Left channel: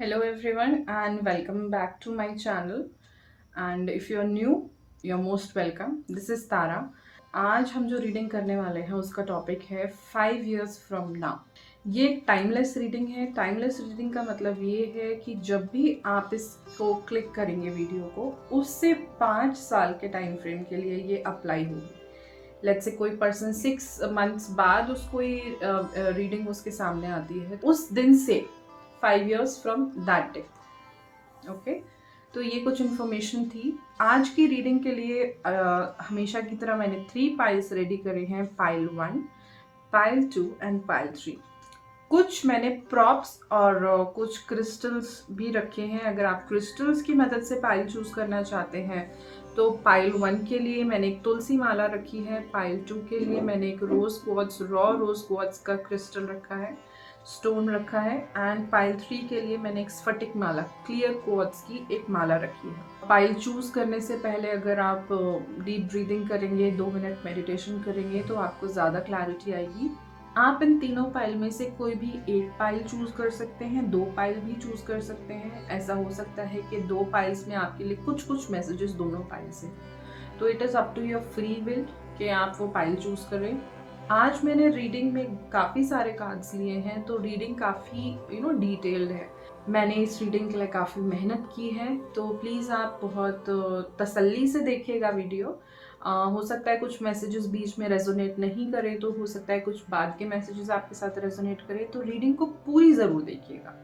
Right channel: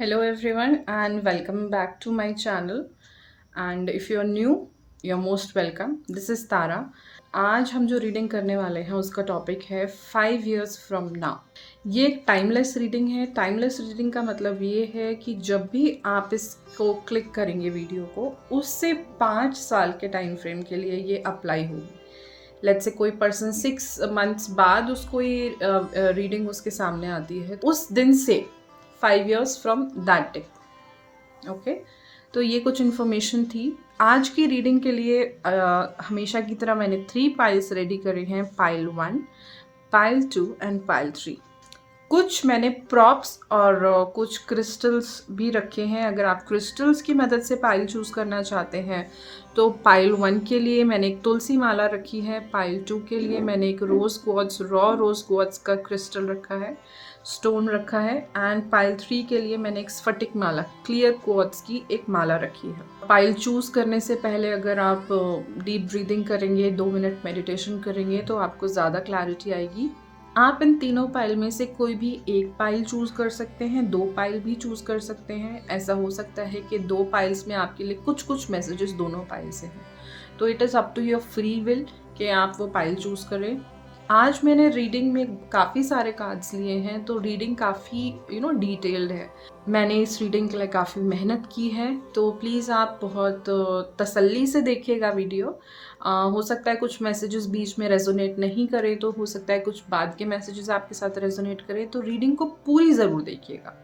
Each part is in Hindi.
Hello everyone and welcome back to my channel. And if you are new, you're most welcome. This is Tara. आज हम जो रीडिंग करने वाले हैं उसका टॉपिक है 5 years from now. ये एक टाइमलेस रीडिंग है. टाइमलेस रीडिंग का मतलब ये है कि जब भी आप इसको क्लिक करेंगे वीडियो को, उससे 5 साल के टाइम फ्रेम के लिए ये अप्लाई होगी. लेट्स से कोई पर्सन 6 months बाद उसको ये रीडिंग उसके सामने आती है, उस दिन से 5 years from that day. Okay, तो ये कुछ इन्फॉर्मेशन थी. आज की रीडिंग के लिए हमेशा की तरह मैंने 3 पाइल्स रेडी करे हैं. Pile 1, pile 2 and pile 3. कुछ मैंने प्रॉप्स और कुछ क्रिस्टल्स भी रखे हैं. अगर आप क्रिस्टल्स की मदद से पाइल चूज़ करना चाहते हैं तो पाइल 1 के लिए मैंने एक तुलसी माला रखी है. पाइल 2 के लिए मैंने एक रोज़ क्वार्ट्ज, रॉ रोज़ क्वार्ट्ज का क्रिस्टल रखा है, स्टोन रखा है. एंड पाइल 3 के लिए मैंने एक स्फटिक माला, क्लियर क्वार्ट्ज की एक माला रखी है. पाइल चूज़ करने से पहले अगर आप डीप ब्रीदिंग करेंगे, 2 मिनट मेडिटेशन करेंगे तो आपको ज़्यादा क्लैरिटी आएगी. आप इन तीनों पाइल में से कोई भी एक पाइल चूज़ कर सकते हैं, 2 पाइल भी चूज़ कर सकते हैं. ऐसा हो सकता है कि 2 पाइल्स में आपके लिए कुछ कुछ मैसेजेस दोनों पाइल से हैं. तो it is up to your free will कि आप वो पाइल चूज़ करें. आज मैंने रीडिंग में काफ़ी सारे कार्ड्स लिए हैं, तो रीडिंग काफ़ी डिटेल्ड है. मैंने इस रीडिंग के लिए काफ़ी मेहनत की है, तो प्लीज़ आप बहुत तसल्ली से देखिएगा वीडियो. हो सकता है कुछ मैसेजेस बीच में रेजोनेट नहीं करे, तो हो सकता है कुछ बाद के मैसेजेस आपके साथ रेजोनेट करें. तो रीडिंग को पूरी ज़रूर देखिएगा.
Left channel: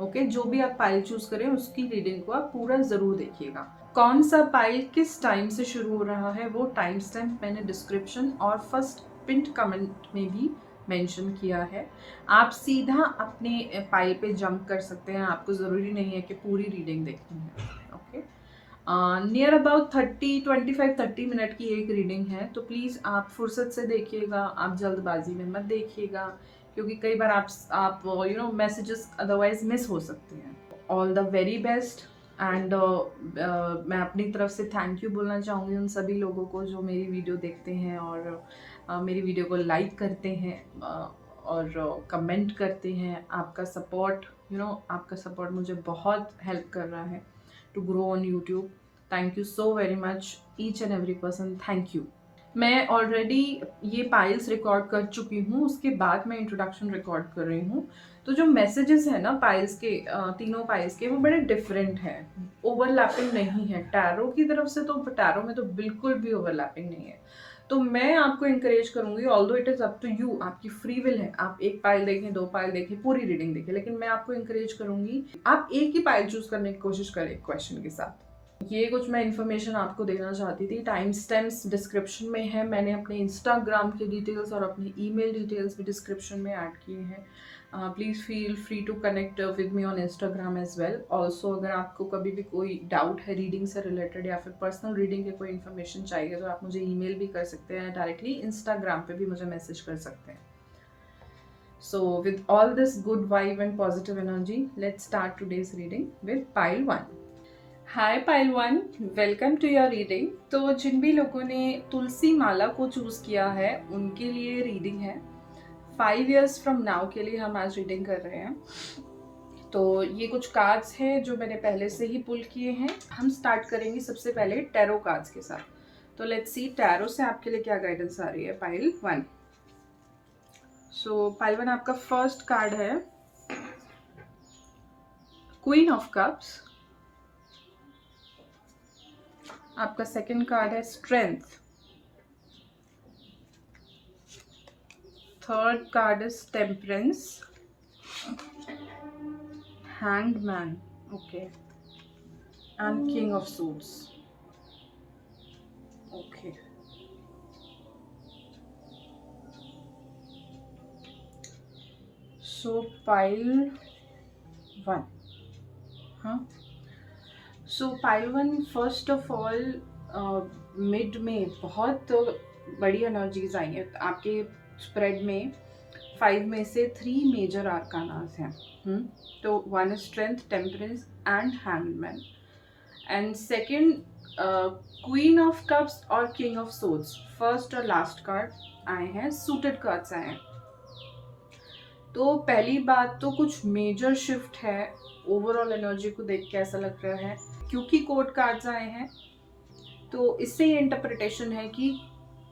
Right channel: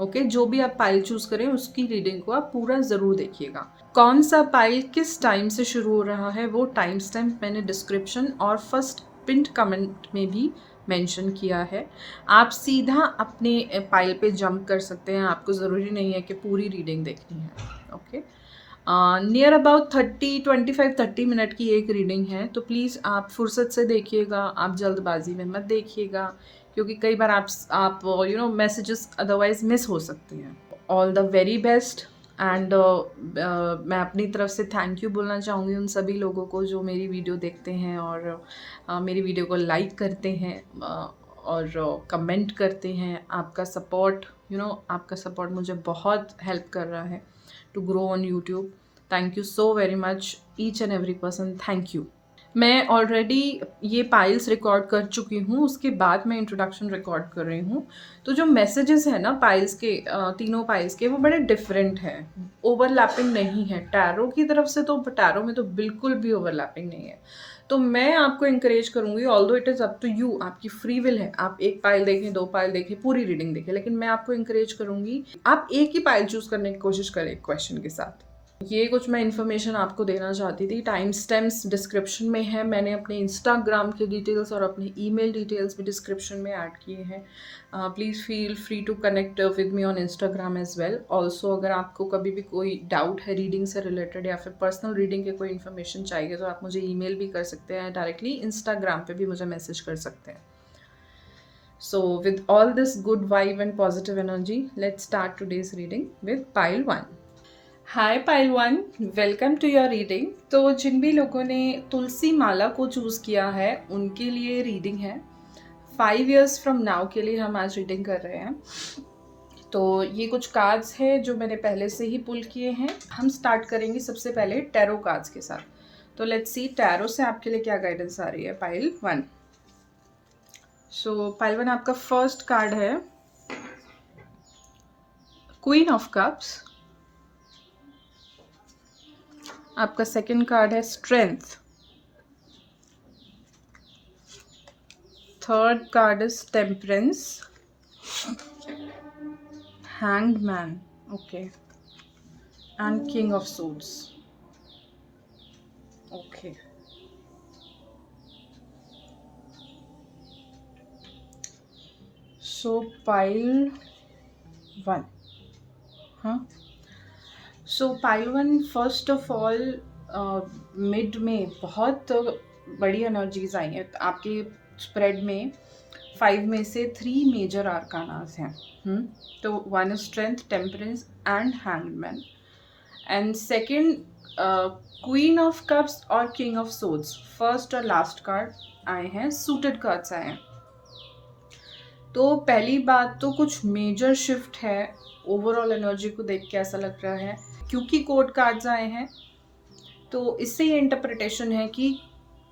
ओके, जो भी आप पाइल चूज़ करें उसकी रीडिंग को आप पूरा ज़रूर देखिएगा. कौन सा पाइल किस टाइम से शुरू हो रहा है वो टाइम स्टैम्प मैंने डिस्क्रिप्शन और फर्स्ट पिंट कमेंट में भी मेंशन किया है. आप सीधा अपने पाइल पे जंप कर सकते हैं. आपको ज़रूरी नहीं है कि पूरी रीडिंग देखनी है. ओके, नियर अबाउट 30 मिनट की एक रीडिंग है, तो प्लीज़ आप फुर्सत से देखिएगा. आप जल्दबाजी में मत देखिएगा, क्योंकि कई बार आप मैसेजेस अदरवाइज मिस हो सकते हैं. All the very best. And मैं अपनी तरफ से थैंक यू बोलना चाहूँगी उन सभी लोगों को जो मेरी वीडियो देखते हैं और मेरी वीडियो को लाइक करते हैं और कमेंट करते हैं. आपका सपोर्ट आपका सपोर्ट मुझे बहुत हेल्प कर रहा है to grow on YouTube. Thank you so very much each and every person. Thank you. मैं ऑलरेडी ये पाइल्स रिकॉर्ड कर चुकी हूँ, उसके बाद मैं इंट्रोडक्शन रिकॉर्ड कर रही हूँ. तो जो मैसेजेस हैं ना पाइल्स के, तीनों पाइल्स के, वो बड़े डिफरेंट हैं, ओवरलैपिंग नहीं है. टैरो की तरफ से तो टैरो में तो बिल्कुल भी ओवरलैपिंग नहीं है. तो मैं आपको इंकरेज करूँगी, although it is up to you, आपकी फ्री विल है, आप एक पाइल देखें, 2 पाइल देखें, पूरी रीडिंग देखें, लेकिन मैं आपको इंकरेज करूँगी आप एक ही पाइल चूज़ करने की कोशिश करें क्वेश्चन के साथ. ये कुछ मैं इन्फॉर्मेशन आपको देना चाहती थी. टाइम स्टैम्प्स डिस्क्रिप्शन में है. मैंने अपने इंस्टाग्राम के डिटेल्स और अपनी ईमेल डिटेल्स भी डिस्क्रिप्शन में ऐड किए हैं. Please feel free to connect with me on Instagram as well. Also अगर आपको कभी भी कोई डाउट है रीडिंग से रिलेटेड या फिर पर्सनल रीडिंग के कोई इन्फॉर्मेशन चाहिए, तो आप मुझे ईमेल भी कर सकते हैं डायरेक्टली. इंस्टाग्राम पे भी मुझे मैसेज कर सकते हैं. So with all this good vibe and positive energy, let's start today's reading with pile 1. Hi pile 1, welcome to your reading. तो जिन भी लोगों ने तुलसी माला को चूज़ किया है उनके लिए रीडिंग है. 5 years फ्रॉम नाउ के लिए हम आज रीडिंग कर रहे हैं. तो ये कुछ कार्ड्स हैं जो मैंने पहले से ही पुल किए हैं. हम स्टार्ट करेंगे सबसे पहले टैरो कार्ड्स के साथ. तो लेट्स सी टैरो से आपके लिए क्या गाइडेंस आ रही है. पाइल 1. सो पाइल 1 आपका फर्स्ट कार्ड है क्वीन ऑफ कप्स. आपका सेकंड कार्ड है strength. Third card is temperance. Hanged man. Okay. And king of suits. Okay. So pile 1. हाँ, सो pile 1 first of all mid में बहुत बड़ी एनर्जीज आई हैं आपके स्प्रेड में. 5 में से 3 मेजर आर्कानास हैं. तो 1 is strength, temperance and hangman. And second queen of cups और किंग ऑफ सोर्ड्स. फर्स्ट और लास्ट कार्ड आए हैं, सूटेड कार्ड्स आए हैं. तो पहली बात तो कुछ मेजर शिफ्ट है, ओवरऑल एनर्जी को देख के ऐसा लग रहा है। क्योंकि कोर्ट कार्ड्स आए हैं तो इससे ये इंटरप्रिटेशन है कि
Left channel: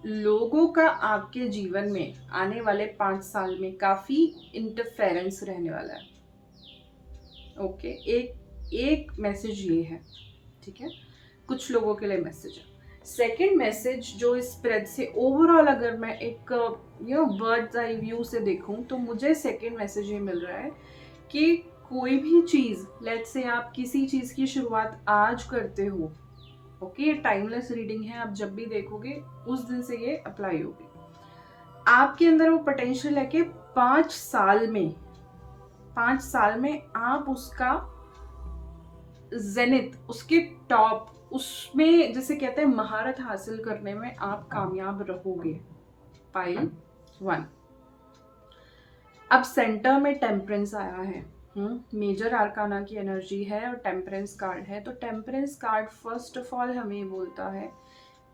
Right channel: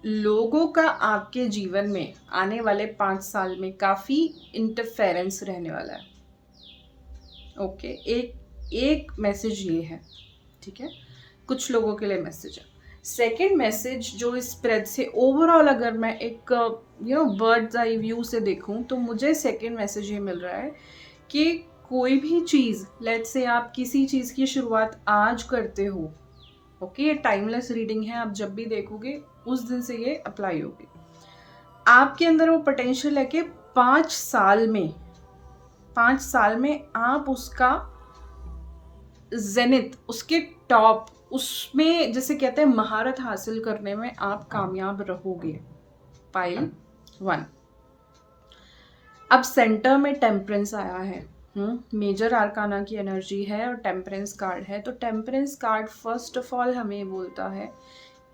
लोगों का आपके जीवन में आने वाले 5 साल में काफ़ी इंटरफेरेंस रहने वाला है। ओके, एक मैसेज ये है, ठीक है, कुछ लोगों के लिए मैसेज है। सेकंड मैसेज जो इस स्प्रेड से ओवरऑल अगर मैं एक बर्ड्स आई व्यू से देखूं तो मुझे सेकंड मैसेज ये मिल रहा है कि कोई भी चीज़, लेट्स से आप किसी चीज़ की शुरुआत आज करते हो, ओके, ये टाइमलेस रीडिंग है, आप जब भी देखोगे उस दिन से ये अप्लाई होगी। आपके अंदर वो पोटेंशियल है कि 5 साल में आप उसका जेनिथ, उसके टॉप, उसमें जैसे कहते हैं महारत हासिल करने में आप कामयाब रहोगे। पाइल 1। अब सेंटर में टेम्परेंस आया है, मेजर आर्काना की एनर्जी है और टेम्परेंस कार्ड है। तो temperance card first of all हमें बोलता है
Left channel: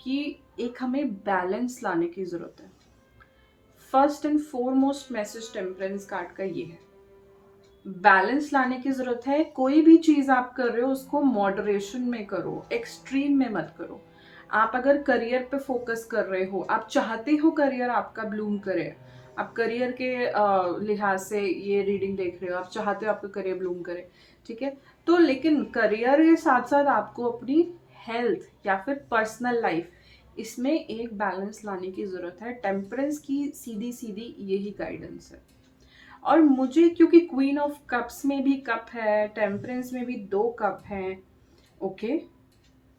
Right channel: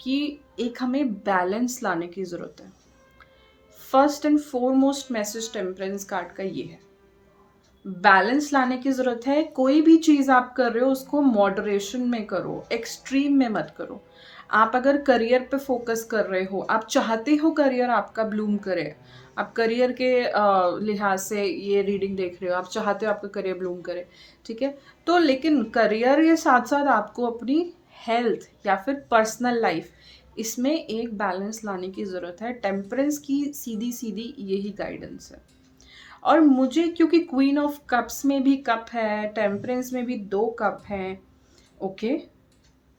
कि एक हमें बैलेंस लाने की ज़रूरत है। First and foremost message temperance card का ये है, बैलेंस लाने की ज़रूरत है। कोई भी चीज़ आप कर रहे हो उसको मॉडरेशन में करो, एक्सट्रीम में मत करो। आप अगर करियर पे फोकस कर रहे हो, आप चाहते हो करियर आपका ब्लूम करे, आप करियर के लिहाज से ये रीडिंग देख रहे हो, आप चाहते हो आपका करियर ब्लूम करे, ठीक है, तो लेकिन करियर के साथ साथ आपको अपनी हेल्थ या फिर पर्सनल लाइफ, इसमें एक बैलेंस लाने की ज़रूरत है। टेम्परेंस की सीधी सीधी यही गाइडेंस है। और मुझे क्योंकि क्वीन ऑफ कप्स में भी कप है, टेम्परेंस में भी 2 कप हैं, ओके,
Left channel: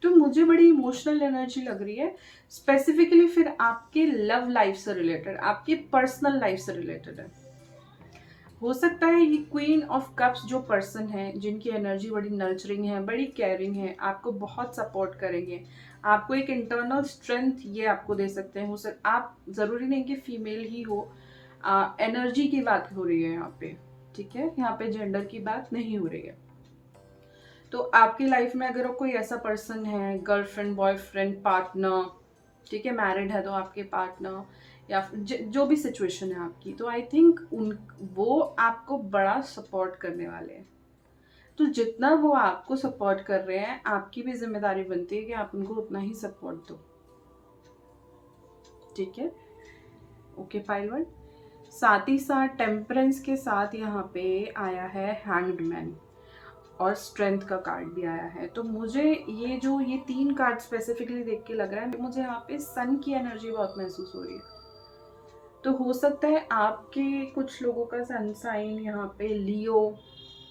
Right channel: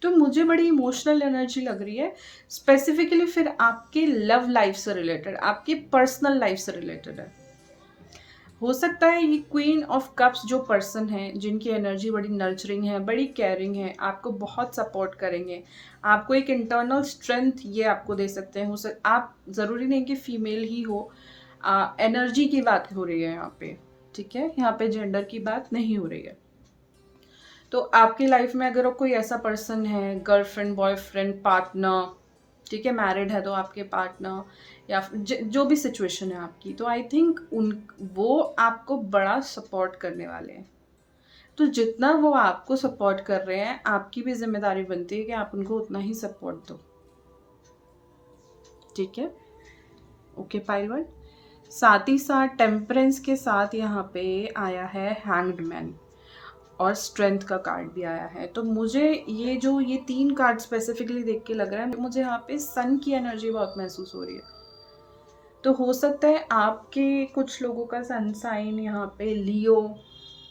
तो मुझे बड़ी इमोशनल एनर्जी लग रही है, स्पेसिफिकली फिर आपके लव लाइफ से रिलेटेड, आपके पर्सनल लाइफ से रिलेटेड है। हो सकता है ये क्वीन ऑफ कप्स जो पर्सन है, जिनकी एनर्जी बड़ी नर्चरिंग है, बड़ी केयरिंग है, आपको बहुत सपोर्ट करेंगे, आपको एक इंटरनल स्ट्रेंथ ये आपको दे सकते हैं। आप ज़रूरी नहीं कि फीमेल ही हो, एनर्जी की बात हो रही है यहाँ पे, ठीक है, यहाँ पे जेंडर की बात नहीं हो रही है। तो आपकी लाइफ में अगर कोई ऐसा पर्सन है, गर्लफ्रेंड, बॉयफ्रेंड, पार्टनर, ठीक है, मैरिड है तो आपके पार्टनर, या जो भी सिचुएशन है आपकी, तो आई थिंक वो आपको बड़ा सपोर्ट करने वाले हैं। तो जितना वो आपको सपोर्ट कर रहे हैं, आपकी भी जिम्मेदारी बनती है कि आप उनको उतना ही सपोर्ट दो, ठीक है, ओके पाइल 1। साथ ही साथ टेम्परेंस के साथ यहाँ पे आया है हैंग्ड मैन और स्ट्रेंथ का कार्ड भी आया है। तो मुझे ये 3 कार्ड स्पेसिफिकली देख के लग रहा है, मुझे यहाँ पे सन की एनर्जी बहुत महसूस हो रही है। तो हो सकता है आपके कुछ लोगों का सन साइन यहाँ पे लियो,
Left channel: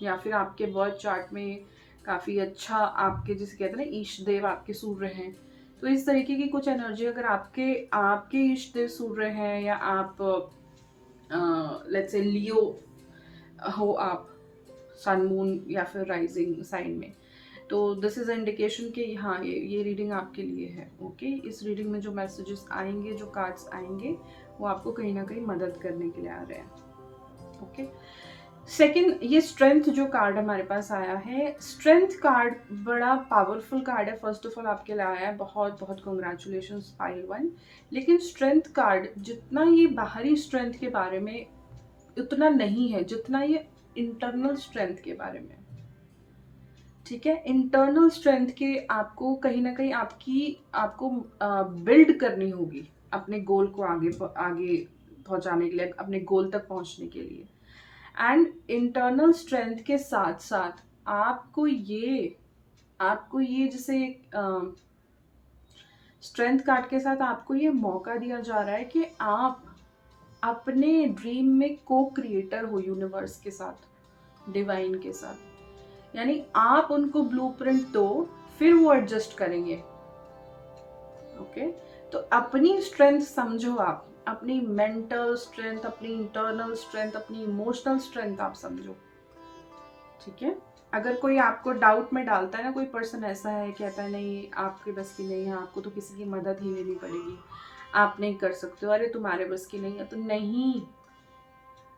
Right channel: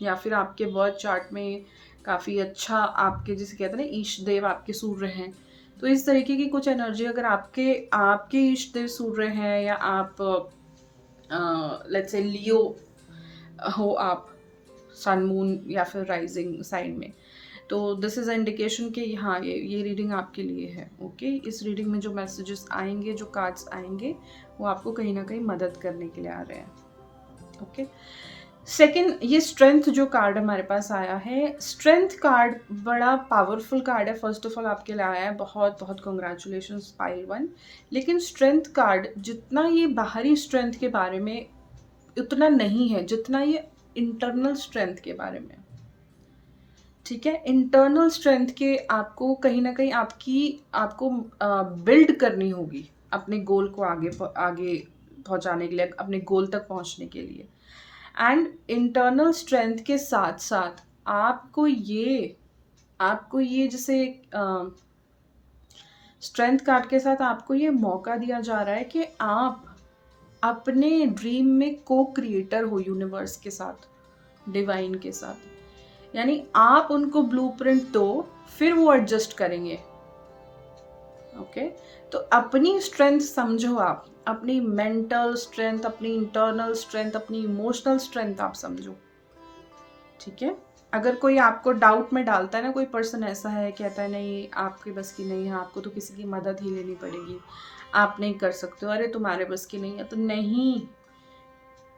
या फिर आपके बर्थ चार्ट में काफ़ी अच्छा, आपके जिसे कहते हैं ना ईष्ट देव आपके सूर्य हैं, तो इस तरीके की कुछ एनर्जी अगर आपके ईष्ट देव सूर्य हैं, या आप लेट्स से लियो हो आप, सन मून या फिर राइजिंग साइन में, तो दिस इज़ इंडिकेशन कि हाँ ये रीडिंग आपके लिए है, ओके। इस रीडिंग में जो मैसेजेस आएंगे, जो कार्ड्स आएंगे, वो आपको कहीं ना कहीं मदद करने के लिए आ रहे हैं, ओके। सेकंड, ये स्ट्रेंथ जो कार्ड हमारे पास आया है, स्ट्रेंथ कार्ड बड़ा पावरफुल कार्ड है। फर्स्ट ऑफ ऑल आपके लिए आया है, बहुत बहुत कॉन्ग्रेचुलेशंस पाइल 1। लेकिन स्ट्रेंथ कार्ड जितना ये बाहरी स्ट्रेंथ के बारे में उतना नहीं है जितना ये इंटरनल स्ट्रेंथ के बारे में, ठीक है। इंटरनल स्ट्रेंथ के आपको कहीं ना कहीं आपको बिल्ड करनी होगी अपने गोल को आगे पहुंचाने के लिए, अपने गोल तक पहुंचने के लिए। एंड इंटरनल स्ट्रेंथ के साथ साथ आपको ये जैसे स्ट्रेंथ कार्ड के साथ आपको ये मौका दिया जा रहा है कि आप अपने ड्रीम में को क्रिएटर हो यूनिवर्स के साथ, डिवाइन के साथ। यानी आप उनको ब्लूप्रिंट दो, फिर वो एडजस्ट करेंगे, ओके। तो अपनी स्ट्रेंथ समझो, आप अपनी मेंटल स्ट्रेंथ, अपनी इंटरनल स्ट्रेंथ, अपनी इमोशनल स्ट्रेंथ आप समझो, ठीक है। अगर कोई आपको डाउट में डालता है ना, कोई पर्सन ऐसा है, कहता है नहीं आपके बस की नहीं है, आपको तो किसी की मदद ही लेनी पड़ेगी, आप नहीं कर सकते हो, अरे तुम्हारे बस की नहीं है, तो नहीं,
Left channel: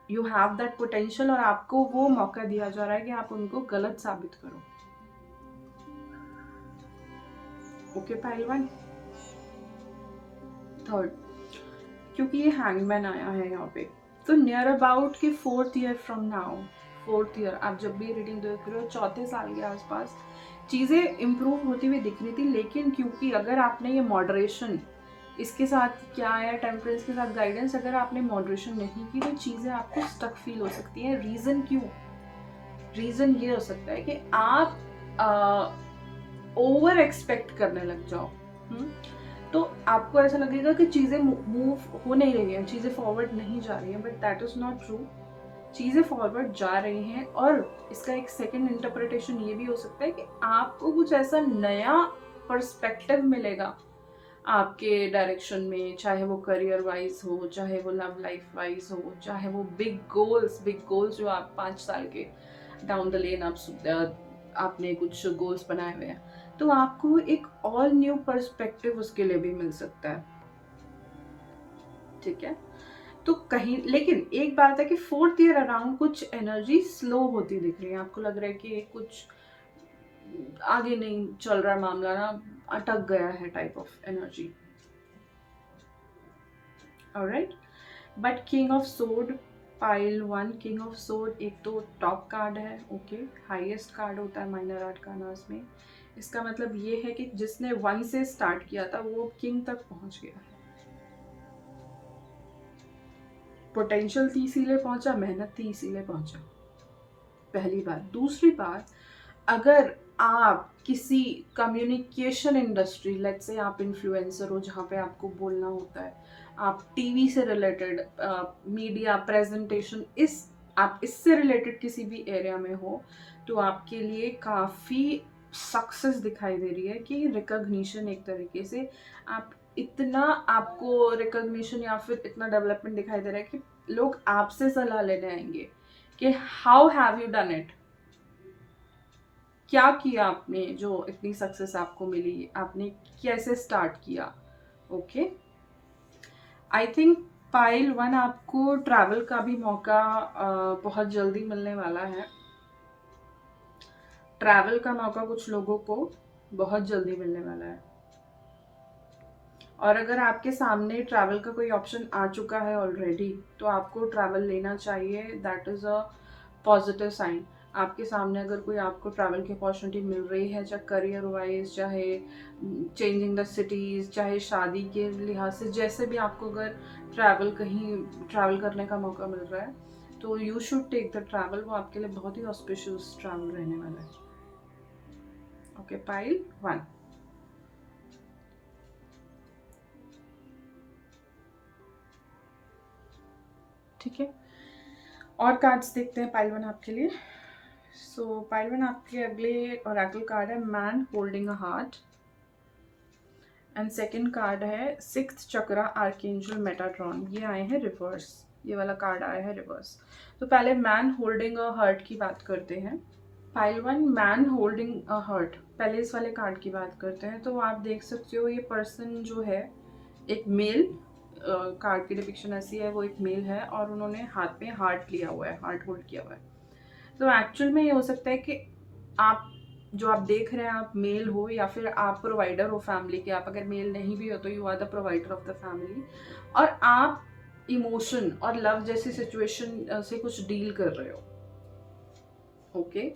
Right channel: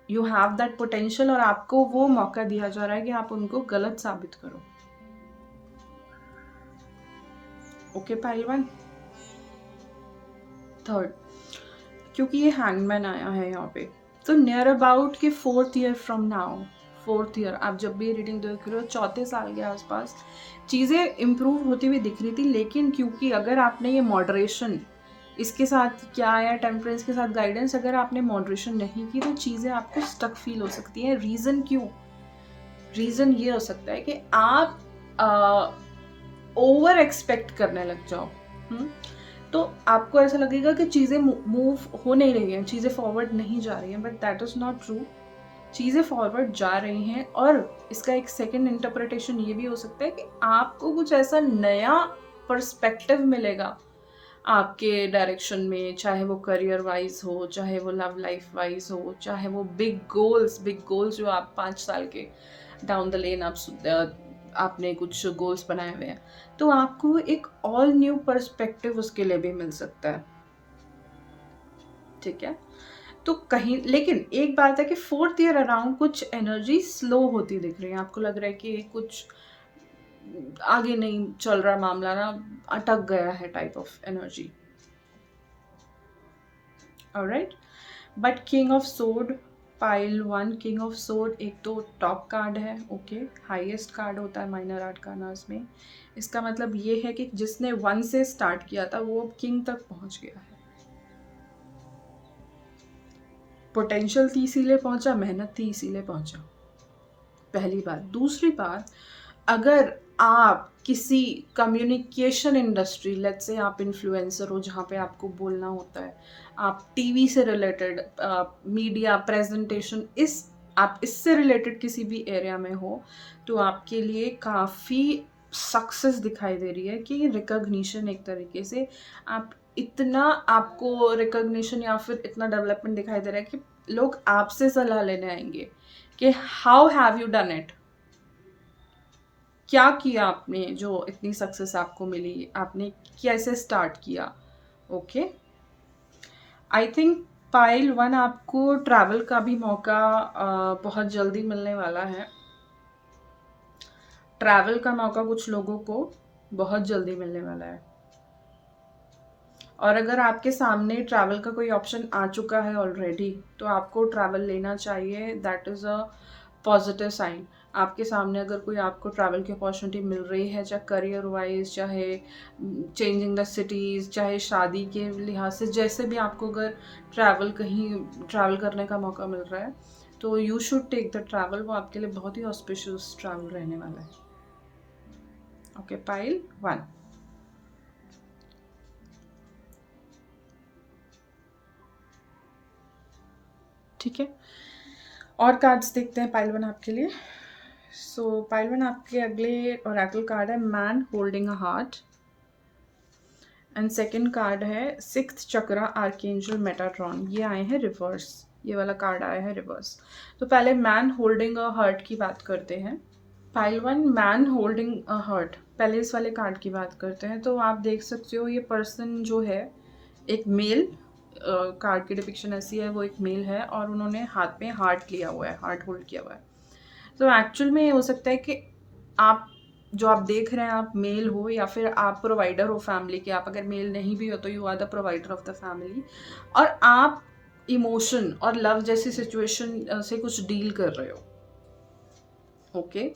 यू हैव दैट पोटेंशियल, और आपको वो मौका दिया जा रहा है कि आप उनको गलत साबित करो, ओके पहलवान। थर्ड, क्योंकि ये हैंगमैन आया है यहाँ पे, तो नियर अबाउट कि 4th year from now, 4th year आप जब भी रीडिंग देख रहे हो, 4 साल के आसपास चीज़ें इम्प्रूव होती हुई दिख रही थी। लेकिन क्योंकि अगर आपने ये मॉडरेशन, इसके साथ क्या आया, टेम्परेंस के साथ गाइडेंस, अगर आपने मॉडरेशन नहीं की तो चीज़ें आपको स्टक फील हो सकती हैं। रीज़न क्यों? रीज़न ये हो सकता है कि आप ओवर एक्सपेक्ट करने लग जाओ। तो आपको ऐसा लगेगा कि चीज़ें मूव हो नहीं रही हैं, चीज़ें फॉरवर्ड नहीं जा रही हैं, but that is not true. चीज़ें फॉरवर्ड जा रही हैं। और इसका एक सेकंड इंटरप्रिटेशन ये भी हो सकता है कि आपको कुछ ऐसा नया पर्सपेक्टिव मिलेगा आपके डायरेक्शन में, चाहे वो करियर वाइज हो, चाहे वो लव लाइफ वाइज हो, चाहे वो बिग गोल्स जो आप 5 साल के डाउन द लेन आपने कुछ गोल्स बनाए हुए हैं, तो आपको एक ऑल न्यू पर्सपेक्टिव उसके लिए भी मिल सकता है। ठीक है, तो कहीं, लेकिन एक बात है कि 4th ईयर अराउंड कुछ एनर्जी स्लो होती दिख रही है। आपको लग रहा है कि कुछ आगे नहीं चल रहा मामला, ना अटक गया है type of energy. Alright, but king of sword, pile 1, king of sword एक तो टॉप कार्ड है, ओके, हाईएस्ट कार्ड होता है माइनर आर्कानास में। इसका मतलब ये है कि जिसने 1 से स्टार्ट किया था वो किंग तक पहुंच गया है। पोटेंशियल थी इसीलिए पहुंचा, मेहनत थी इसीलिए पहुंचा, पहली बात। दूसरी बात, अगर आप किसी कम्युनिकेशन इंडस्ट्री, लेट्स से आप इन्फ्लुएंसर हो जहाँ पे आपको बोलना होता है, आप टीवी से रिलेटेड, मीडिया प्रेजेंटेशन, आप इससे रिलेटेड किसी भी एरिया में हो, तो आपके लिए काफ़ी सक्सेस दिखाई दे रही है कि रिकॉग्निशन, एक तरीके से आप इतना, आपको रिकॉग्निशन या फिर इतना डेवलपमेंट दिखाई दे रहा है कि लोग आपसे सलाह लेने आएंगे कि how have you done it, क्या किया आपने जो इतनी सक्सेस आपको मिली, आपने कैसे स्टार्ट किया। ओके, आई थिंक पाइल 1 आपको ट्रैवल का भी मौका बहुत जल्दी मिलने वाला है। ट्रैवल का मौका कुछ लोगों को बहुत जल्दी मिलने वाला है। और अगर आपके सामने ट्रैवल का कोई ऑप्शन आ चुका है ऑलरेडी, तो आपको ट्रैवल लेना चाहिए। That is a positive sign. आपके सामने अगर कोई आपको ट्रैवल की अपॉर्चुनिटी मिल रही है, चाहे करियर वाइज, चाहे चेंजिंग द सिटीज़, चाहे शादी के लिहाज से, जैसे भी आपको अगर कहीं ट्रैवल करने का मौका मिल रहा है, तो you should take the travel. वो आपके लिए बहुत ही ऑस्पिशियस ट्रैवल रहने वाला है। Okay, pile 1। ठीक है, और कार्ड्स देखते हैं पाइल 1 आपके लिए। सो पाइल 1 आपके अगले ओरेकल कार्ड है man holding a heart, and second card है 6th चक्रा आर्कएंजल मेटाट्रॉन। ये आए हैं रिवर्स, ये वाला कार्ड आया है रिवर्स। तो पहले मैन होल्डिंग अ हार्ट की बात करते हैं। Pile 1 man holding a heart, पहले इस वाले कार्ड की बात करते हैं। तो आप देख सकते हो ये पर्सन जो है एक मेल, कार्ड की डिपिक्शन ऐसी है, वो एक मेल है और उन्होंने हाथ में हार्ट लिया हुआ है, हार्ट होल्ड किया हुआ है। तो एक्चुअल में ये हो सकता है कि आप जो आप देख रहे हैं, आप मेल हो या फिर आप प्रोवाइडर हो फैमिली के। आप अगर मेल नहीं भी हो तो you are the provider of the family, और आप इमोशन और लव जैसी सिचुएशन से कुछ डील कर रहे हो। ओके,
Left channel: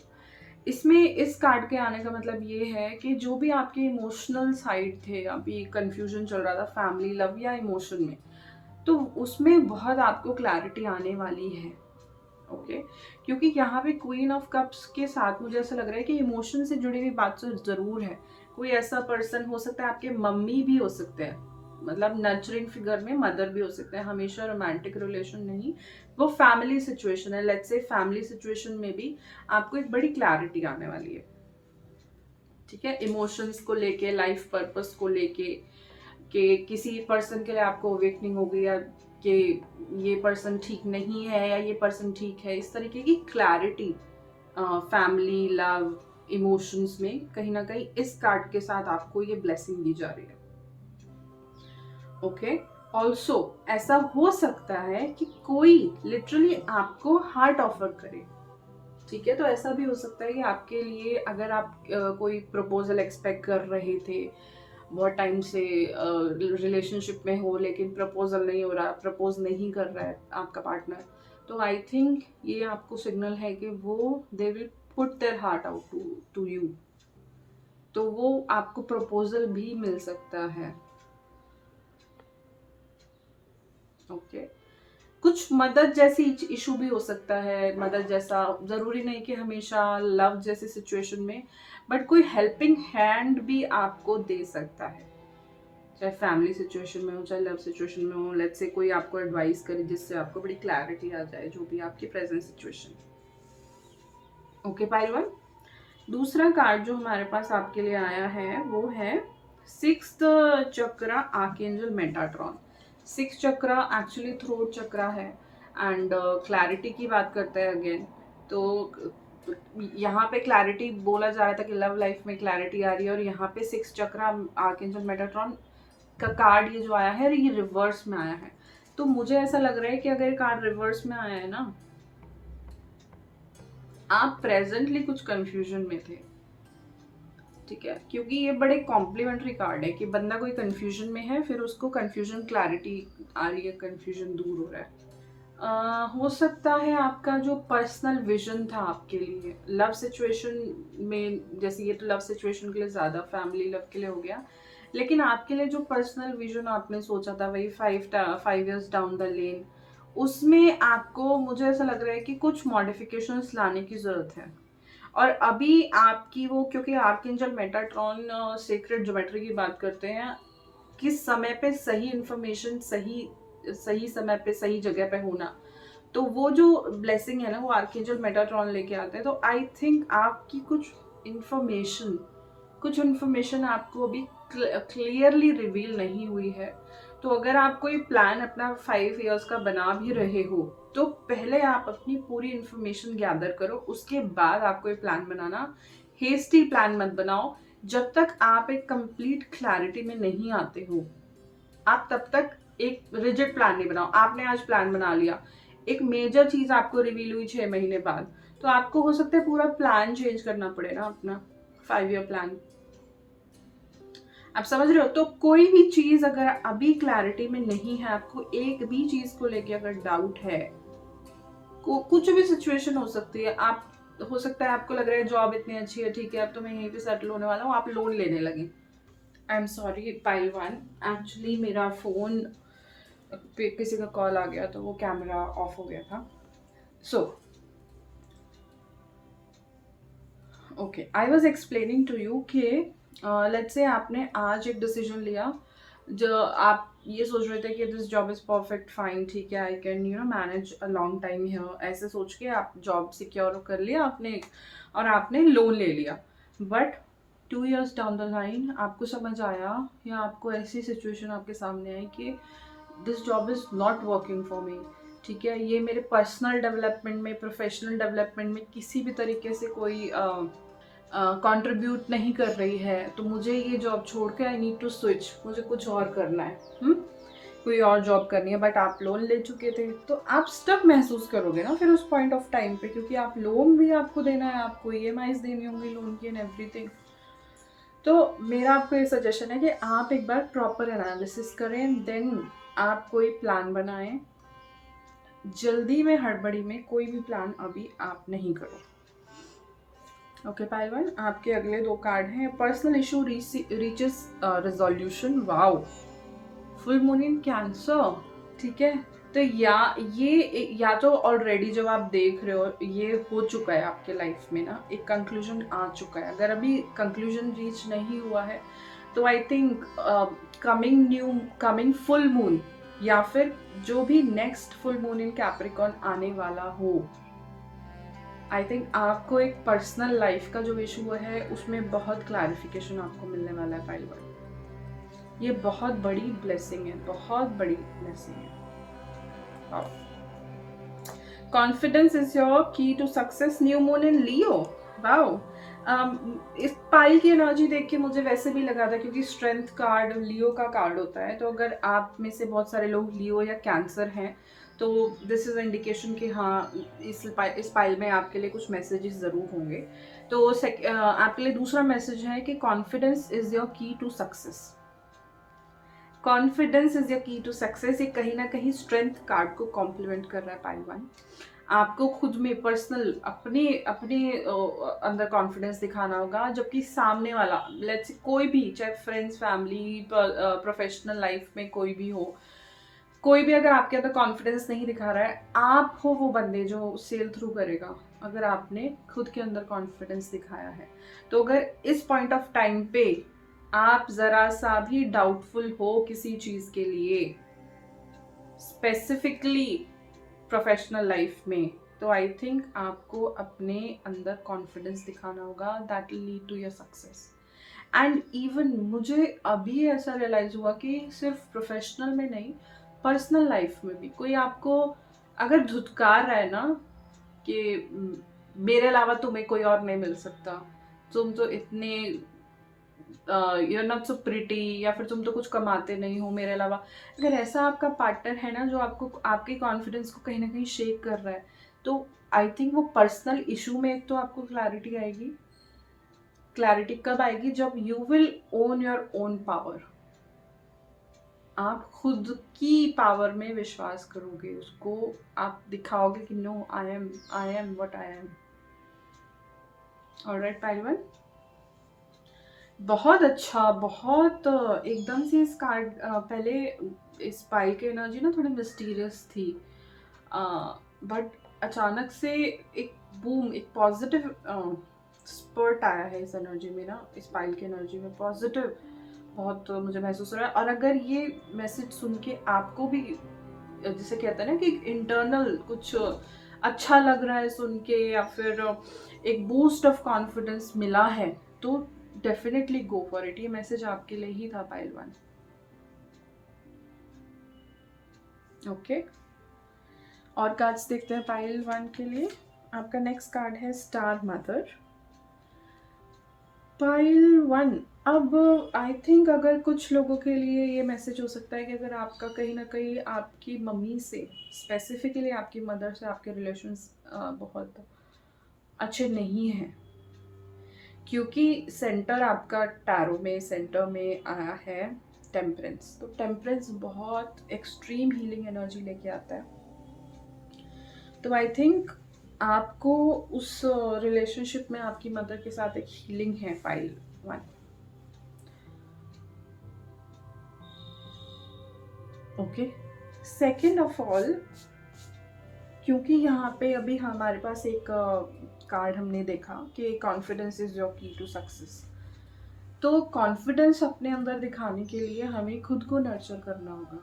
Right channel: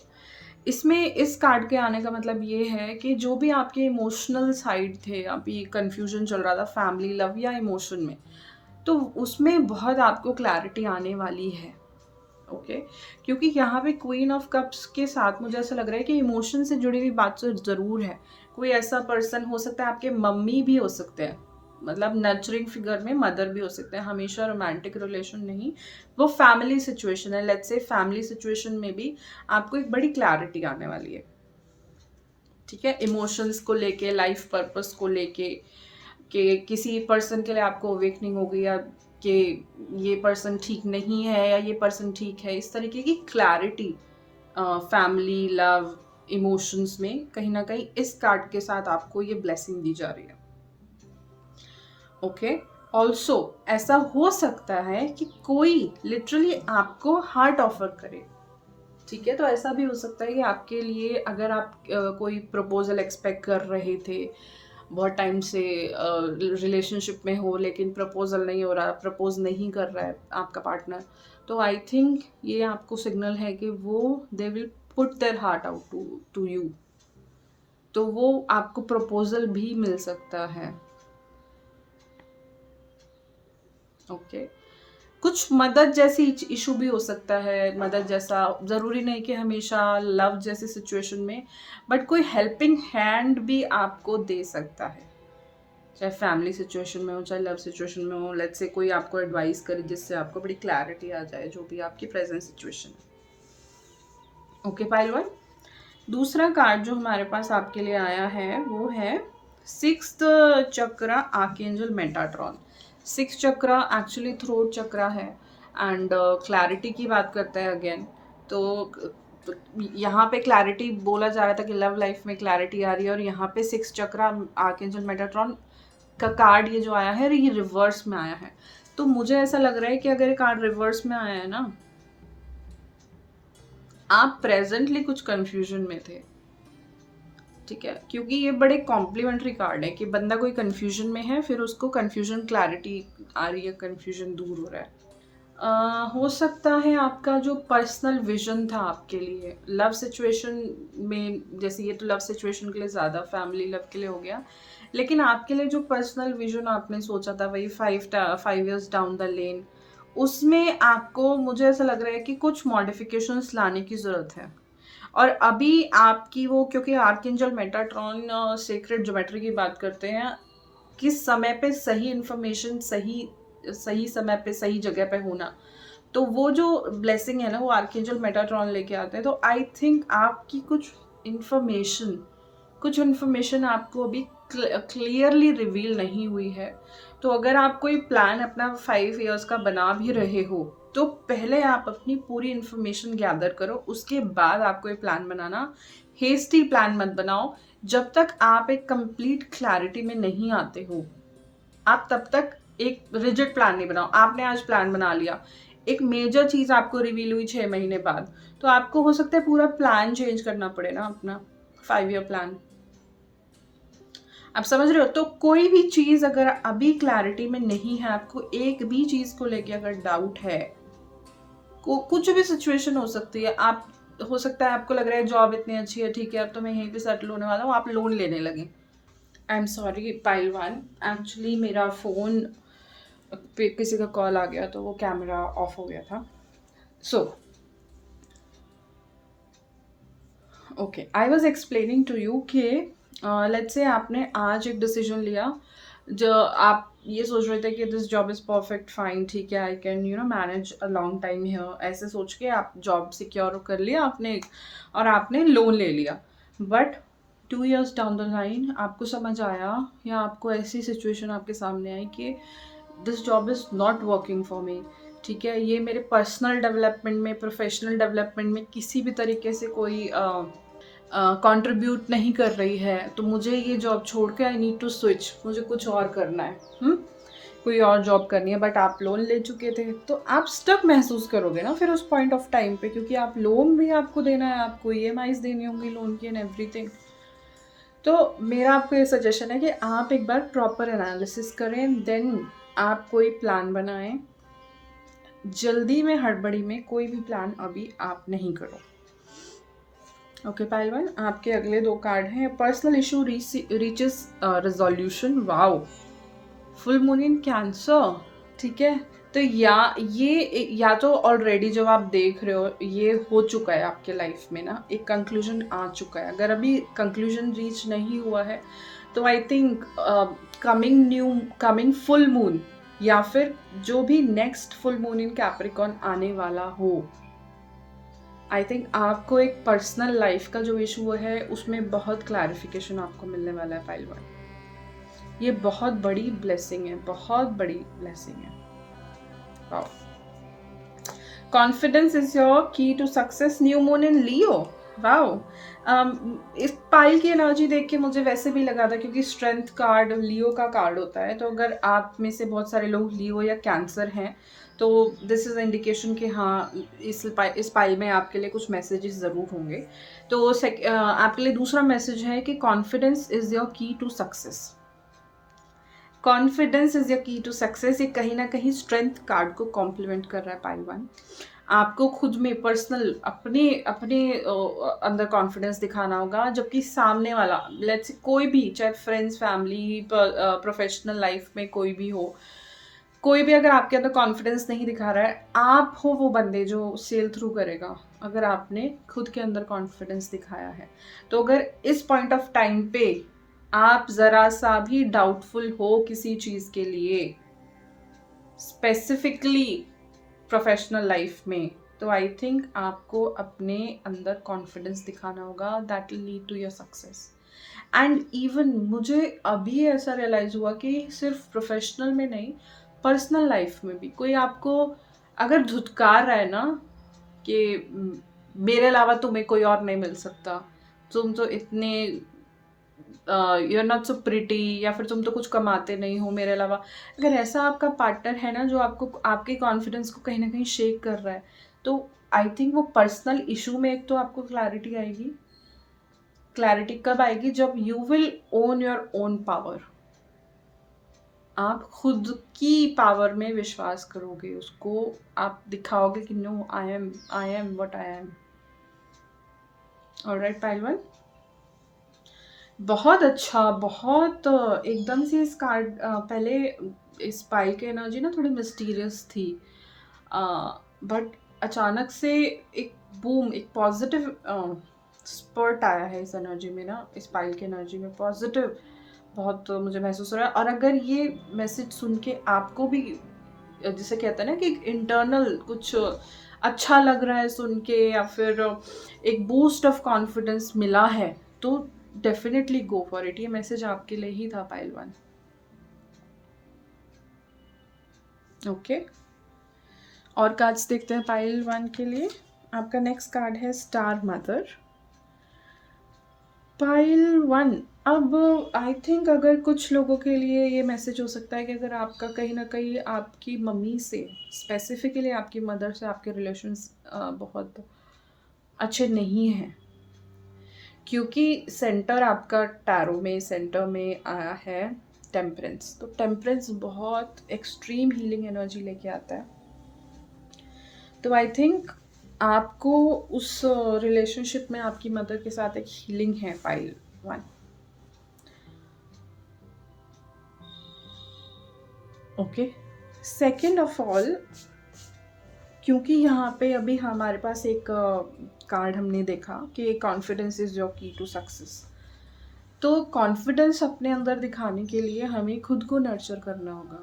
इसमें इस कार्ड के आने का मतलब ये है कि जो भी आपके इमोशनल साइड थे, अभी कंफ्यूजन चल रहा था फैमिली, लव या इमोशन में, तो उसमें बहुत आपको क्लैरिटी आने वाली है। ओके, क्योंकि यहाँ पे क्वीन ऑफ कप्स के साथ मुझे ऐसा लग रहा है कि इमोशन से जुड़ी हुई बात तो ज़रूर है। कोई ऐसा पर्सन हो सकता है, आपके मम्मी भी हो सकते हैं, मतलब नर्चरिंग फिगर में मदर भी हो सकते हैं, हमेशा रोमांटिक रिलेशन नहीं, वो फैमिली सिचुएशन है। लेट्स से फैमिली सिचुएशन में भी आपको एक बड़ी क्लैरिटी आने वाली है। ठीक है, इमोशंस को लेके, लाइफ पर्पस को लेके, कि किसी पर्सन के लिए आपको अवेकनिंग हो गई, या कि ये पर्सन ठीक नहीं है या ये पर्सन ठीक है, इस तरीके की क्लैरिटी फैमिली, लव, इमोशंस में कहीं ना कहीं इस कार्ड के साथ आपको ये ब्लेसिंग दी जा रही है। ओके, ऑल्सो ऐसा हो सकता है कि कोई लिटरली आपको हार्ट ऑफर करे। ठीक है, तो ऐसा भी हो सकता है कि आपके लिए, अगर आप कोई प्रपोजल एक्सपेक्ट कर रहे थे, बहुत टाइम से रिलेशनशिप में हो लेकिन प्रपोजल नहीं हो रहा, प्रपोज नहीं कर रहा है आपका पार्टनर, तो आई थिंक ये आपको सिग्नल है कि वो they will put their heart out to to you, तो वो आपको प्रपोजल भी मिल सकता है। ओके, कुछ मदद जैसी इशू भी हो सकता है, मदद जैसा ज़रूरी नहीं कि हमेशा लव जैसी सिचुएशन में, बट कोई हेल्पिंग हैंड भी आपको दे सकता है, चाहे फैमिली सिचुएशन में हो चाहे लव सिचुएशन में हो। लेट्स से कोई आपको एडवाइस करे जिससे आपको बड़ी क्लैरिटी आ जाए जो भी आपकी present situation. Okay pile one, दूसरा कार्ड जो हमारे पास आपके लिए आया है वो है सिक्स्थ चक्र आर्कएंजल मेटाट्रॉन। सिक्स चक्र एक्चुअली थ्रोट चक्र है एंड क्लैरिटी की बात करते हैं अगेन। तो यहाँ पे क्लैरिटी बोला जा रहा था कि लव लाइफ में क्लैरिटी आ रही है, और यहाँ पे सिक्स चक्र आर्कएंजल मेटाट्रॉन का कार्ड ये जो आया है ये रिवर्स में आया है। तो मुझे ऐसा लग रहा है कि अगर कार्ड रिवर्स में आया है ना, आप प्रेजेंटली कुछ कंफ्यूजन में थे, ठीक है, क्योंकि ये बड़े कॉम्प्लीमेंट्री कार्ड है कि बंदा कोई कंफ्यूजन में है, फिर उसको कंफ्यूजन क्लैरिटी आ रही है, कंफ्यूजन दूर हो रहा है। हो सकता है आपका जो पर्सनल विजन था आपके लिए लव सिचुएशन में, जैसे ये तो लव सिचुएशन के लिए ज़्यादा, फैमिली लव के लिए हो गया, लेकिन आपके लिए जो पर्सनल विजन आपने सोचा था वही 5 years डाउन द लेन, उसमें आपको, मुझे ऐसा लग रहा है कि कुछ मॉडिफिकेशंस लाने की ज़रूरत है। और अभी आपकी वो, क्योंकि आर्कएंजल मेटाट्रॉन सीक्रेट ज्योमेट्री की बात करते हैं, किस समय पे सही इंफॉर्मेशन सही सही समय पे सही जगह पे होना, तो वो जो ब्लेसिंग है ना वो आर्कएंजल मेटाट्रॉन लेके आते हैं। तो आई थिंक आपकी कुछ इन्फॉर्मेशन आपको अभी क्लियरली रिवील नहीं हुई है। तो अगर आप कोई प्लान अपना 5 years का बना भी रहे हो, तो पहले आप अपनी पूरी इन्फॉर्मेशन गैदर करो, उसके बाद आप कोई प्लान बनाना। हेस्टी प्लान मत बनाओ, जब तक आप एक कंप्लीट क्लैरिटी में नहीं आते हो आप तब तक एक रिजिड प्लान नहीं बनाओ। आपने आज प्लान बना लिया, एक मेजर चीज आपको रिवील हुई 6 महीने बाद, तो आपको हो सकता है पूरा प्लान चेंज करना पड़े ना, अपना 5 year प्लान। आप समझ रहे हो? तो कोई भी चीज अगर अभी क्लैरिटी में नहीं है, आपको एक भी चीज को लेके अगर डाउट है, कुछ भी सिचुएशन हो सकती है, आप, हो सकता है आपको लग रहा है जॉब इतनी अच्छी है, ठीक है अब तो मैं यहीं पे सेटल होने वाला हूँ, आप लोन लेने लगे। I am sorry pile one, actually मेरा फोन पे किसी का कॉल आ गया तो वो कैमरा ऑफ हो गया था। So okay, I was explaining to you कि लेट्स से आपने आज एक डिसीजन लिया, जो आप ये सोच रहे थे कि this job is perfect fine, ठीक है, I can manage a long time here, ऐसे सोच के आप जॉब सिक्योर कर लिया आपने, और आपने लोन ले लिया। But 2 years down the line आपको समझ आया, या आपको ऐसी सिचुएशन आपके सामने आई कि this job is not working for me, ठीक है, ये मेरे पर्सनल डेवलपमेंट में, प्रोफेशनल डेवलपमेंट में किसी भी तरीके से कोई कंट्रीब्यूट नहीं कर रही है, तो मुझे ये जॉब छोड़ के आई नीड टू स्विच, मुझे कुछ और करना है, कोई और जॉब करनी है। बट आप लोन ले चुके थे, तो आप स्टक महसूस करोगे ना फिर उस पॉइंट ऑफ टाइम पे, क्योंकि आप लोन भी आपको देना है, आपको ईएमआईज देनी होंगी लोन की एंड एवरीथिंग। तो मेरा आपको ये सजेशन है कि आप एक बार प्रॉपर एनालिसिस करें, देन आप कोई प्लान बनाएं। जल्दी में, हड़बड़ी में कोई भी प्लान अभी आप नहीं करो। ओके पहलवान, आपके अगले 2 कार्ड हैं। Personal issue reaches resolution, wow, full moon in cancer, ठीक है। तो या तो ऑलरेडी जब आप देख रहे हो ये हो चुका है आपके लाइफ में ना, एक कंक्लूजन आ चुका है। अगर अभी कंक्लूजन रीच नहीं हुआ है तो I think coming full moon, या फिर जो भी next full moon in Capricorn आने वाला हो, आई थिंक आपको एक पर्सनल लाइफ का जो इशू है उसमें बहुत क्लैरिफिकेशन आपको मिलने वाला है पहलवान। ये बहुत बड़ी ब्लेसिंग है, बहुत बड़ी ब्लेसिंग है। Wow, confidence is your key to success, new moon in Leo. Wow, इस पाइल की एनर्जी देख के मुझे वैसे भी लगा था, क्योंकि स्ट्रेंथ कार्ड लियो का कार्ड होता है, तो अगर आप में से बहुत सारे लोग लियो या कैंसर हैं तो दिस इज इंडिकेशन कि हाँ इस पाइल में आपके लिए कुछ मैसेजेस ज़रूर होंगे। तो आपके लिए दूसरा मैसेज है कि confidence is your key to success. Confidence is your key to success, ये कहीं ना कहीं स्ट्रेंथ कार्ड को कॉम्प्लीमेंट कर रहा है पाइल वन। आपको खुद में पर्सनल अपने अपने अंदर कॉन्फिडेंस दिखाना होगा, जबकि सामने वाला लेट्स से कोई भी, चाहे फ्रेंड्स, फैमिली, प्रोफेशनल लाइफ में कोई भी हो, कोई भी अगर आपके अंदर कॉन्फिडेंस नहीं दिखा रहा है, आप हो वो बंदे जो सेल थ्रू करेगा अगर आपने खुद के अंदर कॉन्फिडेंस दिखाया है। तो अगर इस पॉइंट ऑफ टाइम पे आप जरा सा भी डाउटफुल हो किसी चीज के लिए, स्पेसिफिकली प्रोफेशनल लाइफ में, तो आई थिंक आपको अपने अंदर कॉन्फिडेंस दिखाना होगा, that will lead to your success. And even मुझे अभी ऐसा रियलाइज हुआ कि सिर्फ प्रोफेशनल में नहीं, पर्सनल लाइफ में भी कोई आपको अगर धुतकार रहा है ना कि मेरे अलावा तुम्हें कोई और नहीं मिल सकता, तुम तो इतने you are not so pretty, या फिर तुम तो कुछ कमाते नहीं हो मेरे अलावा, अगर ऐसा आपका पार्टनर है ना जो आपको आपके कॉन्फिडेंस को कहीं ना कहीं शेक कर रहा है, तो आई थिंक वो पर्सनल इशू में एक तो आपको क्लैरिटी आएगी। क्लैरिटी कब आएगी? जब you will own your own power, आप खुद की पावर में विश्वास करोगे, उसको आप दिखाओगे कि no, I am what I am. Alright पहलवान, बहुत अच्छा, बहुत एकदम से इस कार्ड पहले इस पाई की एनर्जी ना थोड़ी मिस्टीरियस थी, बट अचानक से एक बूम, एक पॉजिटिव स्पर्ट आया है इस एनर्जी में ना, इस पाइल की एनर्जी में पॉजिटिव बहुत मुझे महसूस हो रहा है। और अगर ये मैसेज सुन के आपको भी जिसे कहते हैं ना कि इंटरनल कुछ अच्छा लग रहा है सुन के, या फिर एक बूस्ट ऑफ कॉन्फिडेंस मिला है, तो डेफिनेटली गो फॉर इट। ये मैसेज आपके लिए ही था पाइल वन। ओके, और कार्ड्स देखते हैं पाइल वन के लिए। आपका नेक्स्ट कार्ड है स्टार मदर। पाइल वन, अब आई थिंक अगर कुछ लोगों के लिए ये मैसेज हो सकता है कि अगर आपका कहीं ना कहीं आपकी मम्मी से, स्पेसिफिकली आपकी मदर से आपके रिलेशंस बहुत अच्छे नहीं हैं, क्योंकि सेंटर आपका टैरो में सेंटर में आया है टेम्परेंस। तो टेम्परेंस बहुत एक्सट्रीम हीलिंग एनर्जी लेके आता है। तो आई थिंक आपको उस रिलेशनशिप में आपकी मदर के साथ एक हीलिंग है pile one. Okay, second of all, क्योंकि यहाँ पे अभी हमारे पास एक कार्ड हमने देखा कि confidence is your key to success, तो कॉन्फिडेंस अपने अंदर दिखाने के लिए हमें खुद को नर्चर करना होगा।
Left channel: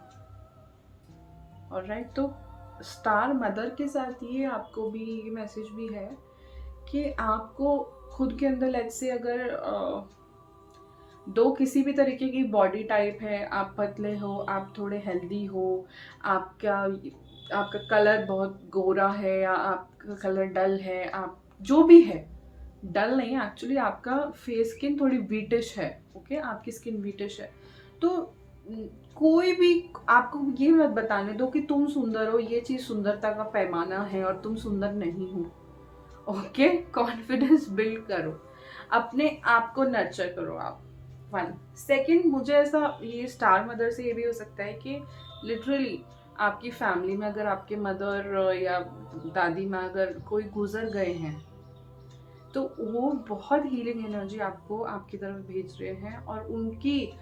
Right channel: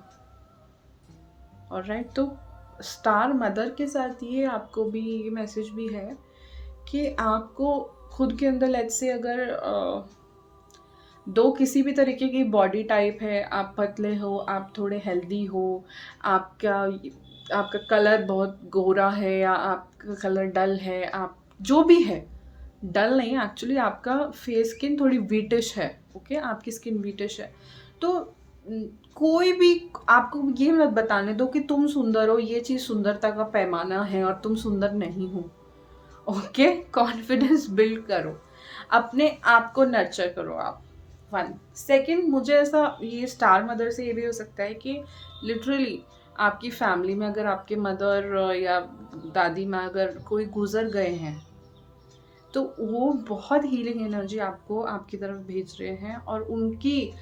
ऑलराइट, तो स्टार मदर के साथ ये आपको भी ये मैसेज भी है कि आपको खुद के अंदर, लेट्स से अगर दो किसी भी तरीके की बॉडी टाइप है, आप पतले हो, आप थोड़े हेल्दी हो, आपका कलर बहुत गोरा है या आपका कलर डल है, आप जो भी है, डल नहीं एक्चुअली, आपका फेस स्किन थोड़ी वीटिश है। ओके, आपकी स्किन वीटिश है, तो कोई भी आपको ये मत बताने दो कि तुम सुंदर हो, ये चीज़ सुंदरता का पैमाना है और तुम सुंदर नहीं हो। ओके, कॉन्फिडेंस बिल्ड करो, अपने आप को नर्चर करो आप। वन सेकेंड, मुझे ऐसा ये स्टार मदर से ये भी हो सकता है कि लिटरली आपकी फैमिली में अगर आपके मदर या दादी माँ अगर कोई गुजर गए हैं, तो वो बहुत हीलिंग एनर्जी आपको आपकी तरफ भेज रहे हैं, और उनकी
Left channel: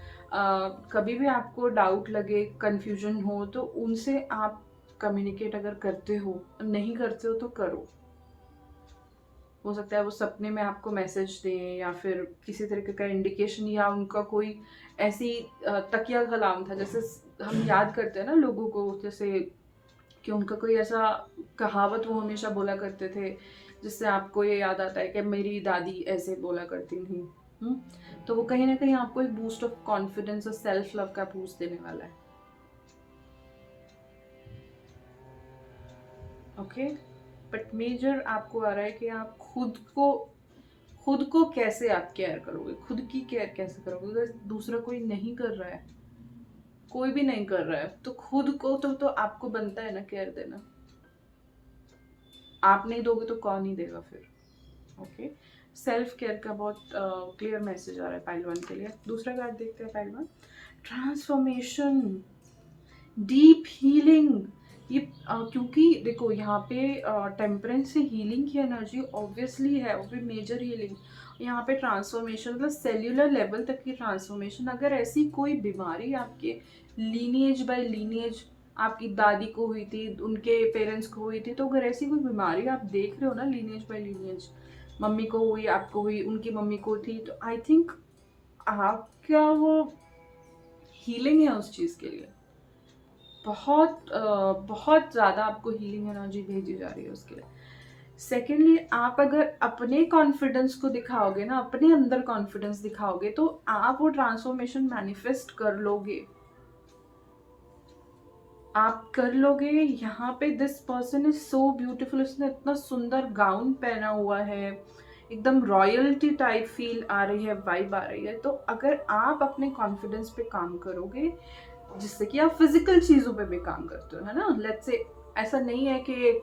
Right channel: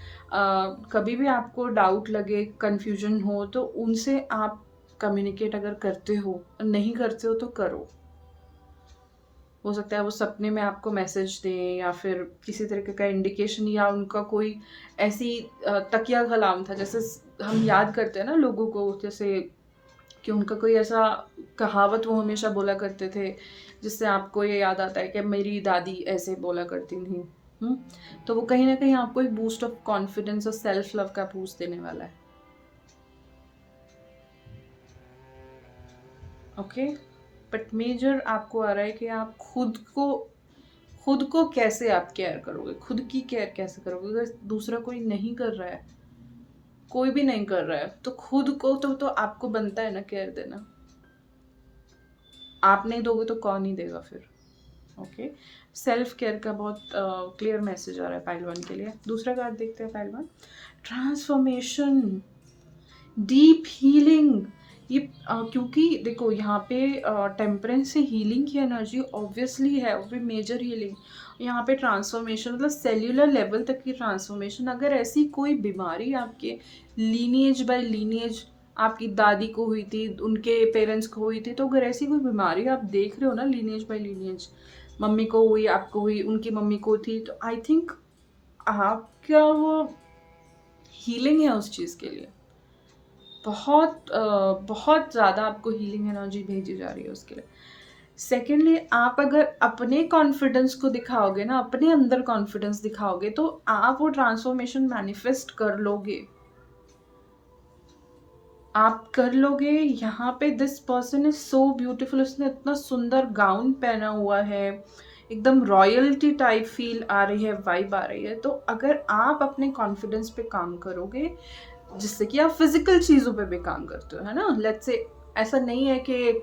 कभी भी आपको डाउट लगे, कंफ्यूजन हो, तो उनसे आप कम्युनिकेट अगर करते हो, नहीं करते हो तो करो। हो सकता है वो सपने में आपको मैसेज दें, या फिर किसी तरीके का इंडिकेशन, या उनका कोई ऐसी तकिया कलाम था, जैसे हम याद करते हैं ना लोगों को, जैसे कि उनका कोई ऐसा कहावत वो हमेशा बोला करते थे, जिससे आपको ये याद आता है कि मेरी दादी ऐसे बोला करती थी। तो वो कहीं ना कहीं आपको एक बूस्ट ऑफ कॉन्फिडेंस और सेल्फ लव का बूस्ट देने वाला है। ओके, बट मेजर आपको आ रहा है कि आप खुद को कैसे आप केयर करोगे, खुद की केयर कैसे करोगे। अगर दूसरा कोई नहीं कर रहा है, कोई भी नहीं कर रहा है, तो खुद को तो आपको बनता है ना केयर देना। आप नहीं दोगे तो कौन ही देगा फिर। ओके, सेल्फ केयर का बहुत क्लियर मैसेज आ रहा है पाइल वन के लिए। दूसरा कार्ड देखते हैं pile one, transformation, deep healing. ये क्योंकि देखो यहाँ पे टेम्परेंस से हीलिंग की एनर्जी ऑब्वियसली है, वो भी मेजर हीलिंग। यहाँ पे ट्रांसफॉर्मेशन मतलब सेल्यूलर लेवल तक की ट्रांसफॉर्मेशन। अगर ऐसी कोई बीमारी आपके लीनिएज बाय लीनिएज आपकी दादी को हुई थी, उनके पेरेंट्स को हुई थी, तो अगर ऐसी कोई बीमारी आप देख रहे हो ना लीनिएज बाय लीनिएज, मम्मी को हुई, आपको हुई, उनकी मम्मी को थी, तो आई थिंक आपका वो हीलिंग है उस चीज़ के लिए। बहुत ज़्यादा आपको हीलिंग एनर्जी भेजी जा रही है उसके लिए। सेकेंडली, आप अगर अपने कॉन्फिडेंस को दिखाओगे ना, अपने अंदर कॉन्फिडेंस दिखाओगे, तो आप वो ट्रांसफॉर्मेशन मैनिफेस्ट कर लोगे, आप कर लोगे। यहाँ पे this person is so beautiful, उसने इतना सुंदर गाउन पहना हुआ है, एकदम रॉयल्टी टाइप फील आ रही है, वाइब आ रही है। तो अगर आप अपने कॉन्फिडेंस पे काम करोगे, जिससे कि आप फिजिकल चीज़ों पे भी काम करते हो, है ना, लेट्स से ऐसा नहीं है कि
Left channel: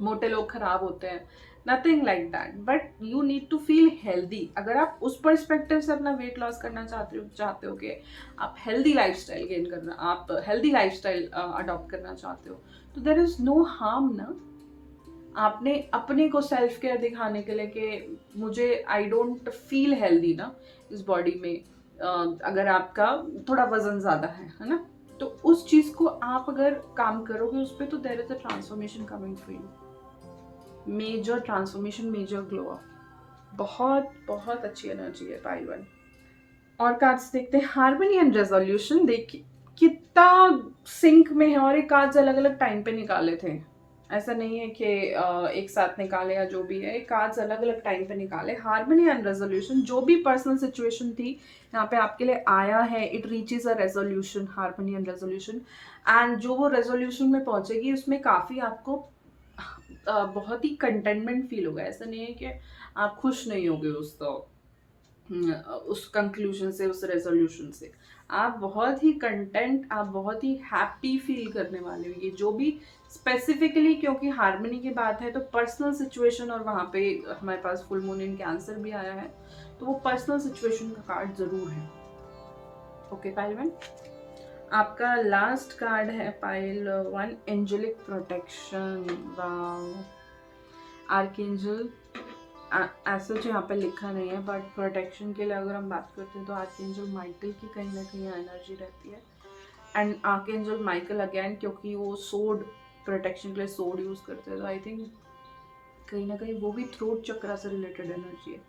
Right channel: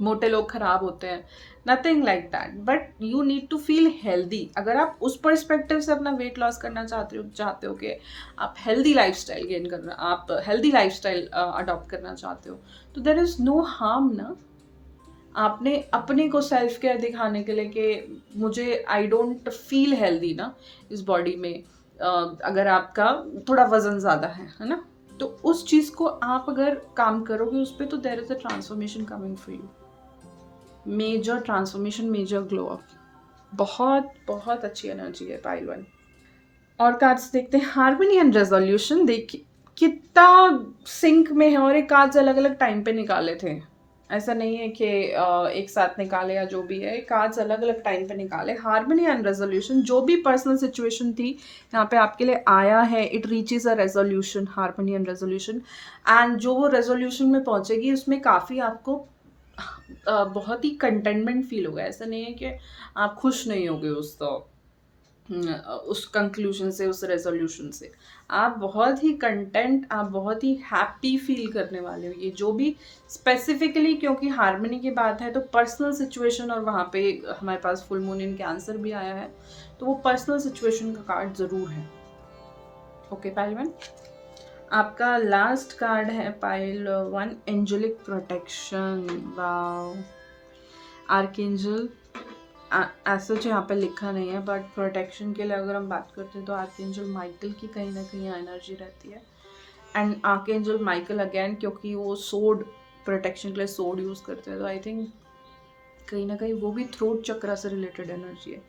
मोटे लोग खराब होते हैं, nothing like that, but you need to feel healthy. अगर आप उस पर्सपेक्टिव से अपना वेट लॉस करना चाहते हो कि आप हेल्दी लाइफस्टाइल गेन करना, आप हेल्दी लाइफस्टाइल अडॉप्ट करना चाहते हो, तो देयर इज नो हार्म ना आपने अपने को सेल्फ केयर दिखाने के लिए कि मुझे आई डोंट फील हेल्दी ना इस बॉडी में। अगर आपका थोड़ा वजन ज़्यादा है ना, तो उस चीज़ को आप अगर काम करोगे उस पर, तो there is a transformation coming for you, major transformation, major glow up. बहुत बहुत अच्छी एनर्जी है पाइल वन। और कार्ड्स देखते हैं, हार्मनी एंड रेजोल्यूशन। देखिए कितना सिंक में है, और ये कार्ड्स अलग अलग टाइम पे निकाले थे, ऐसा नहीं है कि एक साथ निकाले या जो भी है, कार्ड्स अलग अलग टाइम पे निकाले। हार्मनी एंड रेजोल्यूशन, जो भी पर्सनल सिचुएशन थी यहाँ पे आपके लिए आया है, it reaches a resolution, harmony and resolution. And जो वो रेजोल्यूशन में पहुंचेगी उसमें काफ़ी आपको बहुत ही कंटेनमेंट फील होगा। ऐसा नहीं है कि आप खुश नहीं होगे उस कंक्लूजन से, उस रेजोल्यूशन से। आप बहुत ही कंटेंट, आप बहुत ही हैप्पी फील करने वाले हो। ये जो भी स्पेसिफिकली, क्योंकि हार्मनी की बात है, तो पर्सनल सिचुएशन, और वहाँ पे हमारे पास फुल मून इन कैंसर भी आया है, तो वो पर्सनल सिचुएशन का कार्ड जरूर है। ओके पाइल वन, आपका लास्ट कार्ड है pile one, angelic protection. Wow, archangel ऐसा जो यहाँ पे लिखा नहीं है, बट प्रोटेक्शन के लिए अगर हम बात करते हैं तो आर्कएंजल माइकल की कहीं ना कहीं एनर्जी रहती है। एंड आर्कएंजल माइकल अगेन, क्योंकि वो सोड, प्रोटेक्शन के लिए सोड यूज़ करते हैं, तो आई थिंक कहीं ना कहीं वो भी थ्रोट चक्र से रिलेटेड एनर्जी है।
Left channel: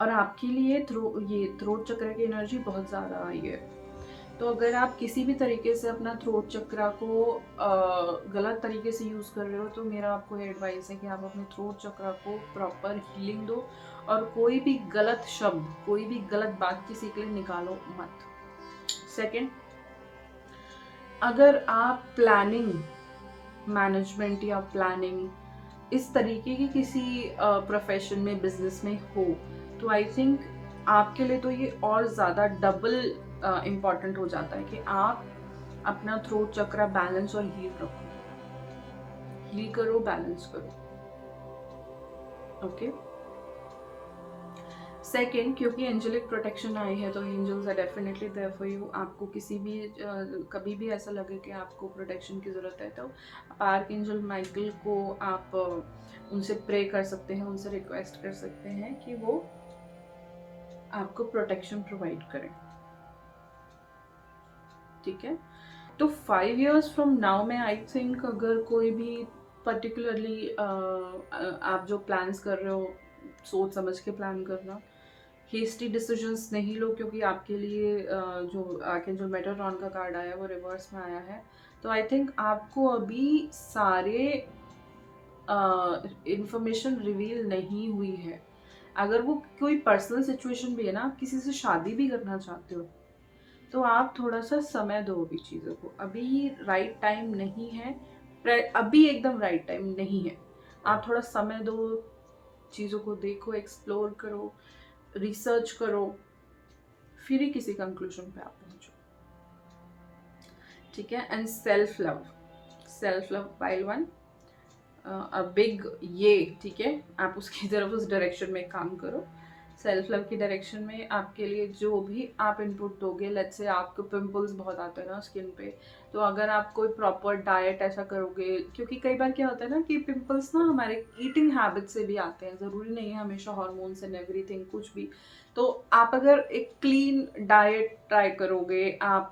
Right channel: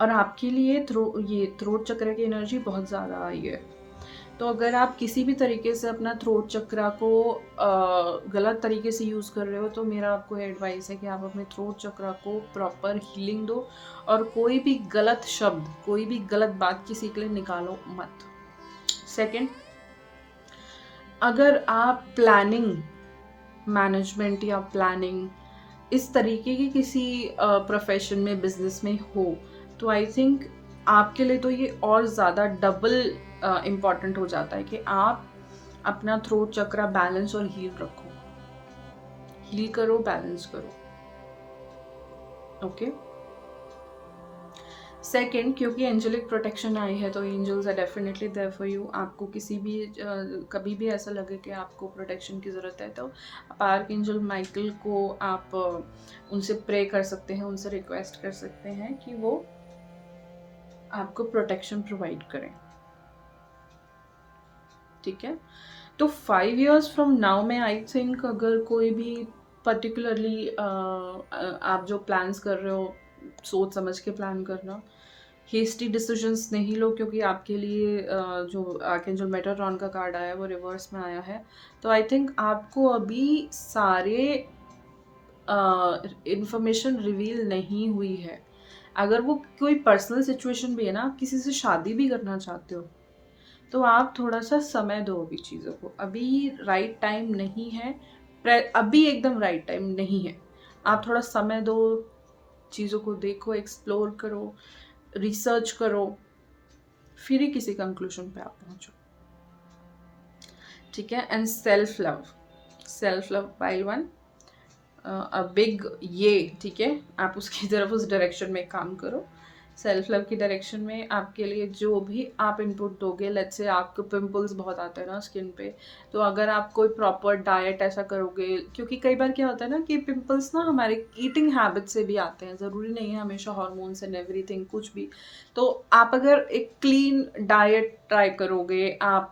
और आपके लिए ये थ्रोट चक्र की एनर्जी बहुत ज़्यादा आई है। तो अगर आप किसी भी तरीके से अपना थ्रोट चक्रा को गलत तरीके से यूज़ कर रहे हो, तो मेरा आपको एडवाइस है कि आप अपने थ्रोट चक्रा को प्रॉपर हीलिंग दो, और कोई भी गलत शब्द, कोई भी गलत बात किसी के लिए निकालो मत। सेकंड, अगर आप प्लानिंग, मैनेजमेंट या प्लानिंग इस तरीके की किसी प्रोफेशन में, बिजनेस में हो, तो आई थिंक आपके लिए तो ये और ज़्यादा डबल इम्पॉर्टेंट हो जाता है कि आप अपना थ्रोट चक्रा बैलेंस और हील रखो, हील करो, बैलेंस करो। ओके, सेकेंड, क्योंकि एंजेलिक प्रोटेक्शन आई है, तो angels are definitely there for you. आपको किसी भी कभी भी ऐसा लगे कि आपको प्रोटेक्शन की ज़रूरत है, तो आप आर्कएंजल माइकल को आप उनसे प्रे कर सकते हैं, उनसे रिक्वेस्ट कर सकते हैं कि वो आपको प्रोटेक्शन प्रोवाइड करें। ठीक है, तो 5 years फ्रॉम नाउ में आई थिंक अगर कोई भी पर्टिकुलरली आप जो प्लान्स कर रहे हो, सोच समझ के प्लान करना, हेस्टी डिसीजंस नहीं लो, क्योंकि आपके लिए जो आर्कएंजल मेटाट्रॉन का कार्ड आया है वो रिवर्स में आया है। तो आई थिंक आपको अभी सारे इंफॉर्मेशन रिवील नहीं हुई है। अगर वो कोई पर्सनल सिचुएशन भी है ना, किसी से शादी भी करना चाहते हो, तो आप थोड़ा सा समय दो अभी चीज़ों को, अभी राइट टाइम नहीं है, अभी एकदम राइट टाइम नहीं है। आप थोड़ा समय दो, चीज़ों को देखो, एक्सप्लोर करो, रिसर्च करो, फिर ही किसी कंक्लूजन पे आप पहुंचो। ठीक है, and self love, self love pile one, a big ये, ठीक है, आप उसकी तरफ उस डायरेक्शन में काम करो। सेल्फ लव की डायरेक्शन में आपके लिए जो भी आप इनपुट दोगे, लेट्स से आपको पिंपल्स बहुत आते हैं ना स्किन पे, तो अगर आप कोई प्रॉपर डाइट ऐसा करोगे, क्योंकि कई बार क्या होता है ना कि पिंपल्स ना हमारे ईटिंग हैबिट से भी आते हैं, ज़रूरी नहीं है हमेशा हार्मोन्स एंड एवरीथिंग कुछ भी। तो आप अगर एक क्लीन डाइट ट्राई करोगे, आप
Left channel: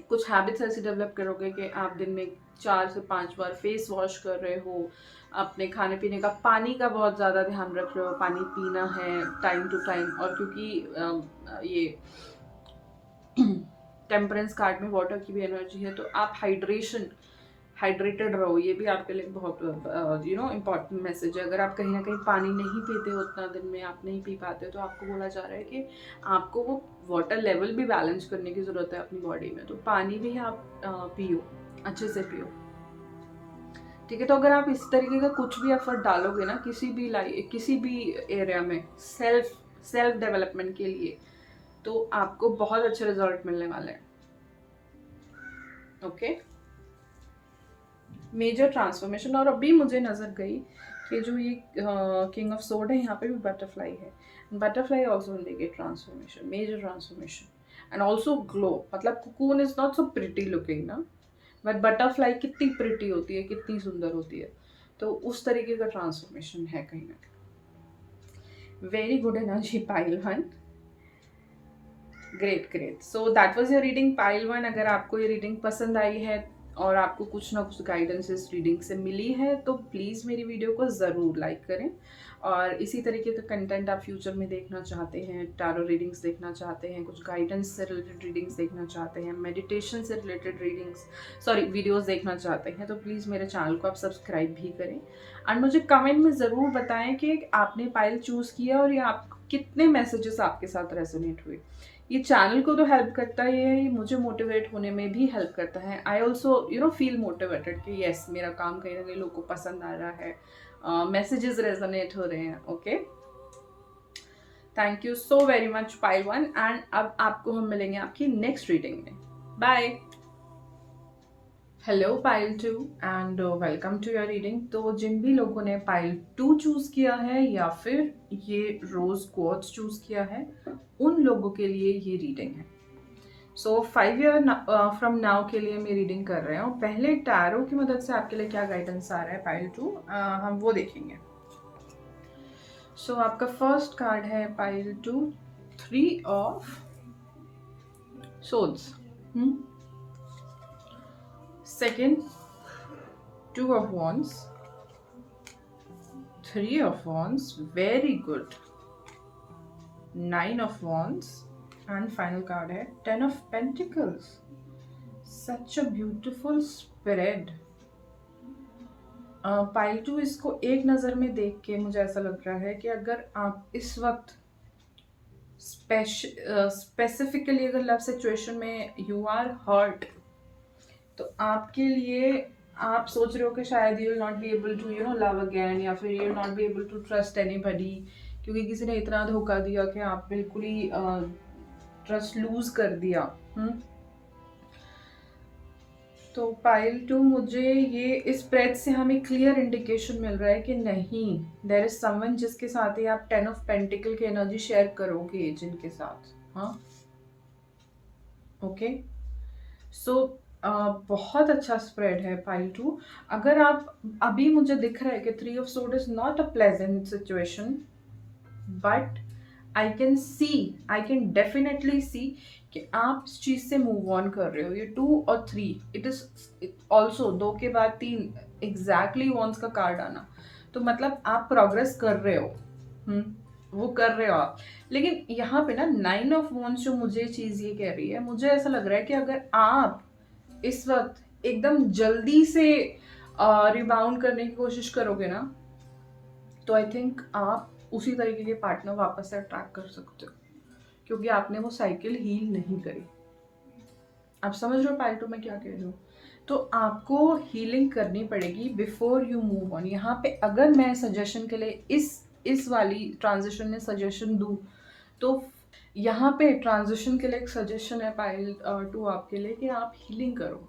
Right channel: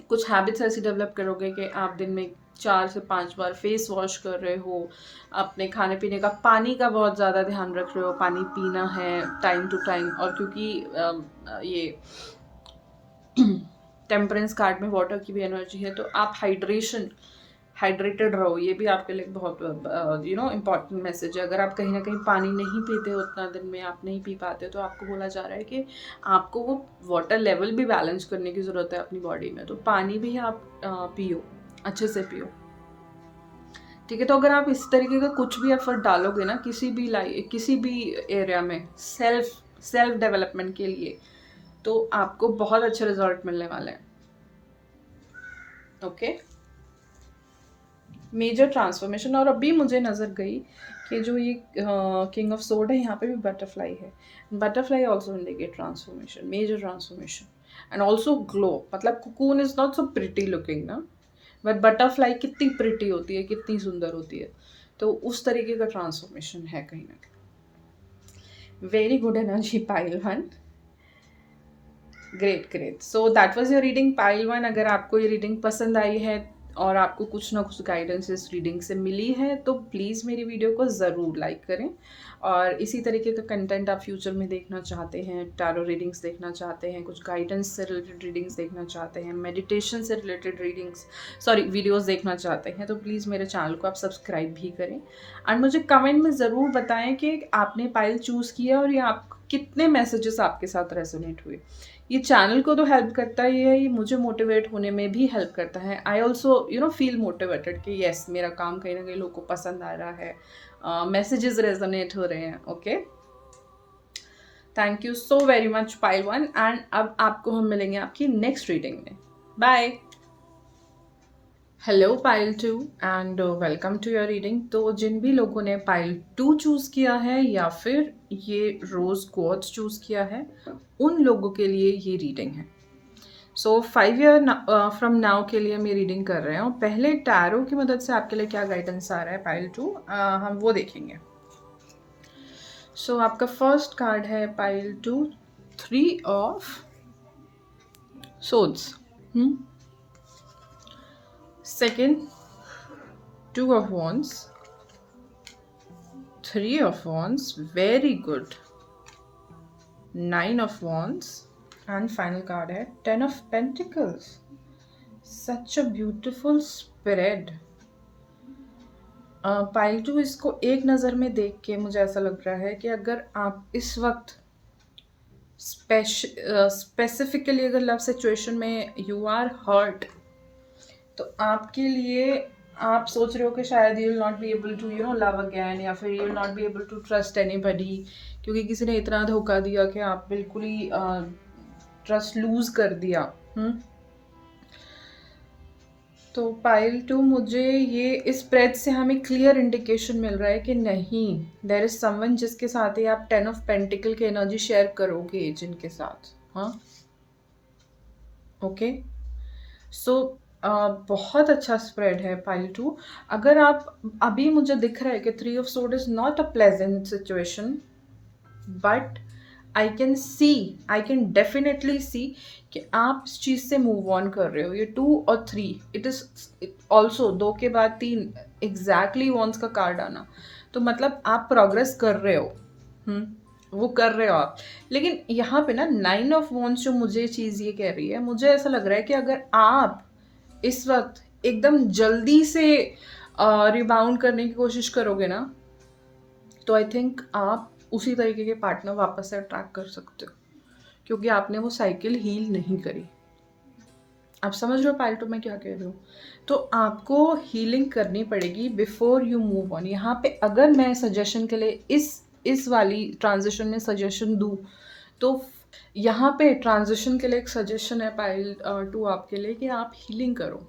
कुछ हैबिट्स ऐसी डेवलप करोगे कि आप दिन में 4 से 5 बार फेस वॉश कर रहे हो, अपने खाने पीने का पानी का बहुत ज़्यादा ध्यान रख रहे हो, पानी पीना है टाइम टू टाइम। और क्योंकि ये टेम्परेंस कार्ड में वाटर की भी एनर्जी है, तो आप हाइड्रेटेड रहो, ये भी आपके लिए बहुत इम्पॉर्टेंट मैसेज है। अगर आप कहीं ना कहीं पानी नहीं पीते हो उतना, दिन में आप नहीं पी पाते, तो आपको बोला जा रहा है कि आपको वो वाटर लेवल भी बैलेंस करने की ज़रूरत है अपनी बॉडी में, तो पानी भी आप पियो, अच्छे से पियो, ठीक है। तो अगर आप इस तरीके का कुछ भी एफर्ट डालोगे ना किसी भी एरिया में सेल्फ डेवलपमेंट के लिए, तो आपको बहुत अच्छे रिजल्ट मिलने वाले हैं। Okay, major transformation. और अभी मुझे नज़र गई कि जो ये किंग ऑफ सोर्ड है, यहाँ पे भी बटरफ्लाई है। Butterfly also indicate transformation, major transformation and also glow. मतलब cocoon is not so pretty looking ना, बट बटरफ्लाई कितनी प्रिटी होती है, कितनी सुंदर होती है, तो उस तरीके का ट्रांसफॉर्मेशन है कहीं ना कहीं। Very good energy pile one, great great. So that was your reading pile one. अगर आपको ये रीडिंग पसंद आई है और आपको कुछ ना कुछ गाइडेंस इस रीडिंग से मिली है, तो प्लीज़ मेरी वीडियो को ज़रूर लाइक करें। और इसी तरीके का कंटेंट आप फ्यूचर में देखना चाहते हैं, टैरो रीडिंग्स देखना चाहते हैं, कुछ गाइडेंस से रिलेटेड रीडिंग्स देखना चाहते हैं, मेडिटेशन से रिलेटेड वीडियोस देखना चाहते हैं, तो प्लीज़ मेरे चैनल को आप सब्सक्राइब भी करें। एंड मुझे कमेंट में ज़रूर बताएं कि आपने पाइल चूज़ किया और ये आप कितने मैसेजेस आपके साथ रेजोनेट हुए। ये चैनल को तो हेल्प करता ही है, ये मुझे मोटिवेट होने में भी हेल्प करता है। आई ऑल्सो फील मोटिवेटेड कि येस, मेरा काम कहीं ना कहीं लोगों को पसंद आ रहा है, मैसेजेस रेजोनेट हो रहे हैं। Okay, thank you so very much pile one. And अब आपको हम मिलेंगे आपकी नेक्स्ट रीडिंग में। Bye. Hello pile 2 and welcome to your reading. तो जिन भी लोगों ने पाइल 2 चूज़ किया है या फिर ये रोज क्वार्ट्ज चूज़ किया है, उन लोगों के लिए ये रीडिंग है। सो 5 ईयर फ्रॉम नाउ के लिए मैं रीडिंग कर रहे हैं। पहले टैरो की मदद से आपके लिए क्या गाइडेंस आ रहा है पाइल 2, हम वो देखेंगे। सो आपका फर्स्ट कार्ड है pile 2, 3 of swords. Second, 2 of wands, 3 of wands, very good, 9 of wands, and final card है 10 of pentacles. Such a beautiful spread. Pile 2, इसको एक नज़र में देख के मुझे ऐसा लग रहा है कि अगर आप इस वक्त स्पेसिफिकली अगर लव सिचुएशन में यू आर हर्ट, तो आपके लिए आप सोच रहे हो कि शायद you will not be able to love again, या फिर you will not be able to trust anybody, क्योंकि किसी ने इतना धोखा दिया कि आप बिल्कुल ही ट्रस्ट लूज कर दिया। तो पाइल 2, मुझे ये इस स्प्रेड से हमें क्लियर इंडिकेशन मिल रहा है कि नहीं, देयर इज समवन जिसके साथ ही आप 10 ऑफ पेंटिकल की एनर्जी शेयर करोगे, जिनके साथ। हाँ, ओके। सो बहुत अच्छा स्प्रेड है पाइल 2। अगर आप अभी, मुझे दिख रहा है कि 3 of sword is not a pleasant situation, but I can definitely see कि आप इस चीज़ से मूव ऑन कर रहे हो। ये 2 और 3, इट इज ऑल्सो 2 के बाद 3 एग्जैक्टली वॉन्स का कार्ड आना, तो मतलब आप प्रोग्रेस कर रहे हो। वो कर रहे हो आप। लेकिन यहाँ पे ना 9 ऑफ वॉन्स जो मुझे चीज़ ये कह रही है, मुझे ऐसा लग रहा है कि अगर आप इस वक्त एकदम जल्दी से रिबाउंड करने की कोशिश करोगे ना, तो आई थिंक आप उसी तरीके के पार्टनर वापस से अट्रैक्ट कर सकते हो, क्योंकि आपने वो साइकिल हील नहीं करी। आप समझ रहे हो पाइल 2 में क्या कह रही हूँ? तो आपको हीलिंग करनी पड़ेगी बिफोर यू मूव ऑन। यहाँ पे अगर मैं सजेशन के लिए इस वाली ट्रांजिशन में सजेशन दूँ, तो यहाँ पे ट्रांजिशन के लिए एक सजेशन है पाइल 2 आपके लिए कि आप हीलिंग करो।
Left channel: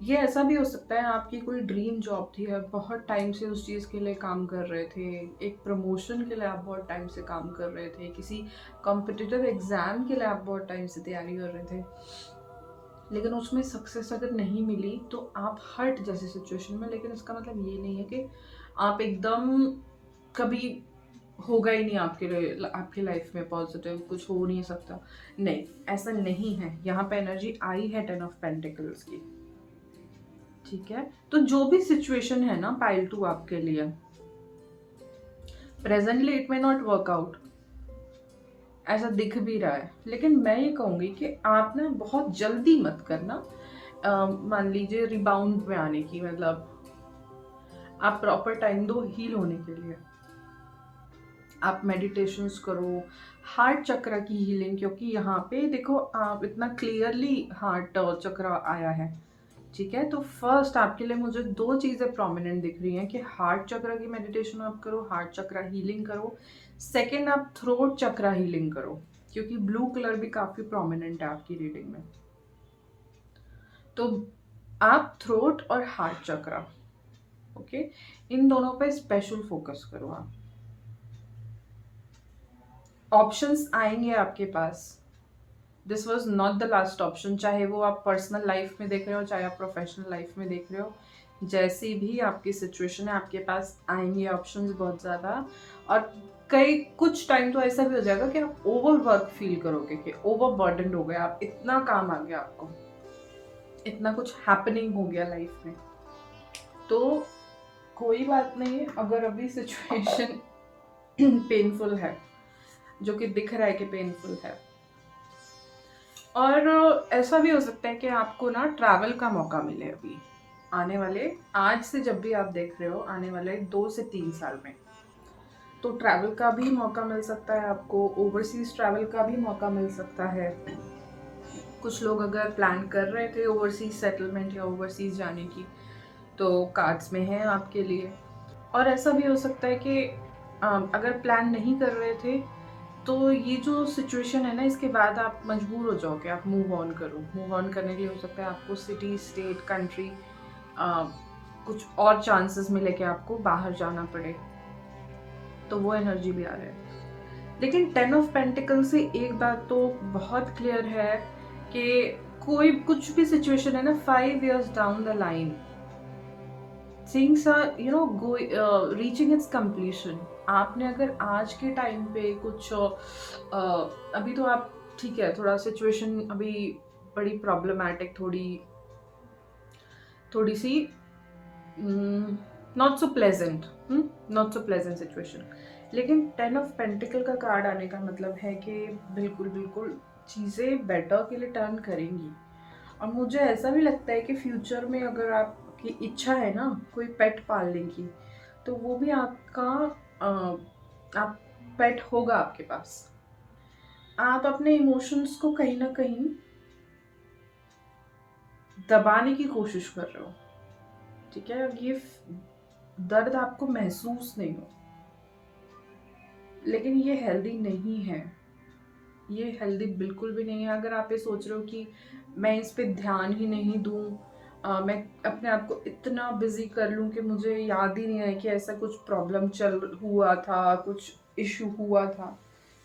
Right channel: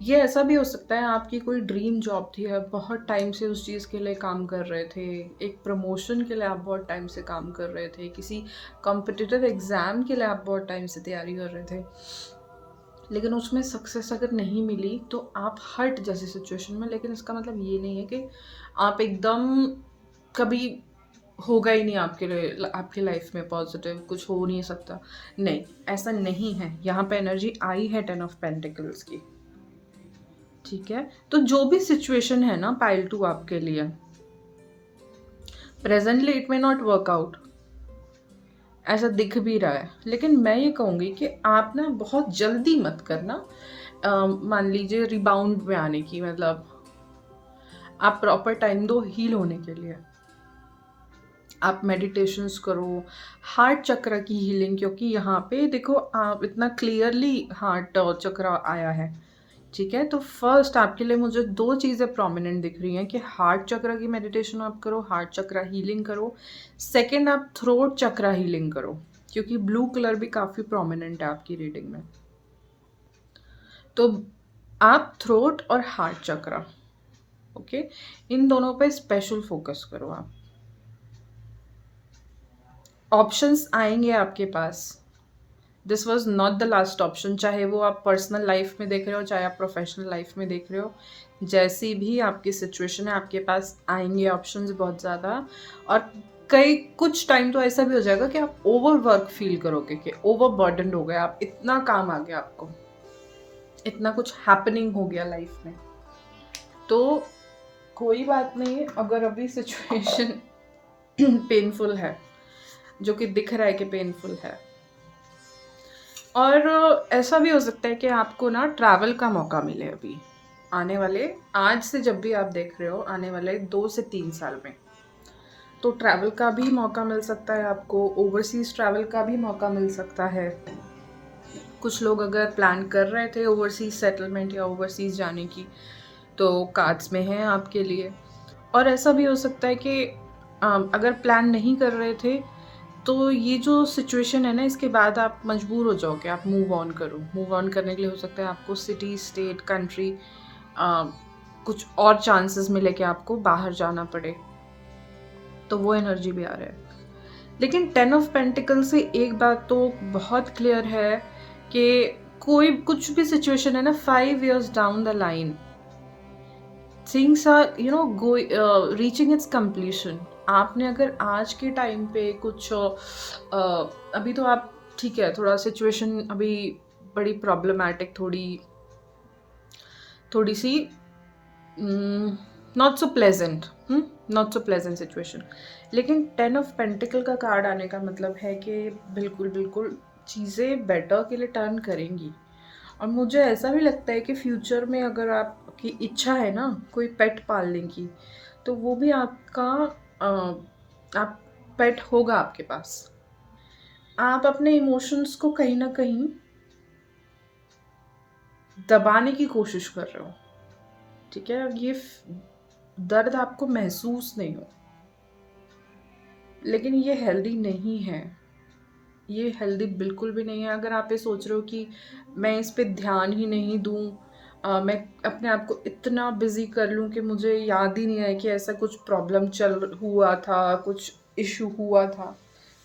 ये ऐसा भी हो सकता है आपकी कोई ड्रीम जॉब थी, आप बहुत टाइम से उस चीज़ के लिए काम कर रहे थे, एक प्रमोशन के लिए आप बहुत टाइम से काम कर रहे थे, किसी कॉम्पिटिटिव एग्ज़ाम के लिए आप बहुत टाइम से तैयारी कर रहे थे, लेकिन उसमें सक्सेस अगर नहीं मिली तो आप हर्ट जैसी सिचुएशन में, लेकिन इसका मतलब ये नहीं है कि आप एकदम कभी होगा ही नहीं आपके लिए, आपकी लाइफ में पॉजिटिव कुछ हो नहीं सकता। नहीं, ऐसा नहीं है। यहाँ पे एनर्जी आई है 10 ऑफ पेंटिकल्स की। ठीक है, तो जो भी सिचुएशन है ना पाइल टू आपके लिए, presently it may not work out, ऐसा दिख भी रहा है, लेकिन मैं ये कहूँगी कि आप ना बहुत जल्दी मत करना। मान लीजिए रिबाउंड में आने की, मतलब आप प्रॉपर टाइम दो हील होने के लिए। आप मेडिटेशंस करो, हार्ट चक्र की हीलिंग, क्योंकि यहाँ पे देखो आप इतना क्लियरली हार्ट चक्र आया है। ठीक है, तो फर्स्ट आपके लिए मुझे दो चीज़ें प्रोमिनेंट दिख रही हैं कि हार्ट चक्र की मेडिटेशन आप करो, हार्ट चक्र हीलिंग करो। सेकंड, आप थ्रोट चक्र हीलिंग करो, क्योंकि ब्लू कलर भी काफ़ी प्रोमिनेंट है आपकी रीडिंग में। तो आप थ्रोट और हार्ट चक्र, ओके, इन दोनों पे स्पेशल फोकस करो आप। ऑप्शंस आएंगे आपके पास। This was not the last option, चाहे वो आप पर्सनल लाइफ में देख रहे हो, चाहे आप प्रोफेशनल लाइफ में देख रहे हो, जैसी भी आपकी सिचुएशन है आपके पास आएंगे ऑप्शंस बहुत ज़्यादा। और कई कुछ टाइम तो ऐसा भी हो जाएगा कि आप ओवर वर्क फील करोगे कि ओवर बर्डन हो गया, आप इतना काम आ गया आपको, इतना कुछ हैपनिंग हो गया लाइफ में। तो कोई बात नहीं, अगर अभी सिचुएशन पेनफुल है, जो कि दिख रहा है कि पेनफुल है, और ऐसा भी हो सकता है कि आपको ना ट्रैवल का मौका मिले अभी आने वाले, आज से जब भी आप देख रहे हो, आने वाले 2 से 3 साल में। तो ट्रैवल का भी मौका मिल सकता है आपको, ओवरसीज ट्रैवल का भी मौका मिल सकता है। कुछ लोग अगर प्लान कर रहे थे ओवरसीज सेटलमेंट या ओवरसीज जाने की, तो कार्ड्स में है आपके लिए। और ऐसा भी हो सकता है कि अगर प्लान नहीं कर रहे थे, तो ये जो सिचुएशन है ना, इसके बाद आप मजबूर हो जाओ कि आप मूव ऑन करो। मूव ऑन करने के लिए हो सकता है आपको सिटी, स्टेट, कंट्री, कुछ और चांसेस मिले कि आपको बाहर जाना पड़े, तो वो एनर्जी भी आ रहा है। लेकिन 10 ऑफ पेंटिकल से एक बात तो बहुत क्लियर है कि कोई कुछ भी सिचुएशन है ना, 5 years down the line things are go reaching its completion. आपने अगर आज के टाइम पे कुछ अभी तो आप ठीक है, थोड़ा सिचुएशन अभी बड़ी प्रॉब्लमैटिक, थोड़ी सी not so pleasant, not so pleasant situation, लेकिन 10 ऑफ पेंटिकल का कार्ड आने का मतलब है कि बिल्कुल बिल्कुल चीज़ें बेटर के लिए टर्न करेंगी। और मुझे ऐसा भी लगता है कि फ्यूचर में अगर आपकी इच्छा है ना कोई पेट पालने की, तो वो भी आपका आप पेट होगा आपके पास। आप अपने इमोशंस को कहीं ना कहीं दबाने की कोशिश कर रहे हो। ठीक है, ये दर्द आपको महसूस नहीं हो, लेकिन ये हेल्दी नहीं है। ये हेल्दी बिल्कुल भी नहीं है। अगर आप ये सोच रहे हो कि मैं इस पे ध्यान ही नहीं दूँ, मैं अपने आप को इतना बिजी कर लूँ कि मुझे याद ही नहीं आए कि ऐसा कुछ प्रॉब्लम चल हुआ था, कुछ इशू हुआ था,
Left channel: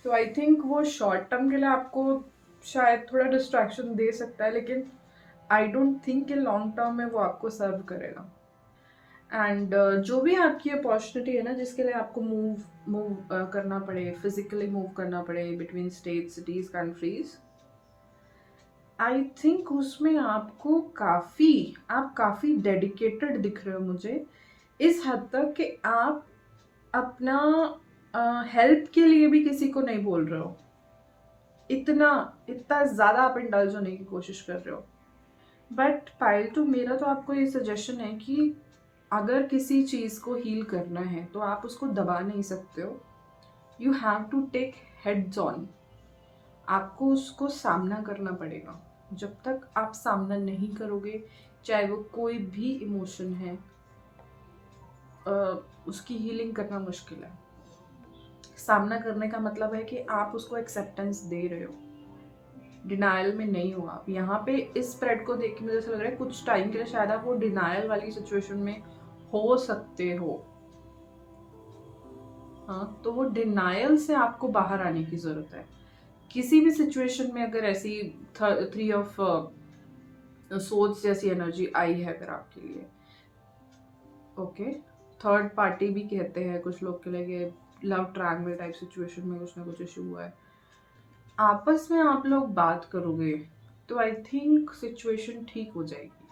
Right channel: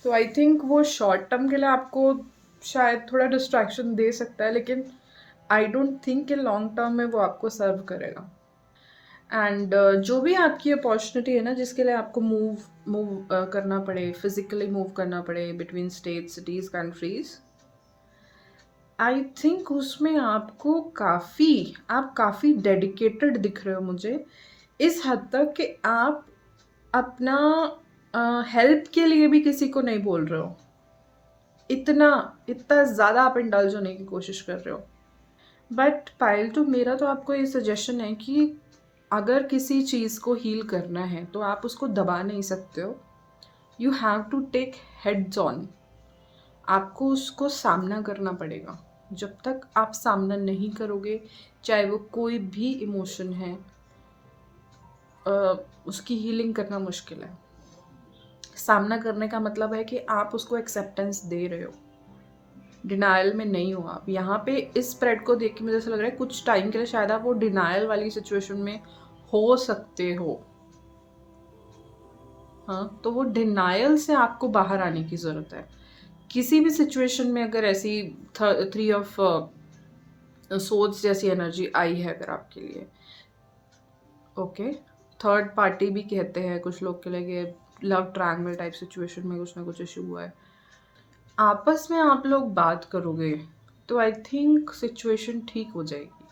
तो आई थिंक वो शॉर्ट टर्म के लिए आपको शायद थोड़ा डिस्ट्रैक्शन दे सकता है, लेकिन आई डोंट थिंक कि लॉन्ग टर्म में वो आपको सर्व करेगा। एंड जो भी आपकी अपॉर्चुनिटी है ना, जिसके लिए आपको मूव मूव करना पड़े, फिजिकली मूव करना पड़े between state, cities, countries, I think उसमें आप काफ़ी डेडिकेटेड दिख रहे हो मुझे, इस हद तक कि आप अपना हेल्प के लिए भी किसी को नहीं बोल रहे हो। इतना इतना ज़्यादा आप इंडल्ज होने की कोशिश कर रहे हो। बट पायल टू, मेरा तो आपको ये सजेशन है कि अगर किसी चीज़ को हील करना है तो आप उसको दबा नहीं सकते हो। You have to take heads on. आपको उसको सामना करना पड़ेगा। जब तक आप सामना नहीं करोगे, चाहे वो कोई भी इमोशन है, उसकी हीलिंग करना मुश्किल है। सामना करने का मतलब है कि आप उसको एक्सेप्टेंस दे रहे हो। डिनायल में नहीं हो आप। यहाँ पे इस स्प्रेड को देख के मुझे ऐसा लग रहा है कुछ टाइम के लिए शायद आप वो डिनायल वाली सिचुएशन में हो सकते हो। हाँ, तो वो डिनायल से आपको बाहर आने की ज़रूरत है। किसी भी सिचुएशन में अगर ऐसी 3 ऑफ सोर्स जैसी एनर्जी आई है अगर आपके लिए, ओके, थर्ड पार्टी भी कहते हैं कुछ लोग के लिए, लव ट्रायंगल टाइप सिचुएशन में कुछ ना कुछ इशू हुआ है, आपस में आप लोग बात करोगे तो आई थिंक सिचुएशन ठीक हो जाएगी।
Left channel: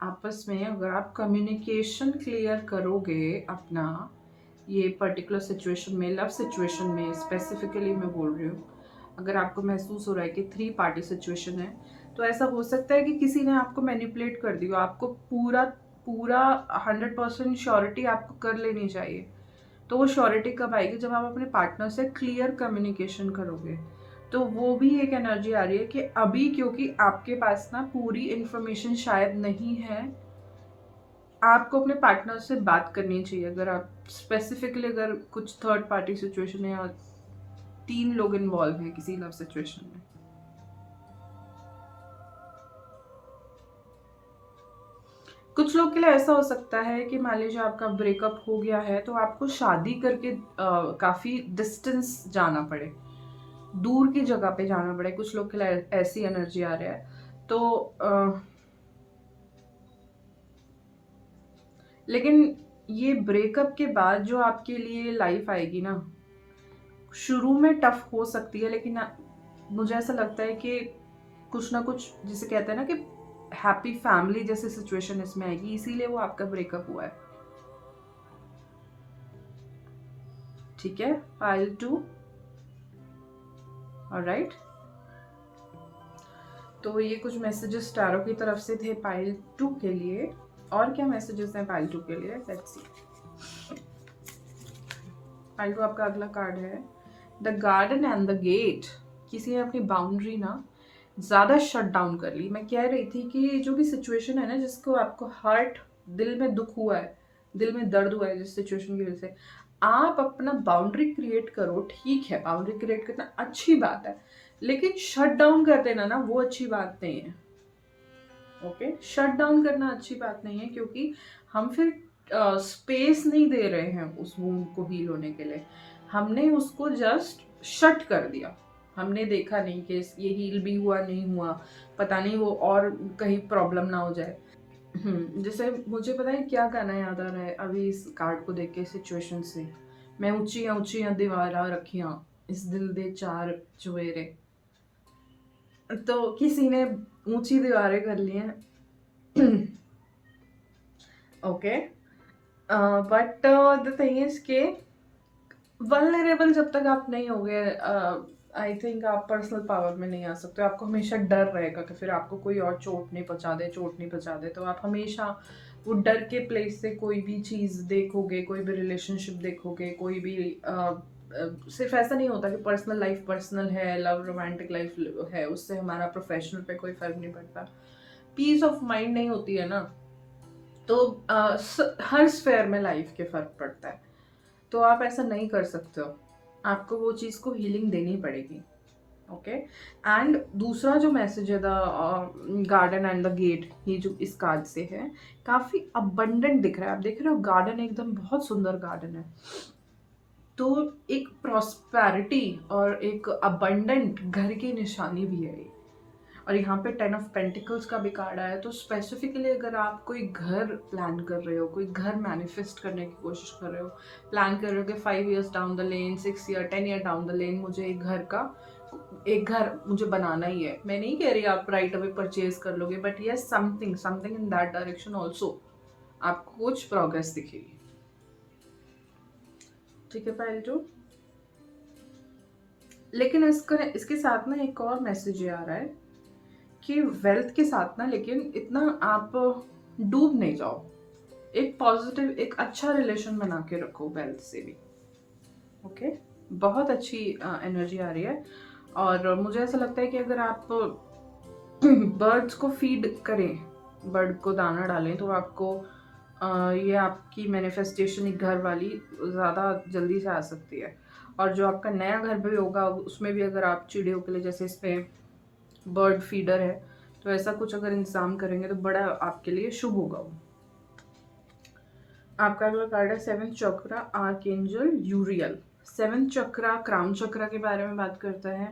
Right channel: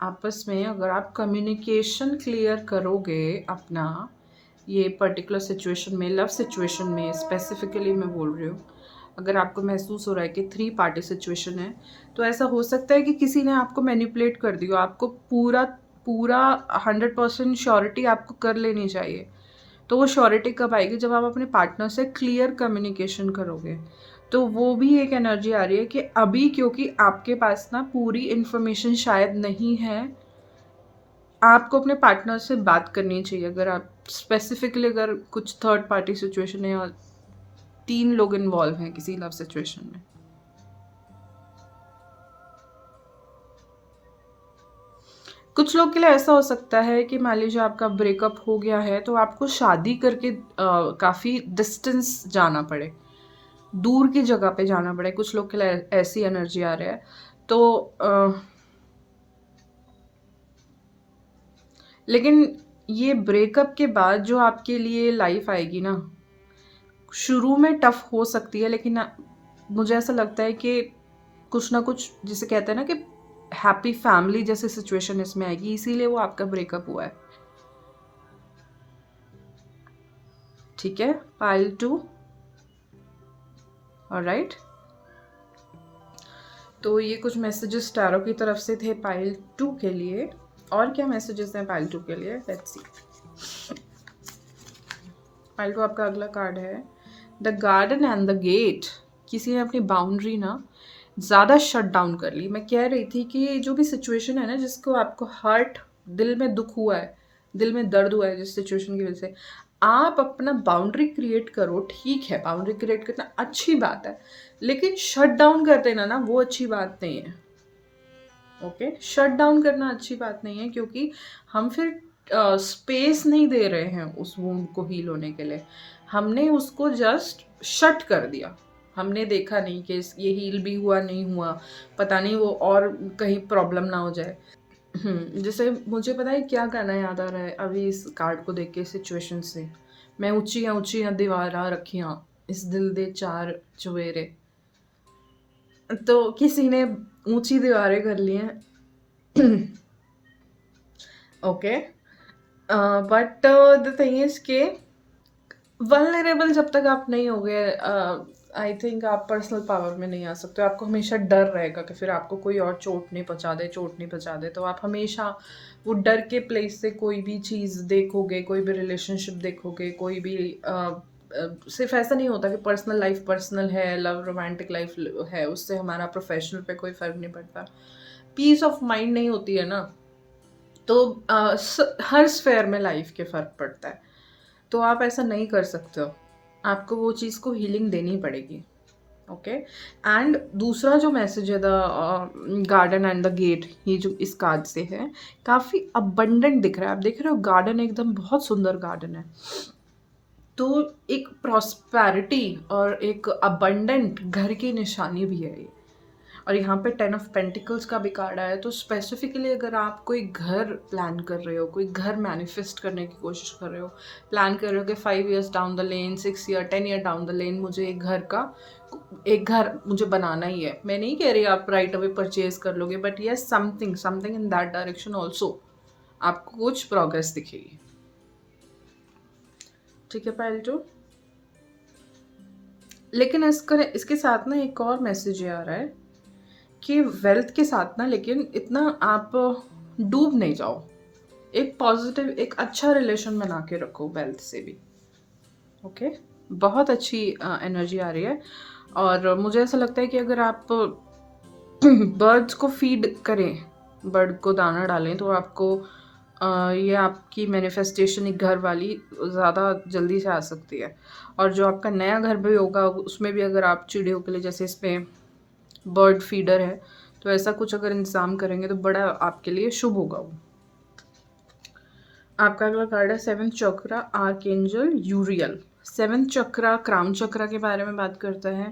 आपस में अगर आप कम्युनिकेशन क्लियर करोगे अपना, ये पर्टिकुलर सिचुएशन में, लव सिचुएशन में स्पेसिफिकली मैं बोल रही हूँ, अगर आपको महसूस हो रहा है कि 3 पार्टी सिचुएशन है, तो ऐसा हो सकता है कि किसी ने आपको मैनिपुलेट कर दिया, आपको पूरा पूरा 100% श्योरिटी आपको कर लेनी चाहिए। तो वो श्योरिटी कब आएगी? जब आप अपने पार्टनर से क्लियर कम्युनिकेशन करोगे। तो वो भी एक एनर्जी आ रही है कि अभी क्योंकि आपके पास ना पूरी इन्फॉर्मेशन शायद नहीं है, आपको अपने पार्टनर से बात करनी चाहिए। अगर आप स्पेसिफिकली अगर कुछ थर्ड पार्टी सिचुएशन है और 3 लोग इन्वॉल्व हैं किसी लव सिचुएशन में, कुछ लोग के लिए ऐसा हो सकता है कि मान लीजिए आपका ब्रेकअप हो गया है तो आपको शादी करके काफ़ी डिस्टेंस जाना पड़े, दूर की जगह पे जाना पड़े। कुछ लोग के लिए ऐसी एनर्जी आ रही है। तो लेकिन ये ब्रेकअप के बाद जो आपके लिए लाइफ आएगी ना, शुरू में टफ हो सकती है, लेकिन मुझे ऐसा लगता है कि कुछ ना कुछ, जिसे कहते हैं ना कि हैप्पी फैमिली जैसी सिचुएशन इसमें आएगी, इसीलिए वो आपका ब्रेकअप हुआ है। ठीक है, पाइल 2, ऑलराइट। तो ये कुछ मैसेजेस टैरो की तरफ से थे पाइल 2 के लिए। और क्या मैसेजेस हैं पाइल 2 के लिए, लेट्स सी। पाइल 2 आपका अगला कार्ड है the garden and the gate. किसी ने अपनी बाउंड्री ना ज़्यादा शट डाउन कर ली। मैं कह रही थी कि जो भी सिचुएशन है ना, जिसको आपको हर्ट, दिल में दुख हुआ है, दिल में दर्द हुआ है जिस सिचुएशन की वजह से, आप अपना बाउंड्री क्रिएट करो। ठीक है, बाउंड्री क्रिएट करना अच्छी बात है, लेकिन शट डाउन कर देना ना, वो अच्छी बात नहीं है। ओके, शट डाउन करना अच्छी बात नहीं है, क्योंकि हम फिर स्पेस नहीं दे रहे हैं उस वुंड को हील होने के लिए। हमने उसको जस्ट शट कर दिया, हमने देखा नहीं कि ये हील भी हुआ नहीं हुआ, पता नहीं वो और कहीं प्रॉब्लम ना हो जाए। जैसे मुझे पता है क्या गाना याद आ रहा है अभी इस कार्ड को देख के, सिचुएशन से। मैं ऊंचियां ऊंचियां दीवारां रखियां, इस दिल दे 4 चुवेरे। तो किसी ने ऊंची दीवारें कर ली हैं। Okay, but the thing is के वल्नरेबल जब तक आप नहीं होगे, आई थिंक आप पर्सनल पावर में नहीं आ सकते हो। आपको हमेशा डर रहेगा कि फिर आपको कोई और चोट नहीं पहुंचा दे, चोट नहीं पहुंचा दे। तो आप हमेशा वो डर के प्लेस से कोई भी चीज़ देखोगे, कोई भी रिलेशनशिप देखोगे, कोई भी सिर्फ ऐसा नहीं होता कि पर्सनल लाइफ पर्सनल है, लव रोमांटिक लाइफ है, उससे हमारा प्रोफेशनल पे कोई फर्क नहीं पड़ता। पीस ऑफ माइंड नहीं होती है ना, तो हर स्फेयर में लाइफ के फ़र्क पड़ता है। तो आप ऐसा नहीं कर सकते हो, आपको वो चीज़ को हीलिंग देनी पड़ेगी। ओके, एंड दूसरा जो मैसेज है the garden and the gate, ये जो इस कार्ड से है, काफ़ी अबंडेंट दिख रहा है। आप देख रहे हो गार्डन एकदम बहुत सुंदर गार्डन है, तो एक प्रॉस्पेरिटी और एक अबंडेंट घर की निशानी भी है ये। और यहाँ पे 10 ऑफ पेंटिकल्स का भी कार्ड आया है। तो स्पेसिफिकली अगर आप कोई घर प्लान कर रहे हो, कोई घर मैनिफेस्ट करने की कोशिश कर रहे हो, प्लान कर रहे हो कि 5 years down the lane, 6 year 10 year down the lane मुझे एक घर मुझे बनाना ही है। मैं नहीं कह रही आप राइट अवे परचेज कर लोगे, but yes, something in that direction also आपको कुछ प्रोग्रेस दिखेगी। ठीक है पाइल 2। लेकिन इसके साथ ना एक और मैसेज ये आ रहा है कि वेल्थ के साथ ना, लेकिन इतना आप डूब नहीं जाओ। एक पॉजिटिव, एक अच्छा रिलेशन बना के रखो वेल्थ से भी। ओके, बहुत अच्छी एनर्जी आ रही है। और मुझे ऐसा लगता है कि अगर आप बर्ड्स को फीड करें, बर्ड को दाना डालें, तो आपको ये आपकी मैनिफेस्टेशन एक घर वाली ज़्यादा जल्दी से आ सकती है। और जो आपका नया घर भी होगा उसमें भी अगर आप चिड़ियों के लिए जैसे इसमें बर्ड फीडर है तो ऐसा कुछ अगर इंतज़ाम करेंगे तो बड़ा आपके लिए शुभ होगा वो। आपका अगला कार्ड है सेवंथ चक्रा आर्कएंजल यूरियल। सेवंथ चक्रा क्राउन चक्रा के बारे में बात करता है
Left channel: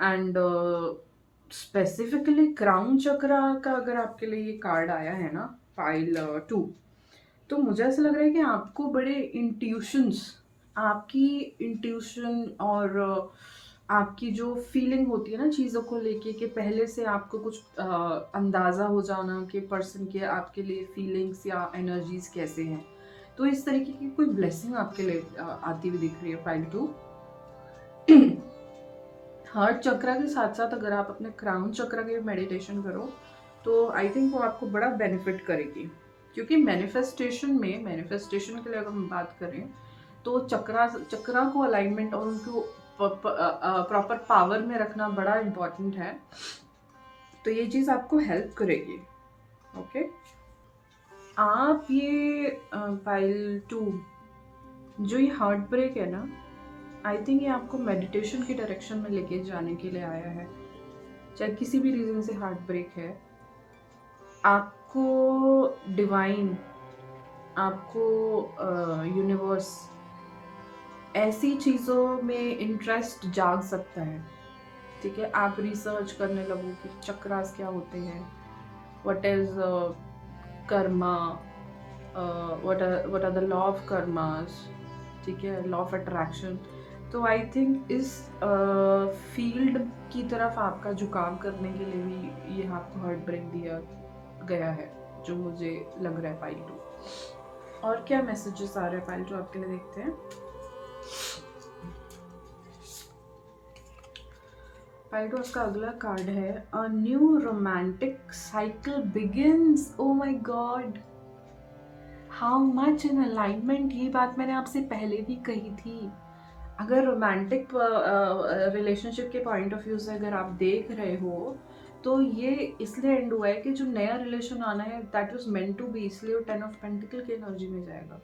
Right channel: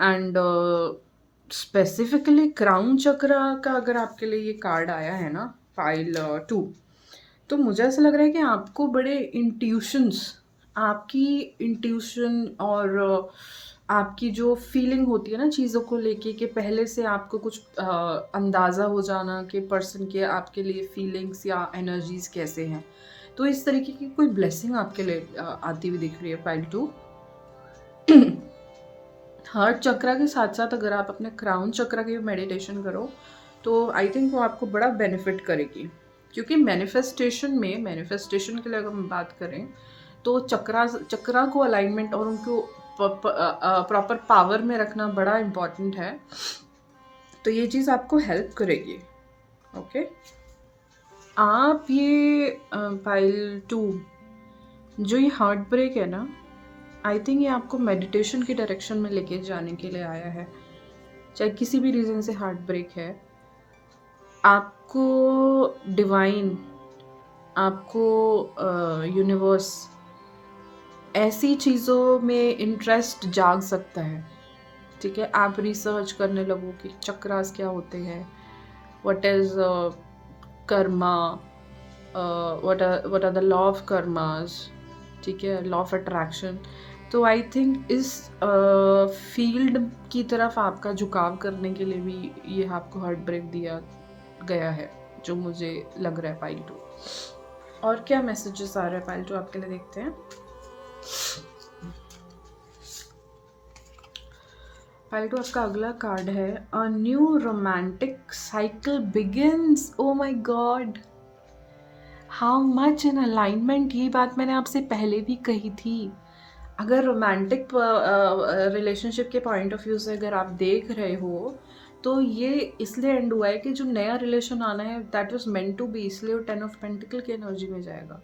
एंड स्पेसिफिकली क्राउन चक्रा का अगर आपके लिए ये कार्ड आया है ना पाइल 2, तो मुझे ऐसा लग रहा है कि आपको बड़े इंट्यूशंस, आपकी इंट्यूशन और आपकी जो फीलिंग होती है ना चीज़ों को लेके कि पहले से आपको कुछ अंदाज़ा हो जाना कि पर्सन के आपके लिए फीलिंग्स या एनर्जीज कैसे हैं। तो इस तरीके की कोई ब्लेसिंग आपके लिए आती हुई दिख रही है पाइल 2। हार्ट चक्रा के साथ साथ अगर आप अपने क्राउन चक्रा की मेडिटेशन करो तो आई थिंक वो आपको बड़ा बेनिफिट करेगी, क्योंकि मैनिफेस्टेशन के लिए अगर हम बात करें तो चक्रा को अलाइनमेंट और उनको प्रॉपर पावर में रखना बड़ा इम्पॉर्टेंट है। तो ये चीज़ आपको हेल्प करेगी। ओके, आप ये पाइल 2 जो ये हार्ट ब्रेक है ना, आई थिंक ये आपको मेडिटेशन की डायरेक्शन में लेके जाने के लिए आया है। चाहे किसी भी रीज़न से हार्ट ब्रेक है, आपको डिवाइन, आपको यूनिवर्स ऐसी चीज़ों में इंटरेस्ट जाग सकता है। ठीक है, आप रिसर्च करने लगो कि चक्रास क्या होते हैं, what is karma, what are the law of karmas, ठीक है, लॉ ऑफ अट्रैक्शन। तो आई थिंक इस फील्ड की तरफ आपका झुकाव करने के लिए भी ये आपको हार्ट ब्रेक दिया गया है, जो मुझे लग रहा है पाइल 2। और क्या मैसेजेस आ रहे हैं पाइल 2 आपके लिए, देखते हैं। पाइल 2 आपका अगला कार्ड है a new romantic cycle begins. O my God, how much in alignment. ये बात मैंने आपसे पहले भी कही थी। अगर रोमांटिक रिलेशनशिप के पॉइंट ऑफ व्यू से अगर आप देख रहे हो तो ये इसलिए एंड हुआ है कि जो नया रिलेशन आना है that was meant to be, इसलिए वो 10 ऑफ पेंटिकल की एनर्जी में जाएगा।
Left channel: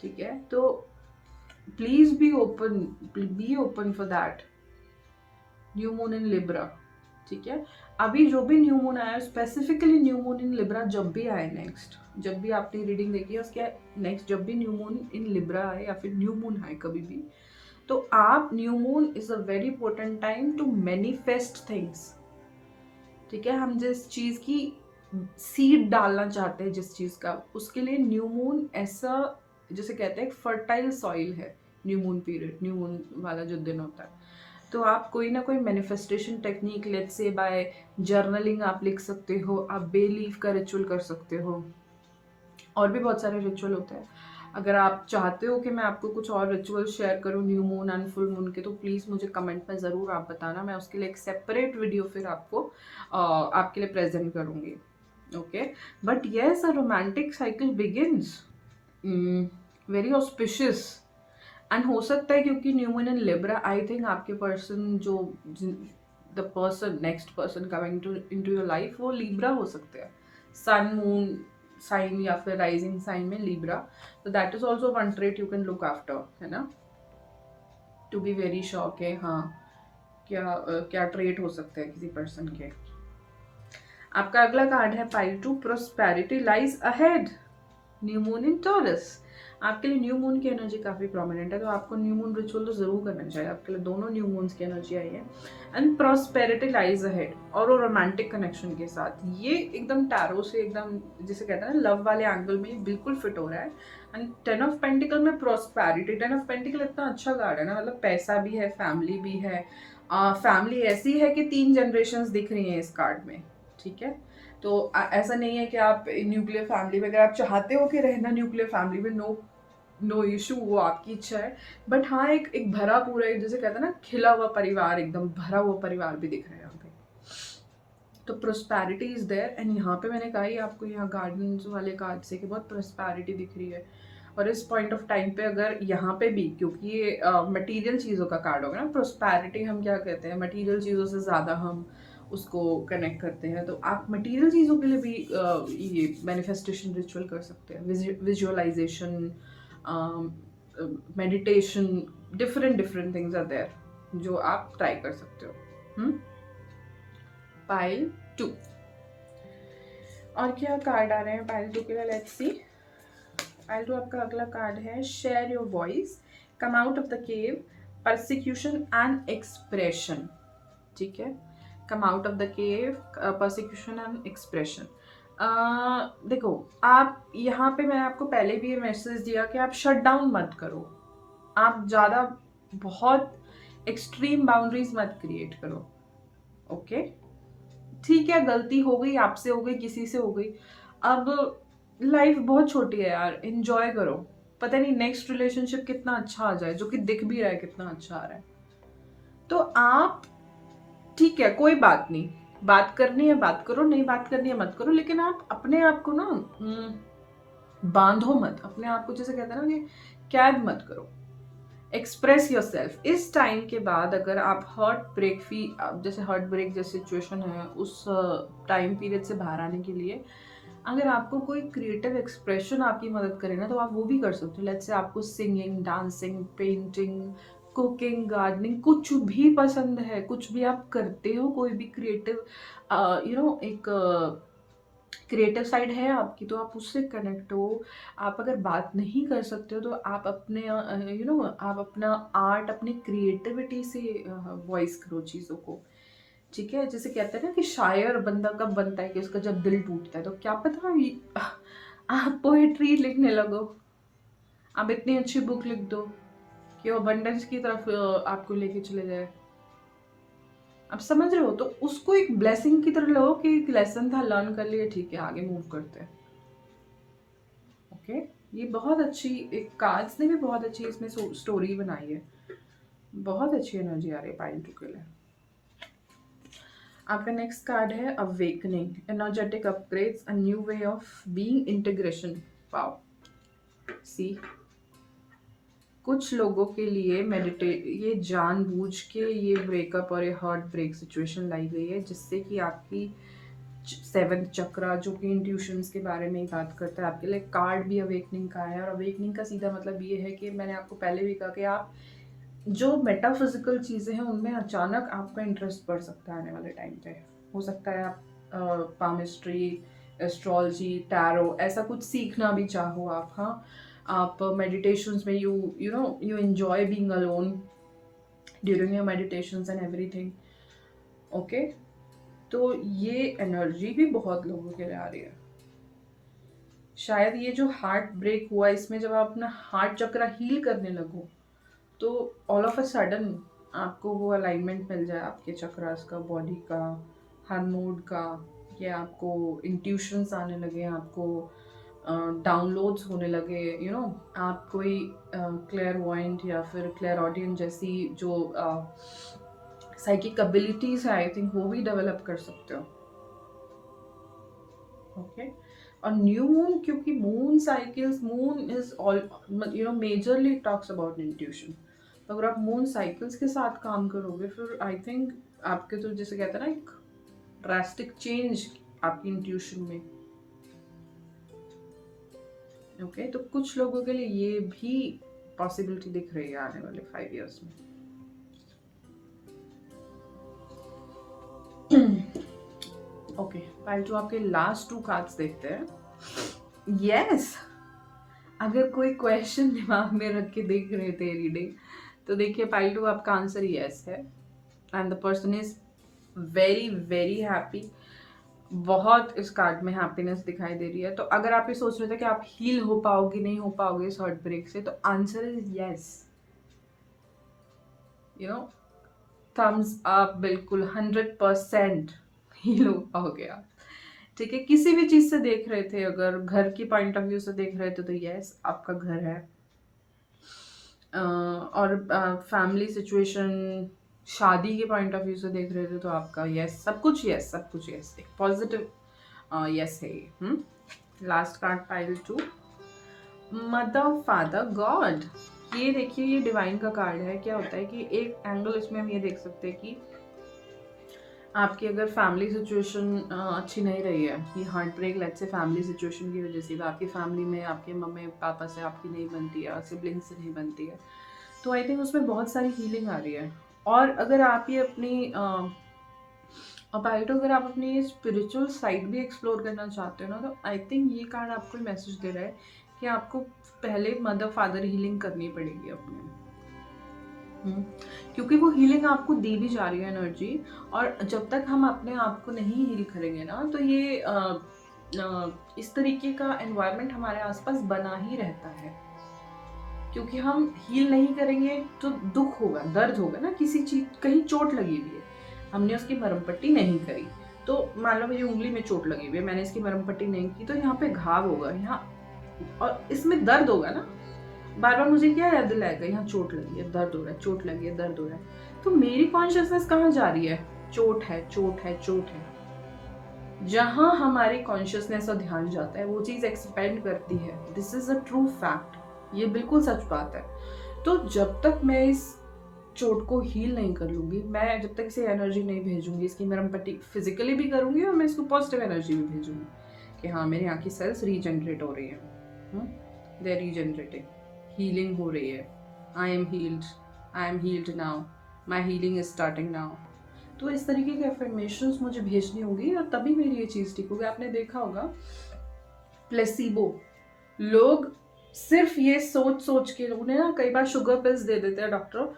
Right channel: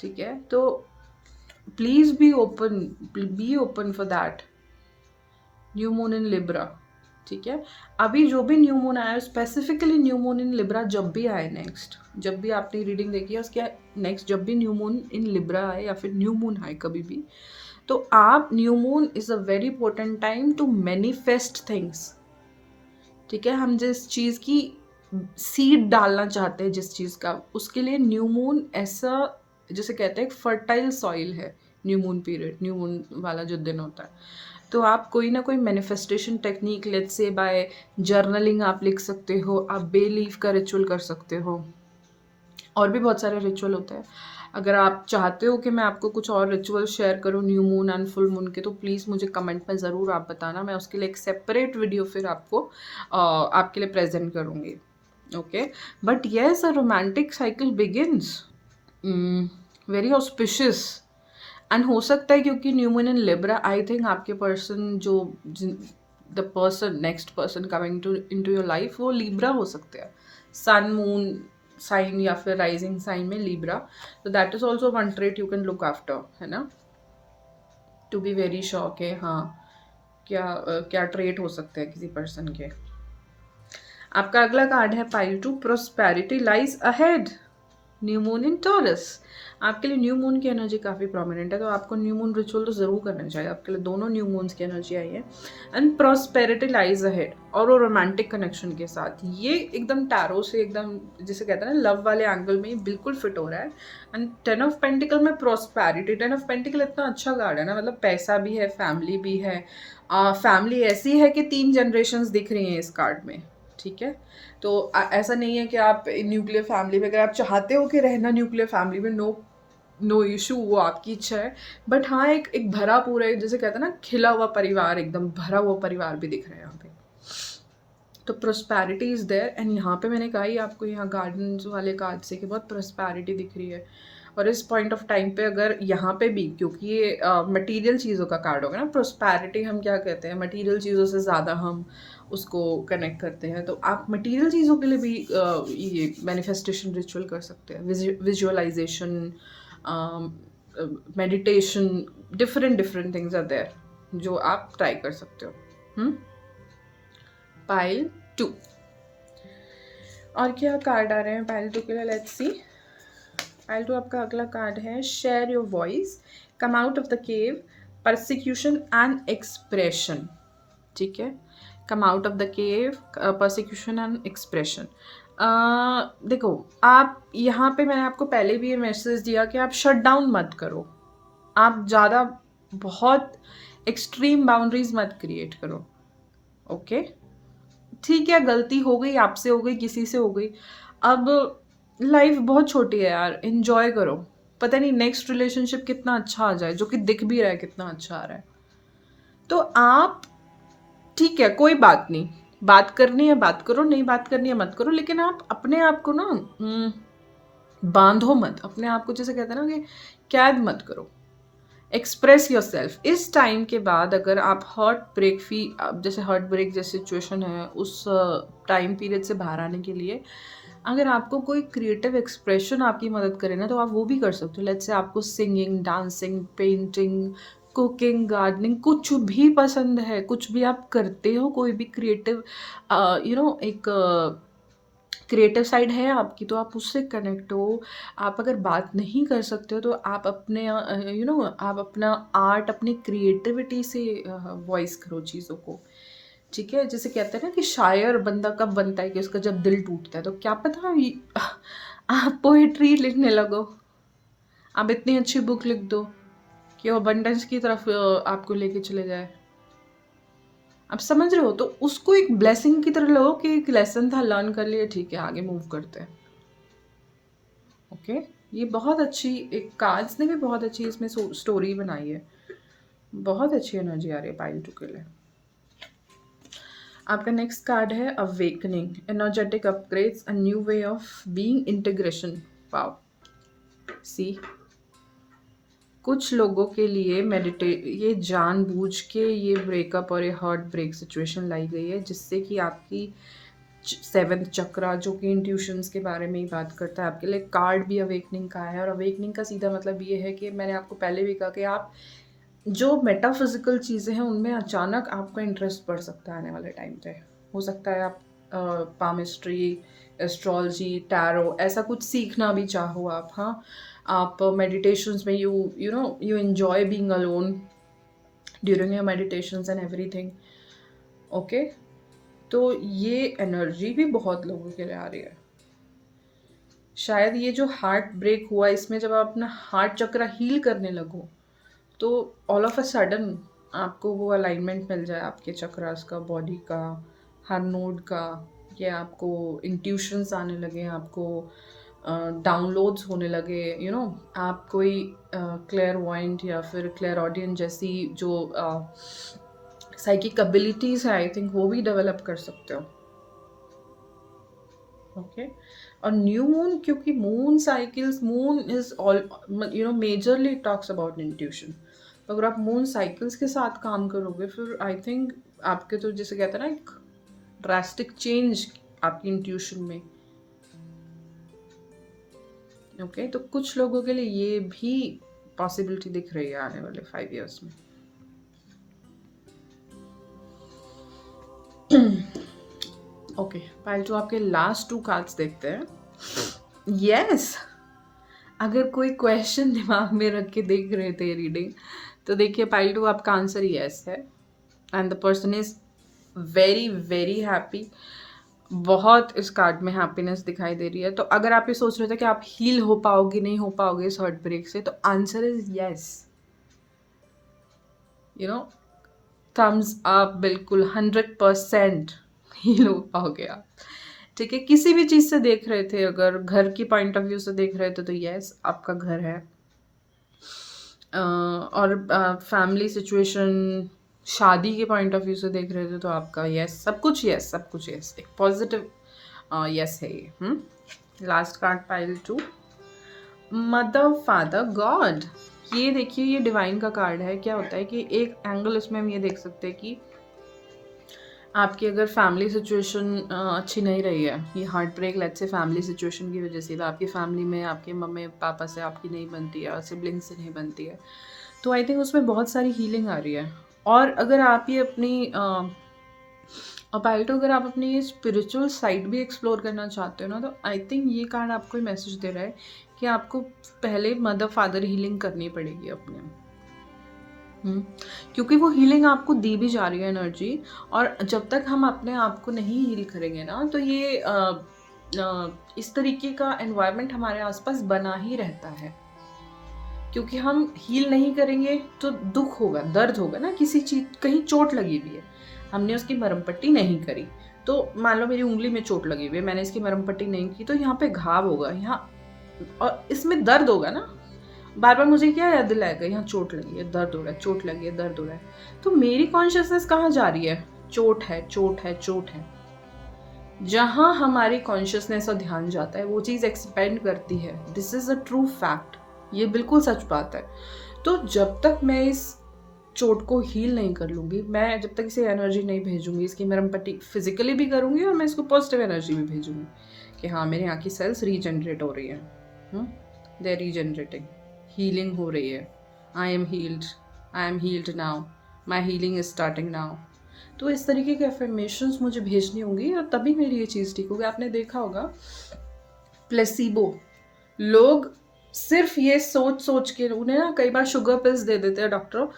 ठीक है, तो please be open for that. New moon in Libra, ठीक है। अभी जो भी न्यू मून आया है, specifically new moon in Libra जब भी आए, नेक्स्ट जब भी आपने रीडिंग देखी है उसके नेक्स्ट जब भी न्यू मून इन लिब्रा आए या फिर न्यू मून आए कभी भी, तो आप new moon is a very important time to manifest things. ठीक है, हम जिस चीज़ की सीड डालना चाहते हैं, जिस चीज़ का, उसके लिए न्यू मून ऐसा जैसे कहते हैं फर्टाइल सॉइल है। New moon period, new moon वाला जो दिन होता है, तो आप कोई ना कोई manifestation technique, let's say by journaling आप लिख सकते हो, आप बे लीफ का रिचुअल कर सकते हो, और भी बहुत सारे रिचुअल होते हैं। अगर आप चाहते हो कि मैं आपको कुछ और रिचुअल शेयर करूँ new moon and full moon के, तो प्लीज़ मुझे कमेंट में ज़रूर आप बताना, मैं उसके लिए एक सेपरेट वीडियो फिर आपको आपके लिए प्रेजेंट करूँगी। Okay, but yes a romantic cycle begins, very auspicious. And हो सकता है क्योंकि new moon in Libra, I think आपके पर्सन जो the person next person coming to into your life वो लिब्रा हो सकते हैं, सन मून साइन या फिर राइजिंग साइन में लिब्रा। तो that is also one trait you can look after, है ना, टू बी वेरी श्योर के हाँ क्या ट्रेट हो सकते हैं किसी पर्सन के। आपका अगला कार्ड है pile 2 prosperity lies ahead, new moon इन टॉरस। आपके लिए न्यू मून की एनर्जी काफ़ी प्रोमिनेंट है, तो आपको न्यू मून रिचुअल तो ज़रूर करना चाहिए। आपके लिए दोनों न्यू मून्स की एनर्जी आई है एंड प्रॉस्पेरिटी लाइज अहेड, और वो रोमांटिक कनेक्शन के साथ, ये एकदम टैरो से एकदम जिसे कहते हैं ना लव वाले एंगल में बिल्कुल फिट हो रहा है। एंड 10 ऑफ पेंटिकल में प्रॉस्पेरिटी, 10 ऑफ पेंटिकल इतना अच्छा कार्ड है ना, मतलब पैसा भी है, फैमिली भी है। फैमिली ऐसी है कि 3 जनरेशन्स दिख रही हैं इस कार्ड में। ठीक है, तो ऐसा नहीं है कि आप न्यूक्लियर फैमिली में, अगर आप चाहते हो कि रहना न्यूक्लियर फैमिली में, नो इशू, वो आपकी इच्छा है। बट हाँ, एक भरा पूरा, एक जैसे कहते हैं ना खिला हुआ परिवार, एकदम भरा हुआ परिवार भी दिख रहा है यहाँ पे। तो प्रोस्पैरिटी इज देयर, एंड यहाँ पे मैंने कहा ही आपको यहाँ गार्डन्स वाले कार्ड से कि बहुत प्रोस्पैरिटी दिख रही है। और इस पॉइंट ऑफ टाइम पे अगर यहाँ पे भी, क्योंकि ये मटेरियल चीज़ों का कार्ड होगा ना, प्रोस्पैरिटी हम क्या कहते हैं, मटेरियल चीज़ों से ज़्यादा हम उसको कनेक्ट करते हैं। तो आप मटेरियल चीज़ों के लिए भी ये मैनिफेस्टेशन रिचुअल कर सकते हैं, visualization, meditation, different different things are there जो आप ट्राई कर सकते हो। पाइल 2 और क्या कार्ड आ रहे हैं पाइल 2 के लिए, लेट्स सी। पाइल 2 आपका अगला कार्ड है share your voice, come out of the cave, persecution and expression. ठीक है, कम out of the cave, persecution and expression. देखो, आप यहाँ पे मैंने आपको पहले भी ये मैसेज दिया कि आप शट डाउन मत करो, आप ज़्यादा बहुत एक्सट्रीम बाउंड्रीज मत क्रिएट करो। ओके, ठीक है, गलती हो गई, आपसे हो गई, किसी से हो गई, अब लाइफ बहुत छोटी है यार, एंजॉय करो। पता नहीं नेक्स्ट रिलेशनशिप कितना अच्छा आ जाए, जो कि दिख भी रहा है कितना अच्छा आ रहा है। तो आप, ठीक है, कोई बात नहीं, बात करनी है बात करो, नहीं बात करनी है मत करो, लेकिन आप अपने आप को ना बांधो मत, अपने आप को जैसे कहते हैं ना कि कैद मत करो। Express your self. इस टाइम के बाद अगर आप जैसे हर्ट ब्रेक जैसी सिचुएशन है, उस टाइम पीरियड से बाहर आने के लिए अगर आपको कोई क्रिएटिव एक्सप्रेशन आपकी मदद करे ना, तो आप वो भी कर सकते हो। लेट्स से आपको singing, dancing, painting, cooking, gardening, कुछ भी पसंद है, कुछ भी आप करते हो, कोई भी क्रिएटिव एक क्रिएटिव साइड है आपकी, तो आप उससे कनेक्ट हो। आप अगर बात नहीं कर सकते हो तो आप अपने आप अपना आर्ट, अपनी क्रिएटिविटी से वॉइस करो चीज़ों को। ठीक है, जैसे कहते हैं ना कि शायर बंदा कब बनता है, कि उसका जब दिल टूटता है। तो क्या पता आप पोएट्री लिखने लगो, आप इतनी अच्छी बुक लिख दो कि वो अबंडेंस की तरफ आपको लेके चले जाए। आप समझ रहे हो? तो उसको एक ब्लेसिंग की तरह लो कि एक लेसन था, लर्न कर लिए, ठीक है, आगे मूव करते हैं। ओके, ये बहुत अच्छी, एक कार्ड्स ने भी बहुत अच्छी इसमें स्टोरी बनाई है। बहुत अच्छी एनर्जी आ रही है पाइल 2 के लिए। आपका नेक्स्ट कार्ड है awakening, energetic upgrades, a new way of being, integration. Wow, see, कुछ लोगों के लिए ये जानबूझ के ये ब्रेकअप और ये हर्ट ब्रेक सिचुएशन लाई गई है, जिससे कि आपकी 7th चक्रा, जो कि इंट्यूशंस के बारे में ही बात करता है, आपके लिए कार्ड भी अवेकनिंग का है। और अवेकनिंग का सीधा मतलब ये है कि मैंने आपको पहले भी कहा कि आप जो मेटाफिजिकल चीज़ें हैं उनमें अचानक आपका इंटरेस्ट बढ़ सकता है आने वाले टाइम पे। हो सकता है आप पामिस्ट्री, एस्ट्रोलॉजी, टैरो, ऐसा कुछ सीखना भी चाहो आप। हाँ, आप मेडिटेशंस में you enjoy being alone during your meditations and everything. Okay, तो ये एनर्जी भी बहुत लोगों के लिए आ रही है। शायद ये जो हार्ट ब्रेक हुआ, इसमें जब आप अपना हार्ट चक्र हील करने लगो, तो ऑल ऑफ अ सडन आपको वो अलाइनमेंट मिल जाए आपके चक्रास का, बॉडी का, हर नोड का। ये आपको इंट्यूशंस आने लगे, आपको डाउनलोड्स होने लगे, आप कोई क्लेयरवॉयंट या फिर क्लेयरऑडियंट जैसी जो साइकिक एबिलिटीज़ है, आई थिंक वो भी डेवलप कर सकते हो। ओके, और न्यू मून, क्योंकि moon cycles, moon is all majorly talks about intuition. तो अगर आप मून साइकिल्स के साथ काम करोगे, फिर आई थिंक आपके, तो जैसे कहते हैं ना, एक ड्रास्टिक चेंज आपकी इंट्यूशन में। ओके, तो कुछ लोगों के लिए ये भी पॉसिबिलिटी दिख रही है आने वाले 5 years में। ओके, पाइल 2 आपके लास्ट 2 कार्ड्स देखते हैं। यस, अगर कोई क्वेश्चन दिमाग में रख के देख रहे थे रीडिंग, तो देखिए पाइल 2 आपका आंसर यस है, and the person is very very happy. बहुत इस कार्ड में हैप्पीनेस दिखाई दे रही है। तो अगर आप ये सोच रहे थे कि आप हील हो पाओगे, नहीं हो पाओगे इस हर्ट ब्रेक से, तो answer is yes. Thumbs up, बिल्कुल 100% हील हो पाओगे आप। ठीक है, किसी भी चीज़ से देख रहे थे, अगर घर की पॉइंट ऑफ व्यू से देख रहे थे, तो यस, आपका घर है। और फैमिली सिचुएशन, शादी के पॉइंट ऑफ व्यू से देख रहे थे, तो आपका यस, सब कुछ यस, सब कुछ यस, एक पॉजिटिव यस है ये। Last card pile 2, mother, father, God. ये देखिए, ये डिवाइन का कार्ड है। क्या होता है कि एक एंगल इसमें हम ये देख सकते हैं कि आपकी अगर फैमिली सिचुएशन अच्छी नहीं रही है, ये heart break let's say family situation की वजह से, तो आपकी फैमिली में आपके मम्मी पापा से आपकी नहीं बनती है, सिबलिंग से नहीं बनती है, तो आई थिंक उसमें बहुत सारी हीलिंग आ रही है। और अगर आप ये अपनी अपाइटो अगर आप अपनी ये स्पिरिचुअल साइड भी एक्सप्लोर करना चाहते हो ना, तो आई थिंक ये कार्ड आपको मैसेज दे रहा है कि आपको पहले मदर फादर हीलिंग करनी पड़ेगी अपने। क्योंकि वो हीलिंग आपको दी भी जा रही है एनर्जी, और जब तक हम अपने आप को नहीं हील करेंगे ना, तो ये इस तरीके का एनवायरनमेंट हमारे आसपास बना ही रहता है। क्योंकि हम हील नहीं करेंगे तो दुख होगा, दर्द होगा ना, किसी चीज कहीं चोट लगी हुई है, हमने उसकी मरहम पट्टी नहीं करी, तो मान लो मेरी उंगली में चोट लगी हुई है, मैंने इसकी मरहम पट्टी नहीं की, तो यहाँ पे घाव होगा यहाँ, और इसमें दर्द होगा ना, बार बार मुझे क्या याद दिलाएगा, यहाँ चोट लगी है, दर्द हो रहा है, चोट लगी है, दर्द हो रहा है। तो मेरी कॉन्शियसनेस कहाँ जा रही है? चोट है, चोट है, चोट है। जहां हमारी कॉन्शियसनेस और ध्यान जाता है वो चीज एक्सपेंड करती है। This is a true fact, ये बिल्कुल सच बात है। तो जब तक मैं इस चोट को हील नहीं कर लूंगी, मैं जब तक इसे एनर्जी नहीं भेजूंगी, इसकी मरहम पट्टी फिजिकली भी करूंगी और मैं इसको पॉजिटिव एनर्जी भी भेजूंगी कि हाँ मेरे यहाँ की सेल्स रीजनरेट हो रही है, दे आर रीजनरेटिंग, हीलिंग हो रही है, I am heeled now, my healing is starting now. तो इस तरीके के अफर्मेशंस मुझे भेजनी होंगी और तभी मेरी ये चीज़ ठीक होगी। आपने देखा होगा प्लेसिबो, लोग सिर्फ ये सोच सोच के, उन्हें ना कई बार शुगर पिल्स दे देते हैं डॉक्टर,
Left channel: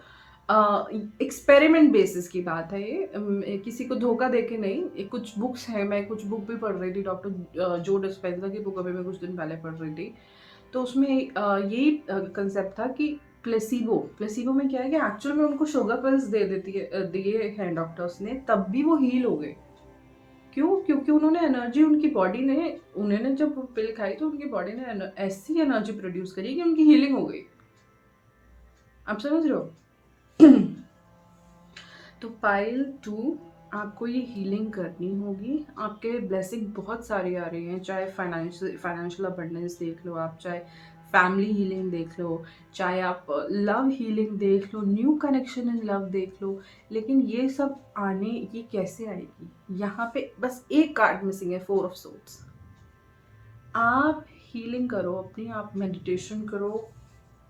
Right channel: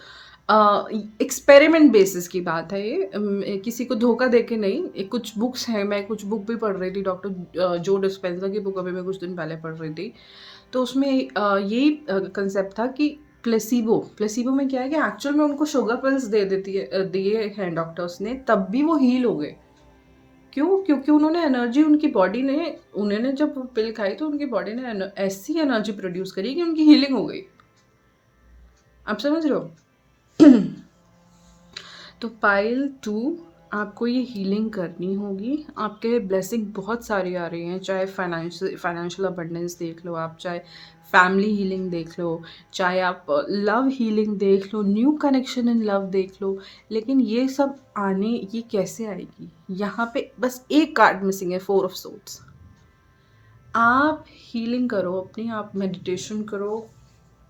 एक्सपेरिमेंट बेसिस की बात है ये, किसी को धोखा दे के नहीं। कुछ बुक्स हैं, मैं कुछ बुक भी पढ़ रही थी, डॉक्टर जो डिस्पेंसर की बुक अभी मैं कुछ दिन पहले पढ़ रही थी, तो उसमें यही कंसेप्ट था कि प्लेसिबो में क्या है कि एक्चुअल में उनको शुगर पिल्स दे देती है, दिए हैं डॉक्टर्स ने, तब भी वो हील हो गए। क्यों? क्योंकि उन्होंने एनर्जी, उनकी बॉडी ने, उन्होंने जब पिल खाई तो उनकी बॉडी ने ऐसी एनर्जी प्रोड्यूस करी कि उनकी हीलिंग हो गई। आप समझ रहे हो? तो पाइल 2, आपको ये हीलिंग करनी होगी। आपके लिए ब्लेसिंग बहुत सारी आ रही हैं, चाहे फाइनेंशियल अबंडेंस देख लो आप, चाहे फैमिली हीलिंग देख लो, चाहे आप लव हीलिंग देख लो, न्यू कनेक्शन इन लव देख लो। लेकिन ये सब आने, ये कैसे आएगी? यहाँ पे बस एक कार्ड मिसिंग है, 4 ऑफ सोर्ड्स। आप हीलिंग करो अपनी, आप मेडिटेशन करो,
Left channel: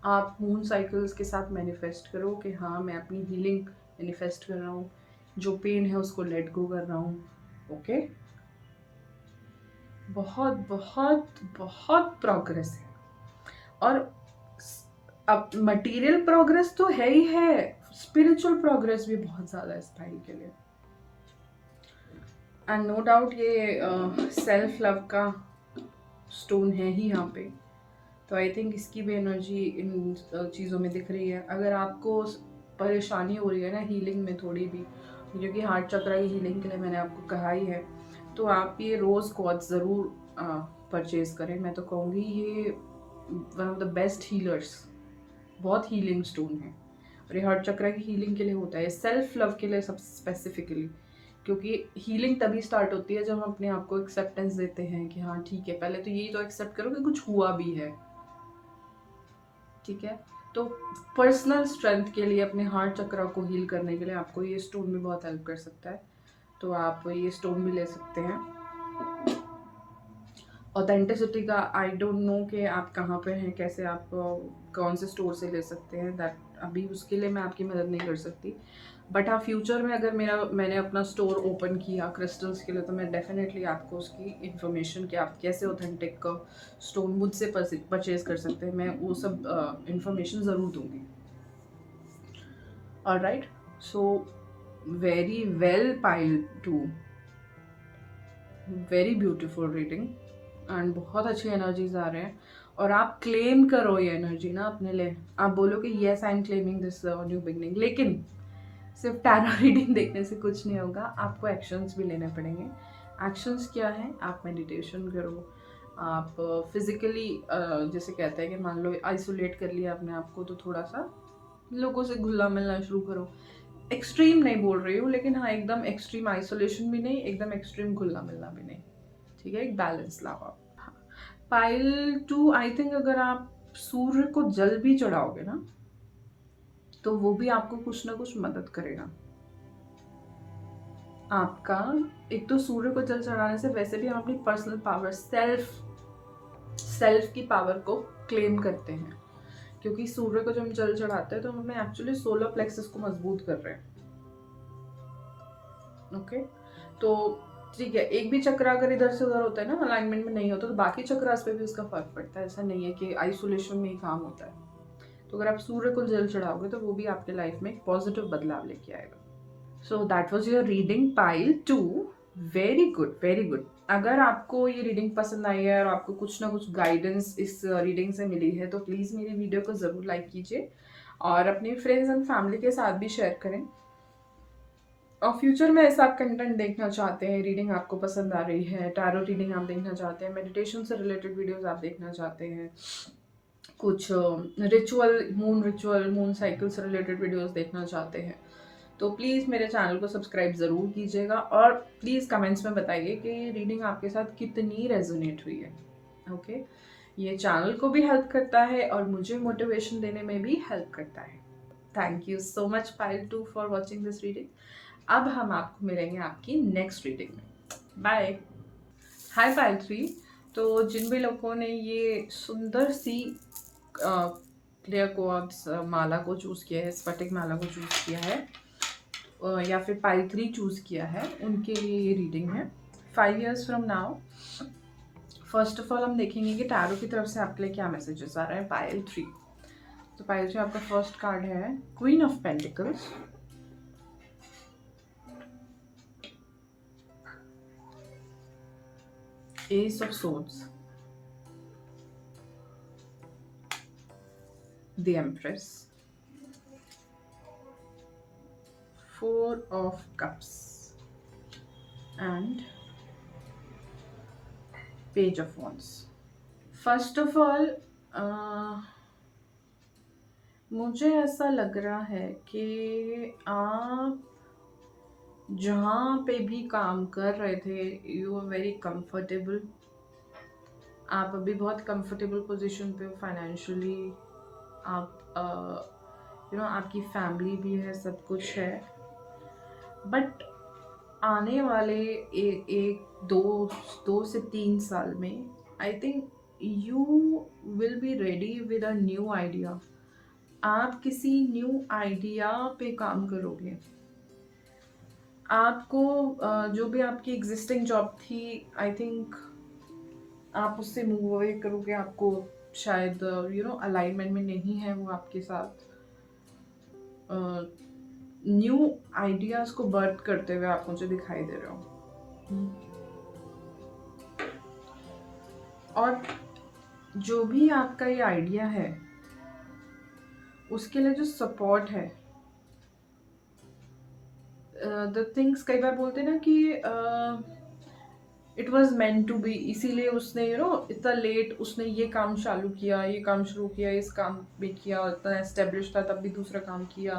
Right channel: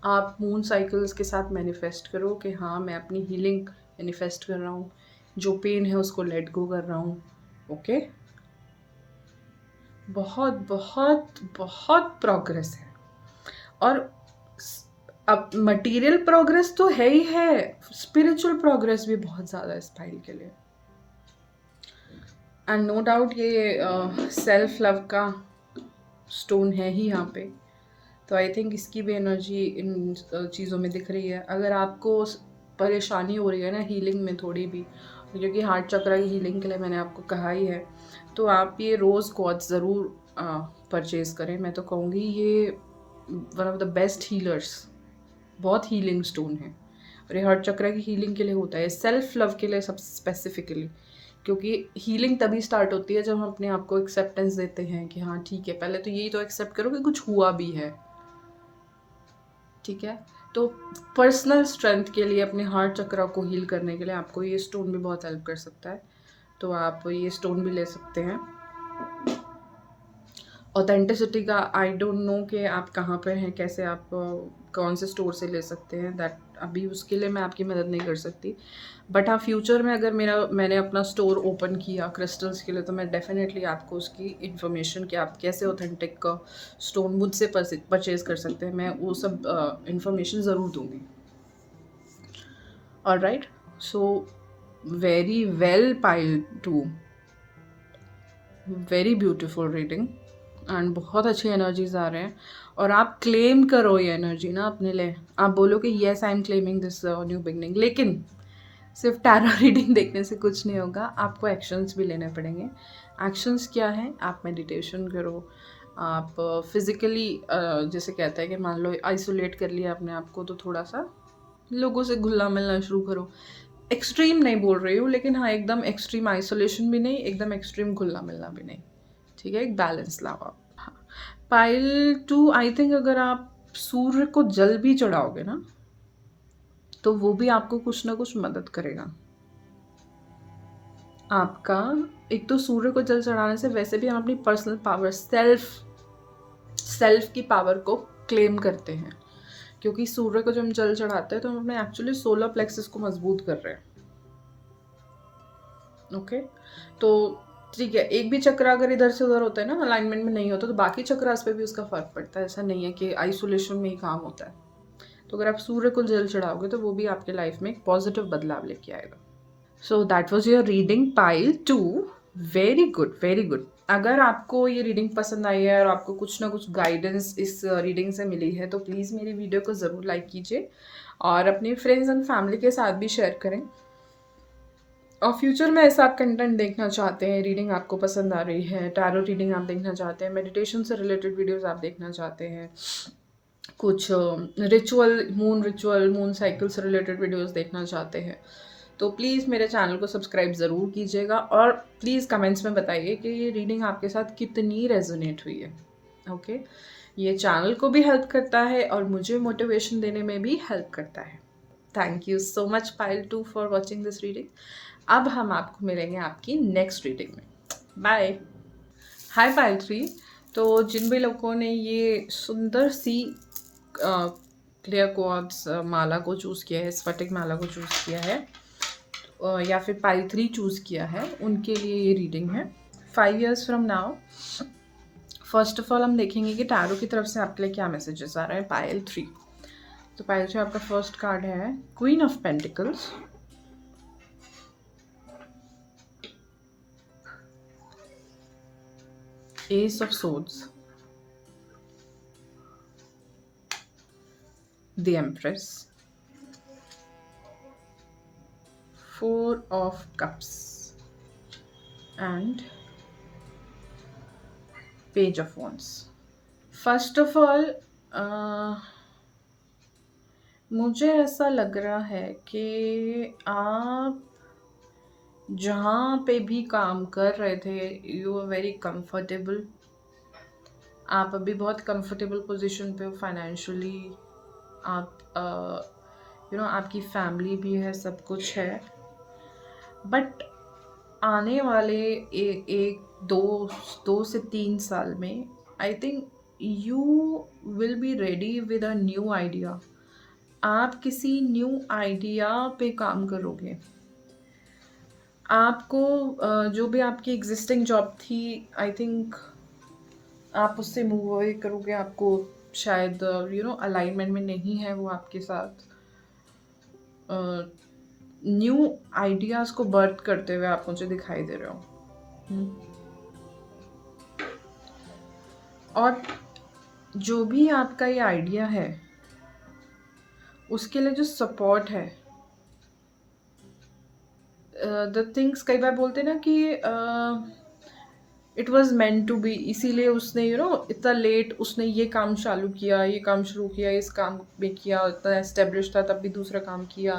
आप मून साइकिल्स के साथ मैनिफेस्ट करो कि हाँ मैं अपनी हीलिंग मैनिफेस्ट कर रहा हूँ, जो पेन है उसको लेट गो कर रहा हूँ। ओके, बहुत बहुत बहुत प्रोग्रेस है, और अब मटेरियल प्रोग्रेस तो है ही है, स्पिरिचुअल प्रोग्रेस भी बहुत ज़्यादा है इस फाइल के लिए। एंड नो डाउट ये सेल्फ लव का स्टोन है ही यहाँ पे, तो आई थिंक इसकी भी एनर्जी इन चीज़ों में दिख रही है। अगर आपको परेशानी हो रही है ना हीलिंग में थोड़ी भी, क्योंकि हार्ट चक्र की हीलिंग के लिए मैंने आपको कहा ही है, तो आप ये रोज़ क्वार्ट्ज ज़रूर परचेज़ करें। मैं तो कहूँगी ये one of the best healers, बहुत हीलिंग स्टोन है, और ये हार्ट चक्र की हीलिंग के लिए होता है, सेल्फ लव के लिए सब स्पेसिफिकली। क्योंकि हीलिंग तभी स्टार्ट होती है जब हम अपने आप को एक्सेप्टेंस देते हैं कि हाँ ठीक है, पहले तो यही तो एक्सेप्ट करो कि कुछ हुआ भी है, ठीक है। तो पर्सनल स्ट्रेंथ के लिए, अपने हार्ट चक्र को हील करने के लिए आपको ये स्टोन भी बहुत हेल्प कर सकता है, तो आप ये स्टोन भी ले सकते हैं। ऑथेंटिसिटी का आई डोंट नो कि आप कहाँ पर हैं, कैसे आप कौन से स्टोर से ले सकते हैं, दैट अभी उसके लिए मैं आपकी मदद नहीं कर सकती। बट हाँ, फ्यूचर में अगर मैंने अपना स्टोर ओपन किया क्रिस्टल्स के लिए, तो मैं डेफिनेटली आपको उसकी इन्फॉर्मेशन कि आप कैसे ऑथेंटिक स्टोन मुझसे परचेज कर सकते हैं, मैं वो सब इन्फॉर्मेशन ज़रूर दूंगी। Alright, so very well pile 2, very beautiful reading, and बहुत अच्छी एनर्जीज आ रहे हैं। और आप क्लेम करो ये एनर्जी ना अपने लिए, आप बोलो कि yes I am claiming this new beginning. लेकिन सिर्फ टैरो रीडिंग देखने से कुछ नहीं होगा, आपको एक्शंस भी लेने पड़ेंगे। एक्शंस क्या है? आप मेडिटेशन करो, आप फिजिकली जैसे कहते हैं कि मान लो आइसोलेट कर लिया अपने आप को, तो थोड़ा सा लोगों से घुलना मिलना शुरू करो। एक्सट्रीम नहीं बोल रही हूँ, लेकिन हाँ एकदम एक्सट्रीम आइसोलेशन भी नहीं, एकदम एक्सट्रीम घुलना मिलना भी नहीं, ठीक है, एक बैलेंस लाओ आप। हाँ। पाइल 2, आई थिंक अगर आप सूर्य को जल भी चढ़ाओगे ना, तो वो भी आपको कुछ ना कुछ मदद करेगा। आपका एक तो सूर्य को जल चढ़ाने से वैसे भी हम अपनी पर्सनल पावर सेल्फ की पावर को क्लेम करते हैं, क्योंकि सूर्य को जब हम जल चढ़ाते हैं तो हम अपने एक्चुअली सोलर प्लेक्सस को मजबूत कर रहे हैं। ओके, तो ठीक है, एक भी चक्र अगर इधर से उधर होता है ना, अलाइनमेंट में नहीं होता, तो बाकी चक्रास पे भी उसका फर्क पड़ता है। ऐसा नहीं है कि आइसोलेशन में ही काम होता है। तो अगर आप सूर्य को जल चढ़ाओगे तो वो भी आपके लाइफ में एक पॉजिटिव बदलाव लेके आएगा। So that was your reading pile 2। Very good, very good. अगर आपको ये रीडिंग पसंद आई है और आपको कुछ ना कुछ गाइडेंस इस रीडिंग से मिली है तो प्लीज़ मेरी वीडियो को ज़रूर लाइक कीजिए और अपने फ्रेंड्स एंड फैमिली के साथ भी शेयर करें। और फ्यूचर में ऐसा आप कंटेंट देखना चाहते हैं, रीडिंग आपको पसंद आ रही है, टैरो रीडिंग आप देखना चाहते हैं, मेडिटेशन से रिलेटेड वीडियोस आप देखना चाहते हैं, कुछ रिचुअल मून साइकिल से रिलेटेड वीडियोस देखना चाहते हैं, तो प्लीज़ मेरे चैनल को सब्सक्राइब ज़रूर कीजिएगा और प्लीज़ कमेंट्स में बताइए कि ये रीडिंग आपके साथ कितनी रेजोनेट हुई है। ओके, ये चैनल को भी हेल्प करता है और मुझे मोटिवेशन देने में भी हेल्प करता है। Thank you so much pile 2 for watching this reading. अब हम आपको मिलेंगे आपकी नेक्स्ट रीडिंग में। बाय। हाय पाइल 3। तो जिन भी लोगों ने ये सुंदर सी क्लियर क्वार्ट्ज माला को चूज़ किया है, स्फटिक माला को चूज़ किया है, या फिर पाइल 3 चूज़ किया है, उनके लिए ये रीडिंग है 5 years from now. First of all हम देखेंगे कि टैरो की तरफ से आपके लिए क्या मैसेजेस आ रहे हैं पाइल 3। तो पाइल 3 आपका फर्स्ट कार्ड है queen of pentacles, S of swords, the empress, four of cups and page of wands. First of all मुझे ऐसा लग रहा है कि आप जहाँ पे भी काम कर रहे थे यू आर वेरी कंफर्टेबल। आप अभी बहुत कंफर्टेबल पोजीशन पे हो फाइनेंशियली। आप आपकी फैमिली भी है, सब कुछ है, बट आने वाले एक दो से 3 साल में आई think you will be ready with a new idea. आप किसी न्यू आइडिया पे काम करोगे। आपको जो भी आपकी एग्जिस्टिंग जॉब थी, आई थिंक आप उससे मूव अवे करोगे। आपको शायद अलाइनमेंट में नहीं है वो आपके साथ। न्यू आइडियाज को बर्थ करते हुए आप मुझे दिखाई दे रहे हो। और जो भी आपका ये आइडिया है उसके लिए जो सपोर्ट है, द थिंग्स, कई बार बोलते हैं ना कि it was meant to be, इसीलिए उसने इतना लेट उसने ये काम चालू किया, ये काम शुरू किया, इस काम में किया, इतना एस्टेब्लिश था, तब भी दूसरा काम किया,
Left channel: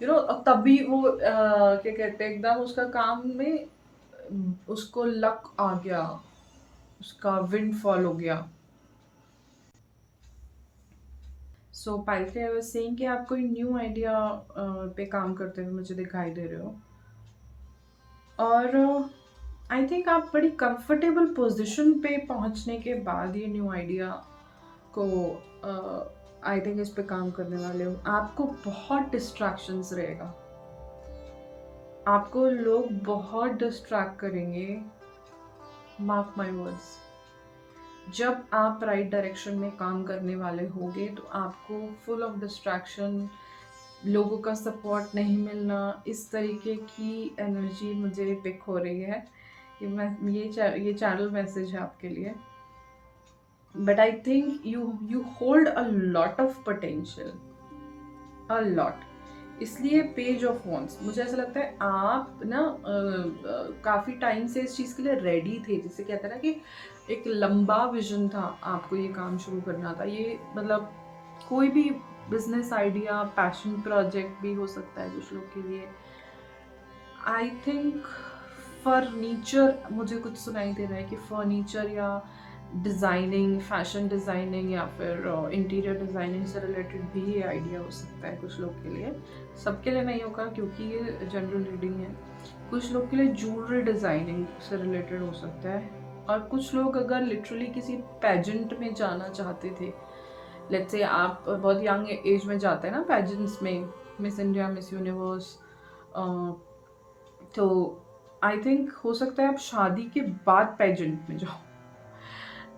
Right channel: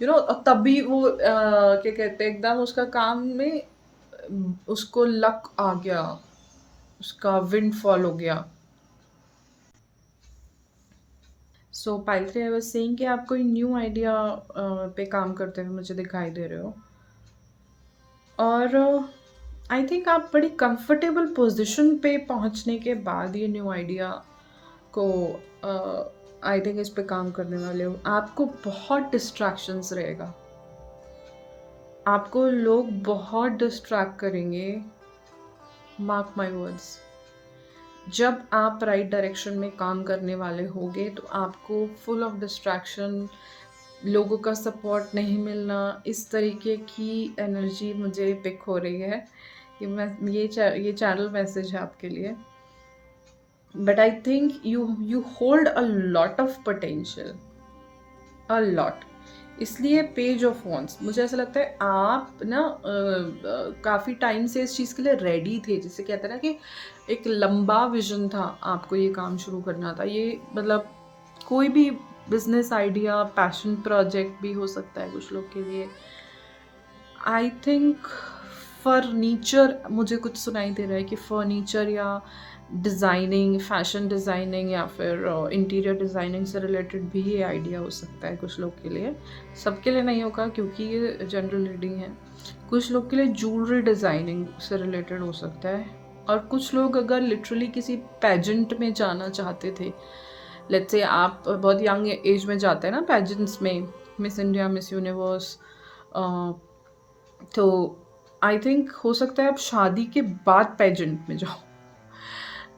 तब भी वो क्या कहते हैं, एकदम उसका काम में उसको लक आ गया, उसका विंड फॉल हो गया। सो पाइल 3 आई वाज सेइंग कि आप कोई न्यू आइडिया पे काम करते हुए मुझे दिखाई दे रहे हो और आई थिंक आप बड़ी कंफर्टेबल पोजीशन पे पहुंचने के बाद ये न्यू आइडिया को आई थिंक इस पे काम करने वाले हो। आपको बहुत डिस्ट्रैक्शंस रहेगा, आपको लोग बहुत डिस्ट्रैक्ट करेंगे, मार्क माय वर्ड्स। जब आप राइट डायरेक्शन में काम करने वाले होगे तो आपको फुल ऑफ डिस्ट्रैक्शन, लोगों का सपोर्ट नहीं मिलना, इस तरीके की एनर्जी मुझे पिक हो रही है। ये चैनल मैसेज है आपके लिए। But I think you hold a lot of potential, a lot. इसलिए पेज ऑफ वॉन्ड्स, मुझे ऐसा लगता है आप ना काफ़ी टाइम से इस चीज़ के लिए रेडी थे। जिसे कहते हैं ना कि एक लंबा विजन था, आपको ये काम शुरू करना था। ये मतलब कोई भी बिजनेस आइडिया, पैशन प्रोजेक्ट भी हो सकता है कुछ लोग के लिए। आई थिंक फर्नीचर, मुझे कुछ सुनाई दे रहा है कि फर्नीचर या डिज़ाइनिंग, फैशन डिज़ाइनिंग या फिर इंटीरियर डिज़ाइनिंग से रिलेटेड भी ये आइडिया हो सकता है कुछ लोग के लिए। सबके लिए नहीं होगा क्योंकि ये जनरल रीडिंग है। कुछ लोग के लिए ज्वेलरी डिज़ाइनिंग से रिलेटेड हो सकता है, और कुछ लोग अगर लिटरली किसी पेजेंट में जाना चाहते थे, लेट्स से आप बहुत यंग एज में जाते हैं ना पेजेंट्स में, मिस इंडिया, मिस यूनिवर्स, तो आई थिंक हो सकता है आप शादी के बाद पेजेंट में जाओ।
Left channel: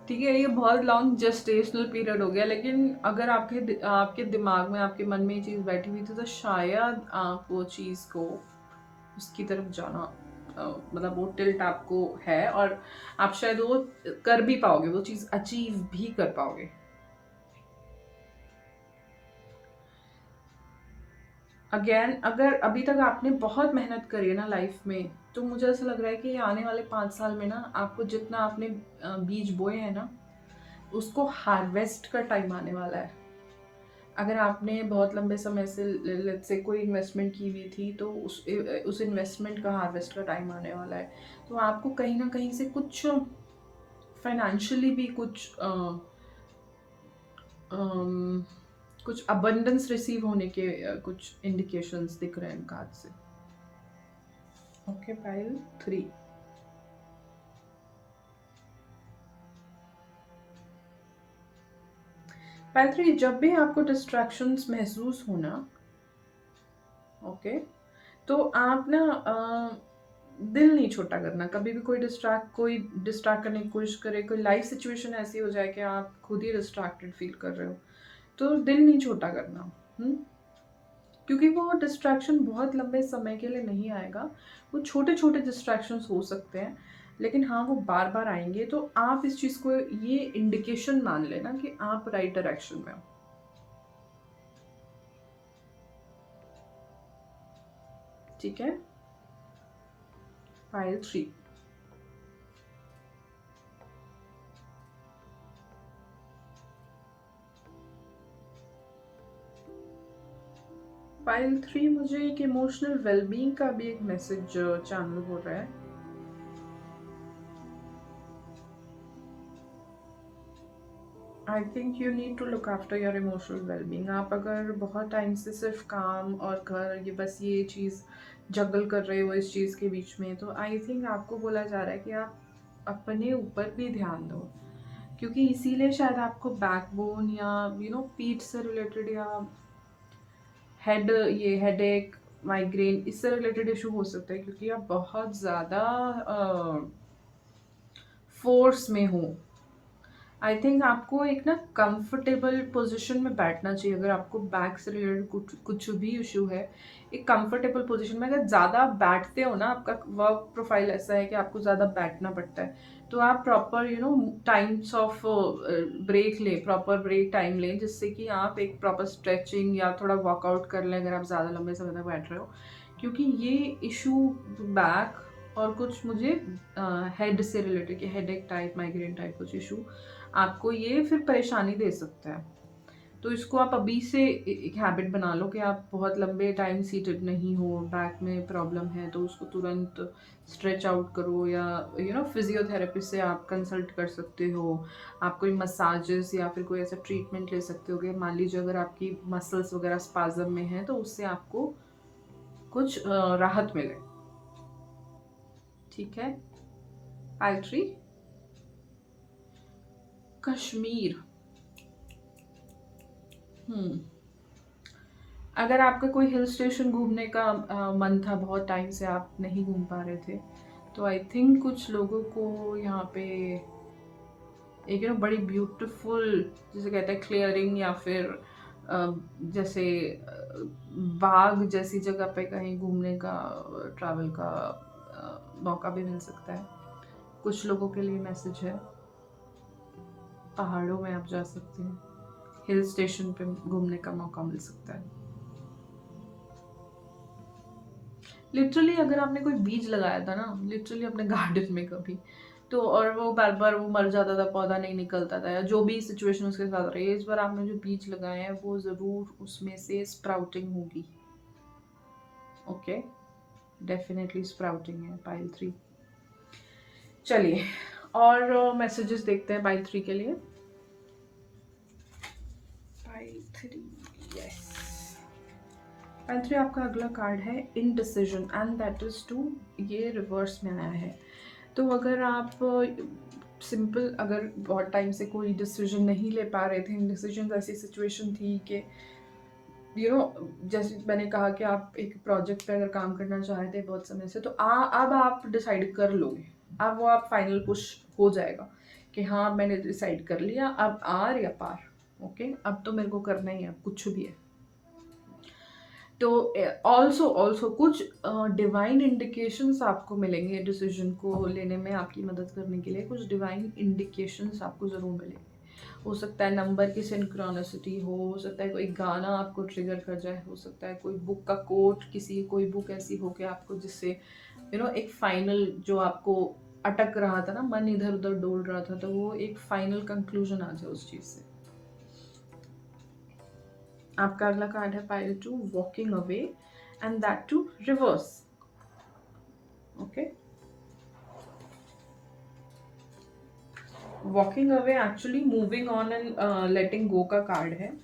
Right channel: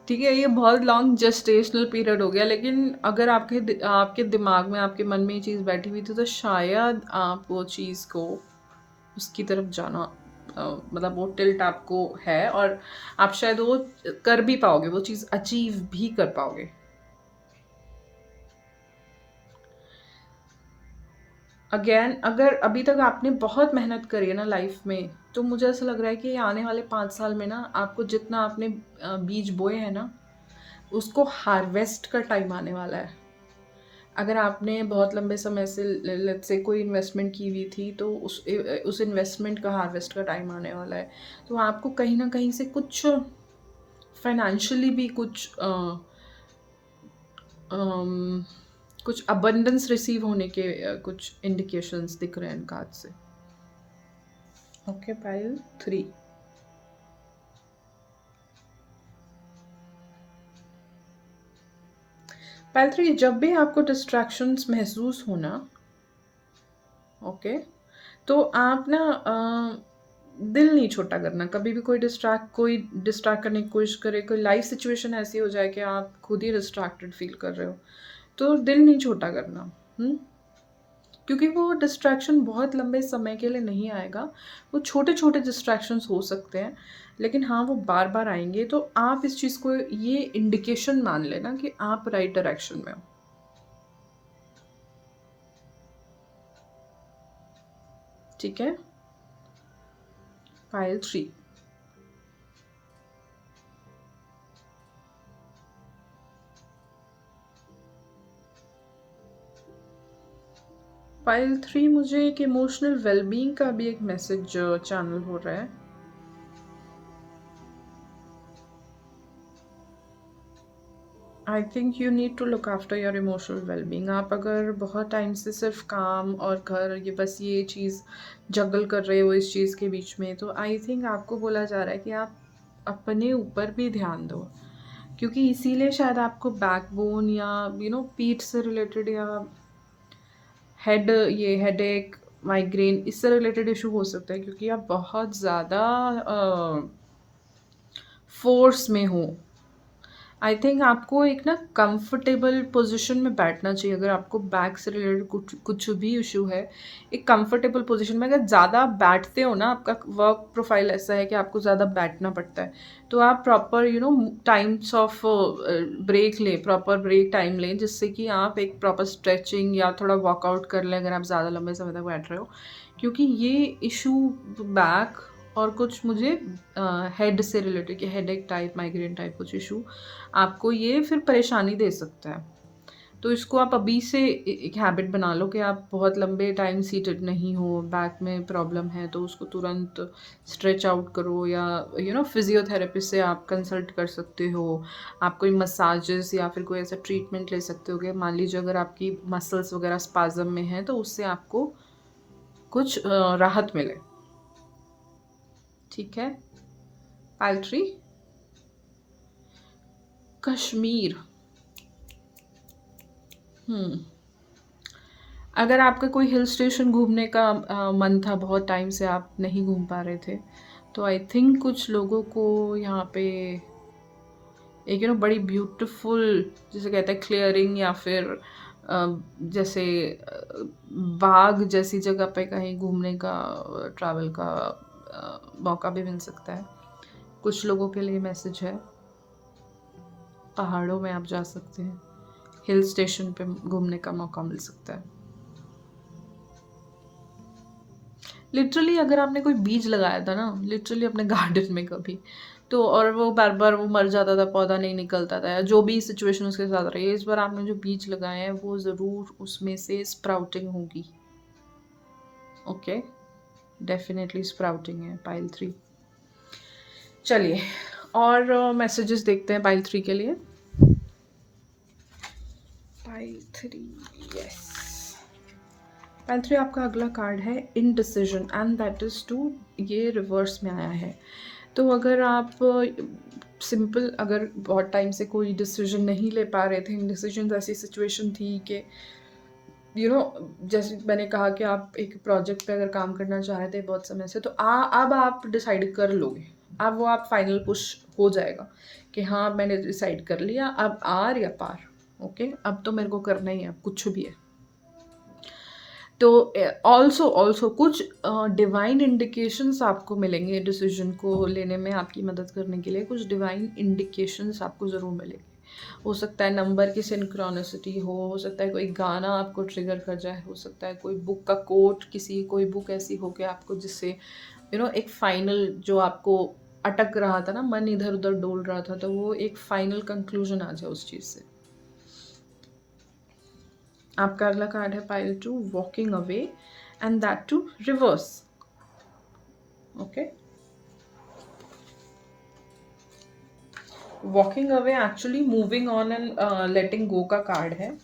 ठीक है, ये बहुत लॉन्ग जेस्टेशनल पीरियड हो गया, लेकिन अगर आपके दिमाग में, आपके मन में ये चीज़ बैठी हुई थी, तो शायद आप वो चीज़ को, उसकी तरफ जाना, मतलब वो टिल्ट आपको है, और आप शायद वो कर भी पाओगे, वो चीज़ अचीव भी कर पाओगे। अगेन, अगर अभी तक आपने बहुत मेहनत करी है ना लाइफ में, तो मुझे ऐसा लग रहा है कि आने वाले 5 साल में ना, आपको जितना आपने बीज बोए हैं ना, उसको हार्वेस्ट का टाइम आने वाला है। अगर आपने बहुत लंबे समय से लेट्स से कोई इन्वेस्टमेंट की हुई थी, तो उस इन्वेस्टमेंट का हार्वेस्ट का टाइम आने वाला है। तो आपको कहीं ना कहीं से कुछ फाइनेंशियली भी अम, कुछ अबंडेंस रिसीव होने के कुछ इंडिकेशंस दिख रहे हैं इन कार्ड से। Okay, pile 3। पाइल 3, जब भी आपको डिस्ट्रैक्शंस महसूस होना, ओके, तो आप ना दिल नहीं छोटा करना। कभी भी कोई डिस्ट्रैक्ट करने की कोशिश करे, कोई लाइफ सिचुएशन ऐसी हो जाए कि आप खुद ही डिस्ट्रैक्टेड फील कर रहे हो, तो दिल नहीं छोटा करना। क्योंकि वो डिस्ट्रैक्शन बहुत लंबे समय के लिए नहीं आएगा। वो छोटे छोटे डिस्ट्रैक्शंस हो सकते हैं, लेकिन हाँ, वो बार बार आएंगे। तो आप इस चीज़ को ये इंडिकेशन मान लेना कि आप राइट डायरेक्शन में हो। ठीक है, पाइल 3। पाइल 3 मुझे एक इमोशनल वेलबींग का भी एक मैसेज चैनल हो रहा है। I think you need to look after your emotional wellbeing. आप अगर बहुत टाइम से सिर्फ काम और घर, ये बस ये चीज़ जगल कर रहे हो इस चीज़ के बीच में, तो आई थिंक आपको बोला जा रहा है कि आप अपने ऊपर भी ध्यान दो। क्योंकि इसीलिए शायद आपको बैकबोन या पीठ से रिलेटेड, या ये हेडेक, माइग्रेन, इससे रिलेटेड इशू हो सकता है, क्योंकि आप बहुत ज़्यादा फोर्स में हो। आई थिंक आपको एक ना कंफर्टेबल पोजीशन में बैठना चाहिए। अगर आपको बैक से रिलेटेड कुछ कुछ भी इशू है, एक कंफर्टेबल पोजीशन में, अगर ज़्यादा बैठते हो ना, आपका वर्क प्रोफाइल ऐसा है कि आपको ज़्यादा बैठना पड़ता है, तो आप प्रॉपर टाइम्स ऑफ ब्रेक लें, प्रॉपर ब्रेक टाइम लें, जिससे कि आप एक प्रॉपर स्ट्रेचिंग या थोड़ा वर्कआउट कर लें अगर आप ज़्यादा लंबे समय तक बैठ रहे हो। क्योंकि ये इशू बैक और कुछ मुझे हेड से रिलेटेड, कि हेडेक टाइप, माइग्रेन टाइप कुछ इशू आपको ये फिर परेशानी दे सकता है। तो इसको आप अभी से एक हैबिट बना लो कि आप बहुत लंबे टाइम सीटेड नहीं हो, बैक में प्रॉब्लम है, तो उसको तुरंत स्ट्रेच आउट करो, या फिजियोथेरेपिस्ट से आप कंसल्ट कर सकते हो। आप कोई मसाजेस या फिर कोई ऐसा ट्रीटमेंट ले सकते हो कि मान लीजिए अगर आपकी मसल्स वगैरह स्पाज्म में हैं, तो उससे आपको कुछ राहत मिले। ठीक है, पाइल 3, कश्मीर। अगर आपका कोई हिल स्टेशन घूमने का मन था, बहुत टाइम से आप नहीं घूम पा रहे थे, तो आई थिंक कुछ लोगों को यहाँ पे एक बड़ी ब्यूटीफुल, जिसे कहते हैं क्लियरिंग, या फिर जैसे बाग जैसी जगह पे कहीं घूमने का, ट्रैवल का मौका भी मिल सकता है। कुछ लोगों के लिए मैसेज है, पहाड़ों में आप जा सकते हैं, हिल स्टेशन पे घूमने का मौका मिल सकता है। लिटरली अगर आपने कोई बीज लगाया था ना, लिटरली अपने गार्डन में कभी, तो और वो बार बार वो मर जाता था, पौधा नहीं निकलता था, या जो भी सिचुएशन उसके साथ रही है, इस बार आपने जो बीज लगाए हैं वो ज़रूर उसमें से स्प्राउटिंग होगी। ओके, डेफिनेटली स्प्राउटिंग है, पाइल 3। चलिए, और मैसेजेस देखते हैं पाइल 3 के लिए। Pile 3, yes. पाइल 3 आपका अगला कार्ड है indecision and that is too, ये रिवर्स में आया है। तो अगर आप सिंपल अगर बहुत टाइम से कोई डिसीजन नहीं ले पा रहे थे, इनडिसीजन ऐसी सिचुएशन थी कि जैसे मैंने कहा कि आप एक प्रोजेक्ट पे अगर काम करना चाह रहे थे बहुत समय से, तो अब आप डिसाइड कर लोगे। अब वो आप फाइनल पुश हो जाएगा कि हाँ मैंने डिसाइड कर लिया, अब आर या पार। ओके, अब तो मेरे को करना ही है, अब कुछ भी है। तो ऑल्सो कुछ डिवाइन इंडिकेशंस आपको मिलेंगे डिसीजन को लेने में, आपकी मदद करने के लिए कुछ डिवाइन इंडिकेशंस आपको ज़रूर मिलेंगे। हो सकता है नंबर की सिंक्रोनिसिटी हो सकता है कोई गाना आपको ट्रिगर कर जाए, हो सकता है कोई बुक का कोट, कोई बुक ऐसी हो कि आपको जिससे एक फाइनल जो आपको अटक रहा था ना, मन इधर उधर डोल रहा था, तो वो एक फाइनल कंक्लूजन आ जाए उस चीज़ से। आपका अगला कार्ड है pile 2, walking away and that too reverse. Okay, walking away actually moving on and letting go का कार्ड है।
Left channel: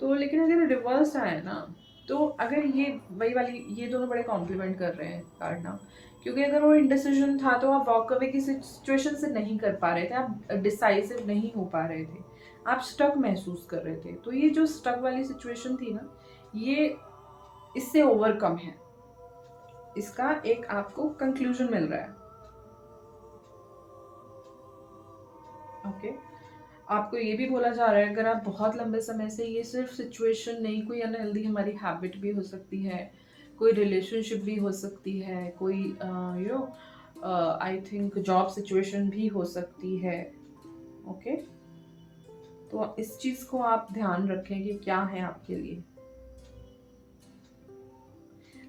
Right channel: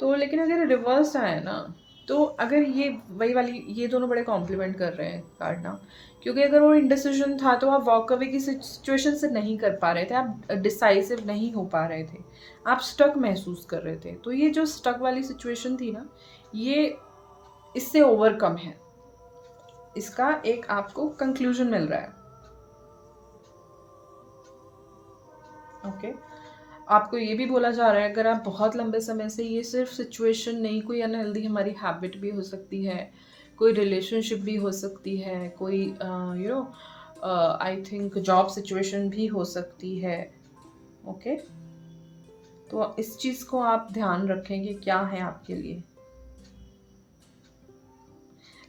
तो लेकिन अगर रिवर्स आया ना, तो अगर ये वही वाली, ये दोनों बड़े कॉम्प्लीमेंट कर रहे हैं कार्ड ना, क्योंकि अगर वो इंडिसीजन था तो आप वॉक अवे की सिचुएशन से नहीं कर पा रहे थे, आप डिसाइसिव नहीं हो पा रहे थे, आप स्टक महसूस कर रहे थे। तो ये जो स्टक वाली सिचुएशन थी ना, ये इससे ओवरकम है, इसका एक आपको कंक्लूजन मिल रहा है। ओके, आपको ये भी बोला जा रहा है अगर आप बहुत लंबे समय से, ये सिर्फ सिचुएशन नहीं, कोई अनहेल्दी हमारी हैबिट भी हो सकती है, कोई रिलेशनशिप भी हो सकती है, कोई आई थिंक जॉब सिचुएशन भी हो सकती है। ओके, तो इस चीज़ को आप ध्यान रखें कि क्या है आपके लिए।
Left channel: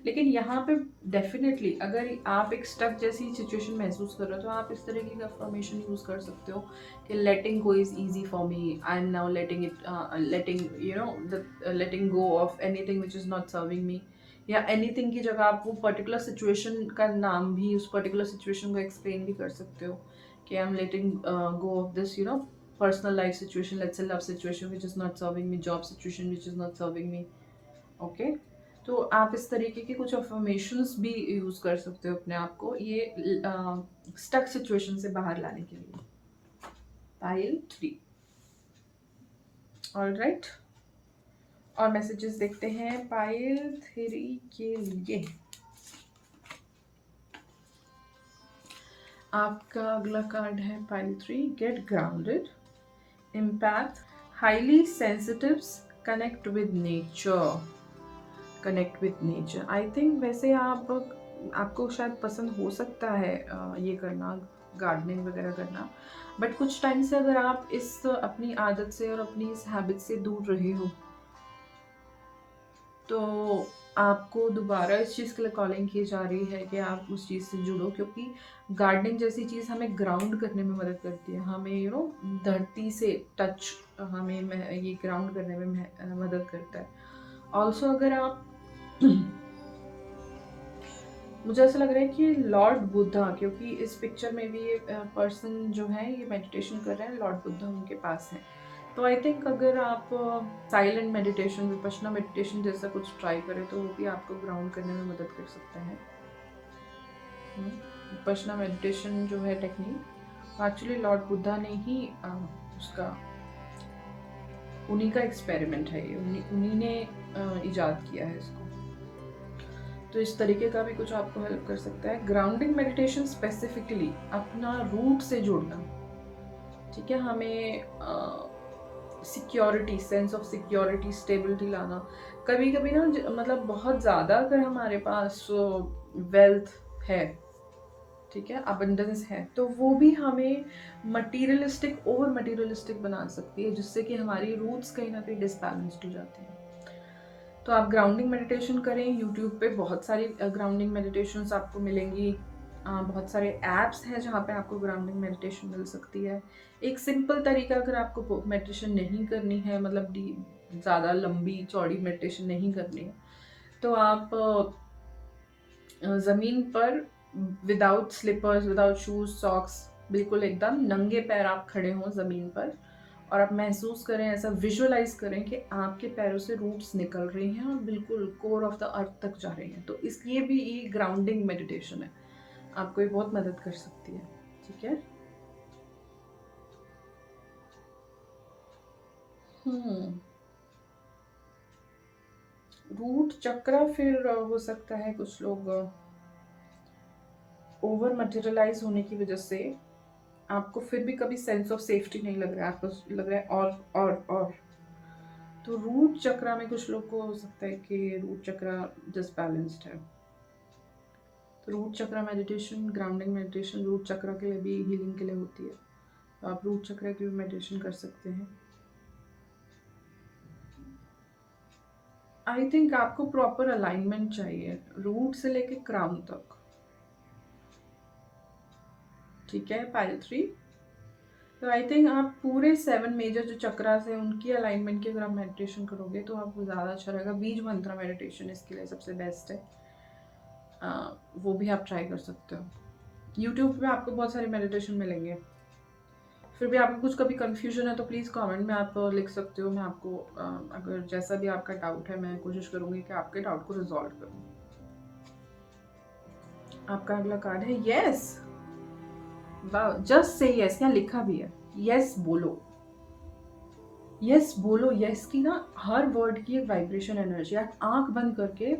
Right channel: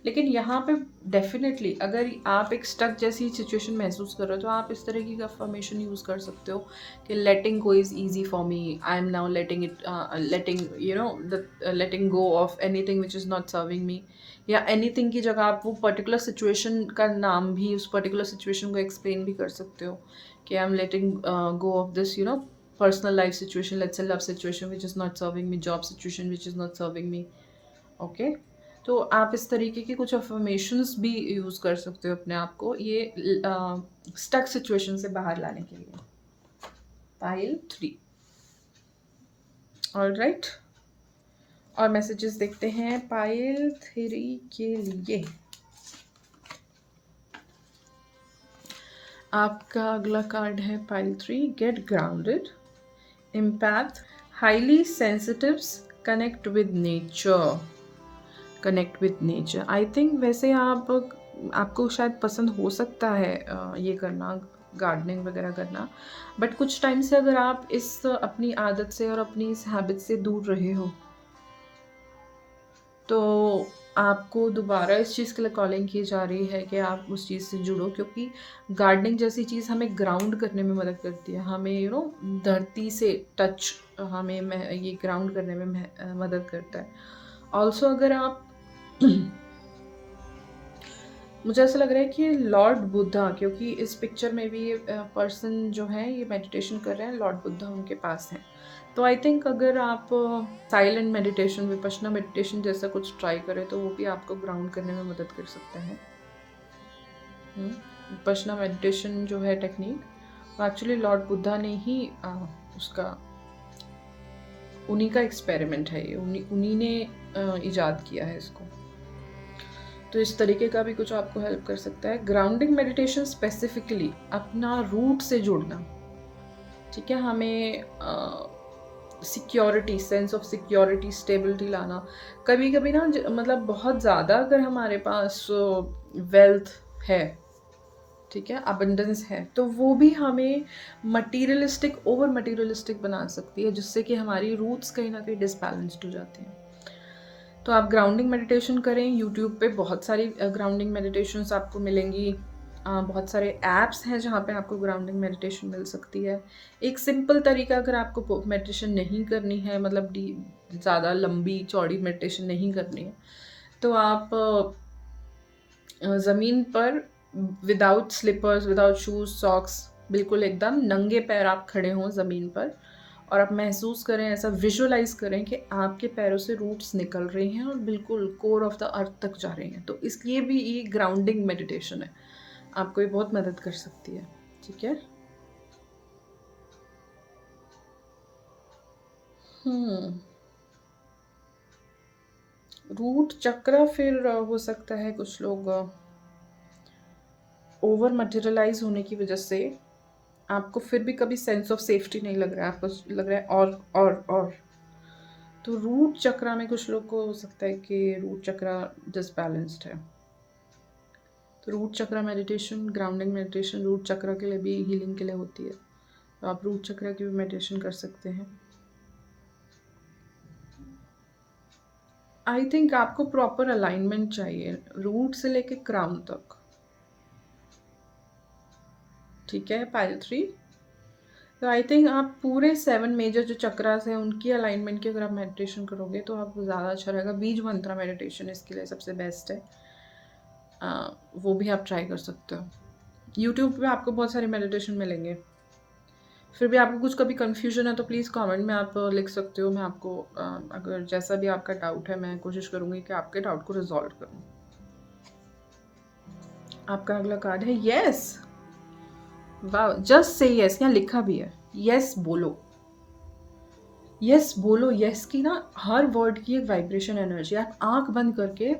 लेकिन यहाँ पे डेफिनेटली अगर आप एक स्टक जैसी सिचुएशन महसूस कर रहे हो, तो आप इस तरह की अफर्मेशन यूज़ कर सकते हो कि letting go is easy for me, I am now letting go of anything which is not serving me, या एनीथिंग की जगह आप वो पर्टिकुलर सिचुएशन का नाम भी, उस पर्टिकुलर सिचुएशन को एक्सप्लेन भी कर सकते हो कि I am letting go of this personal life situation, let's say love situation which is not serving me, job situation which is not serving me. Okay, तो आप इस तरीके के कुछ अफर्मेशंस भी यूज़ कर सकते हो अपने आप को ये स्टक सिचुएशन से बाहर लाने के लिए। Pile 3, alright. और मैसेजेस देखते हैं पाइल 3 के लिए। आपका अगला कार्ड है pile 3, get grounded, empath, highly sensitives, connect with nature. Connect with nature, I think वैसे आपको शायद पसंद हो सकता है ये करना, गार्डनिंग वगैरह करना, बट कुछ टाइम से अगर आप इस अपनी आदत से और अपनी इस हैबिट से दूर रहे हो, तो आपको दोबारा इस चीज़ के लिए कॉलिंग की जा रही है कि आप उस चीज़ से जुड़ो, क्योंकि गार्डनिंग जैसी चीज़ हमें ग्राउंड करने में मदद करती है, हमें धरती से टच, हमें ये ग्राउंड करने में मदद करता है। ऑल्सो अगर आप मुझे ऐसा लग रहा है कि लॉर्ड बुद्धा, क्योंकि इस पिक्चर में भी ये पर्सन जो है ये मेडिटेशन कर रहे हैं, लॉर्ड बुद्धा उनके पास हैं। तो आई थिंक अगर आप साइलेंट मेडिटेशन, विपश्यना मेडिटेशन जैसा कुछ ट्राई करें, तो वो भी आपको ग्राउंड करने में मदद कर सकते हैं। विपश्यना मेडिटेशन जो है टेक्निक, वो एक्चुअली लॉर्ड बुद्धा ने ही उसका, उन्हीं का एक्सपेरिमेंट है ये, उन्हीं ने इजाद किया है इसको। तो इस तरीके का भी कुछ आपको हेल्प कर सकता है। ग्राउंडिंग मेडिटेशन स्पेसिफिकली अपना रूट से जुड़ना, ठीक है, हमें security, sense of security, stability लाना। कभी कभी ना मतलब बहुत ज़्यादा अगर हमारे पास वेल्थ है, ठीक है, अबंडेंस है, तो वो भी हमें मटीरियलिस्टिक, ओवर मटीरियलिस्टिक बना सकती है, जिससे कि हमारी रूट्स कहीं ना कहीं डिसबैलेंस्ड हो जाती हैं। तो आप ग्राउंडिंग मेडिटेशन करें, यूट्यूब पे बहुत सारी ग्राउंडिंग मेडिटेशंस आपको मिलेंगी, बहुत सारे ऐप्स हैं जहाँ पे आपको ग्राउंडिंग मेडिटेशन मिल सकती है। एक सिंपल तरीका, अगर आपको मेडिटेशन नहीं करनी है, मतलब ज़्यादा लंबी चौड़ी मेडिटेशन नहीं करनी है, तो आप ज़मीन पर without slippers, without shoes, socks बिल्कुल एकदम नंगे पैर आप खड़े हों ज़मीन पर और आप महसूस करें, ऐसा विजुअलाइज़ करें कि आपके पैरों से रूट्स निकल रही हैं और बिल्कुल कोर ऑफ द अर्थ तक जा रही हैं। तो इसलिए भी ये ग्राउंडिंग मेडिटेशन है, आपको ये बहुत मदद कर सकती है। ठीक है। रूट चक्र फिर हो सकता है कुछ लोग ओवर मटेरियलाइज होने की वजह से आपको फिर भी कभी सेंस ऑफ सेफ्टी नहीं लग रहा है, आपको लग रहा है और तो रूट चक्र में कुछ लोग को हो सकता है कि रूट चक्र डिसबैलेंस्ड है। तो रूट चक्र मेडिटेशन, ग्राउंडिंग मेडिटेशन रूट चक्र के लिए भी हीलिंग के लिए होती है, तो आप रूट चक्र की भी मेडिटेशन कर सकते हैं। आई थिंक आपको प्रॉपर अलाइनमेंट चाहिए रूट से लेके क्राउन तक। ठीक है, पाइल 3। तो आई थिंक आप पूरे 7 मेजर जो चक्रास हैं उनकी अलाइनमेंट की अगर आप मेडिटेशन करोगे तो आपको ज़्यादा अच्छा रहेगा। बीज मंत्र मेडिटेशन इसके लिए सबसे बेस्ट है, वो भी आप ट्राई कर सकते हो। यूट्यूब पे आपको बहुत सारे मेडिटेशन मिलेंगे। फिर भी आपको कुछ कभी कन्फ्यूजन है तो प्लीज़ कमेंट में आप लिख सकते हो। मैं आपको अगर जैसा भी आपका डाउट है मैं कोशिश करूँगी कि आपके डाउट को रिजॉल्व करूँ। आपका अगला कार्ड है यस। वाह, जस्ट से यस, यहाँ लिखा भी है यस बोलो। यस बोलो, यस की ना हर वर्ड की एक वाइब्रेशन एनर्जी। आप आंख बंद करके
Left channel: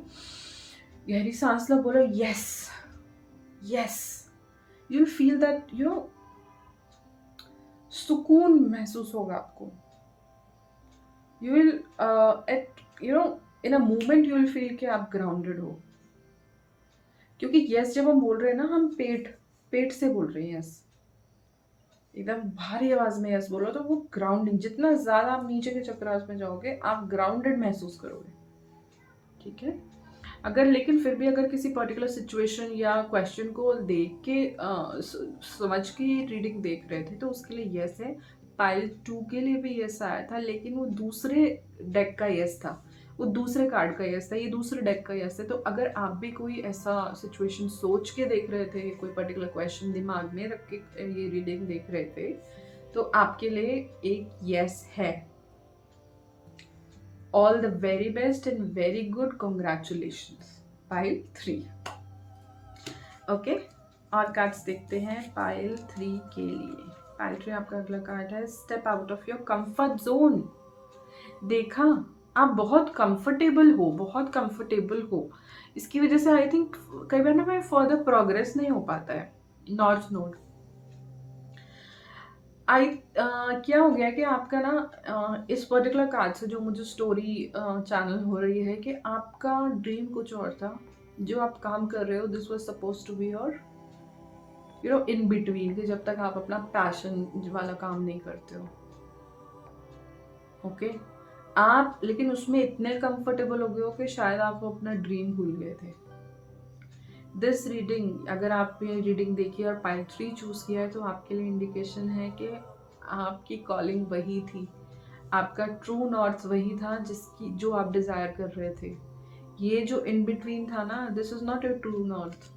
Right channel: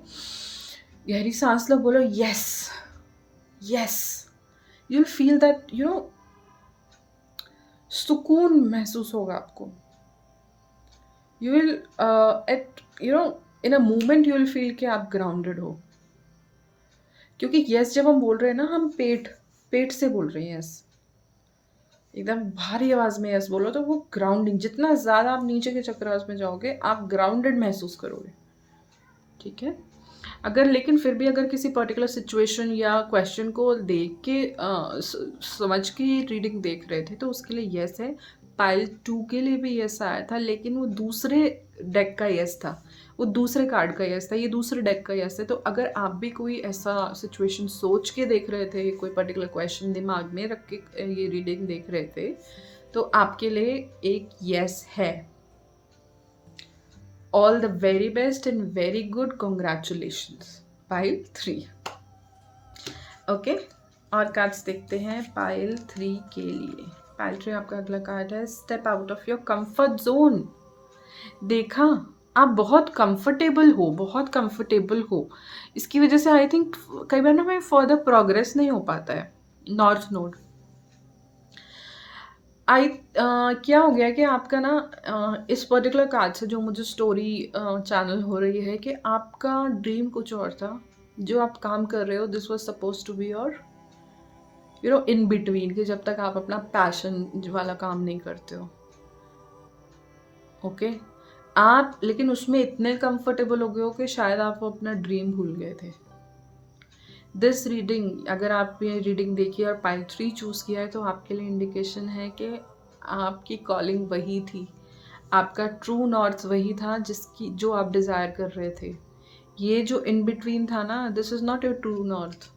गहरी सांस लो, बोलो yes yes. You will feel that सुकून महसूस होगा आपको। You will at in a moment you will feel कि आप ग्राउंडेड हो। क्योंकि यस जब हम बोल रहे हैं ना, हम पेट से बोल रहे हैं यस, एकदम भारी आवाज में यस बोलो तो वो ग्राउंडिंग, जितना ज्यादा आप नीचे के चक्रास में जाओगे आप ग्राउंडेड महसूस करोगे। ठीक है। अगर लेकिन फिर भी अगर किसी पर्टिकुलर सिचुएशन या क्वेश्चन को देख के समझ के रीडिंग देख रहे थे तो उसके लिए यस है। पाइल 2 के लिए भी यस आया था, लेकिन वो दूसरे डेक का यस था, वो दूसरे कार्ड का यस था, ये दूसरे डेक का यस है। तो अगर आप भी कोई ऐसा सिचुएशन सोच के देख रहे थे, कोई पर्टिकुलर क्वेश्चन दिमाग में रख के ये रीडिंग देख रहे थे, तो आपके लिए एक यस है। All the very best and very good congratulations. Pile 3. Okay, और कार्ड्स देखते हैं पाइल 3 के लिए। पाइल 3 आपका अगला कार्ड है step out of your comfort zone. देखा, आप बहुत कंफर्टेबल हो, बहुत कंफर्टेबल हो। इसकी वजह से आई थिंक कई बार ना मैं फर्दर प्रोग्रेस नहीं हो पाता है। नॉर्थ नोड क्या हो गया कि आपका ना इस पर्टिकुलर कार्ड से जो मुझे स्टोरी चैनल हो रही है कि आपका ड्रीम कुछ और था, जो आप काम कर रहे हो this was suppose to be your in between, कि जब तक आप अपना पैशन वाला काम नहीं करते हो। ओके, आप लेकिन उसमें इतने कंफर्टेबल हो गए हो कि शायद आप अपना ड्रीम भूल गए थे। दिस रीडिंग, अगर आप ये रीडिंग देखी और पाइल 3 चूज़ किया है तो आपके लिए इंडिकेशन है कि आपकी कॉलिंग वही थी, आपका ट्रू नॉर्थ वही था जो आप डिज़ायर कर रहे थे। ये जो इन बिटवीन था ना, this is not your true north.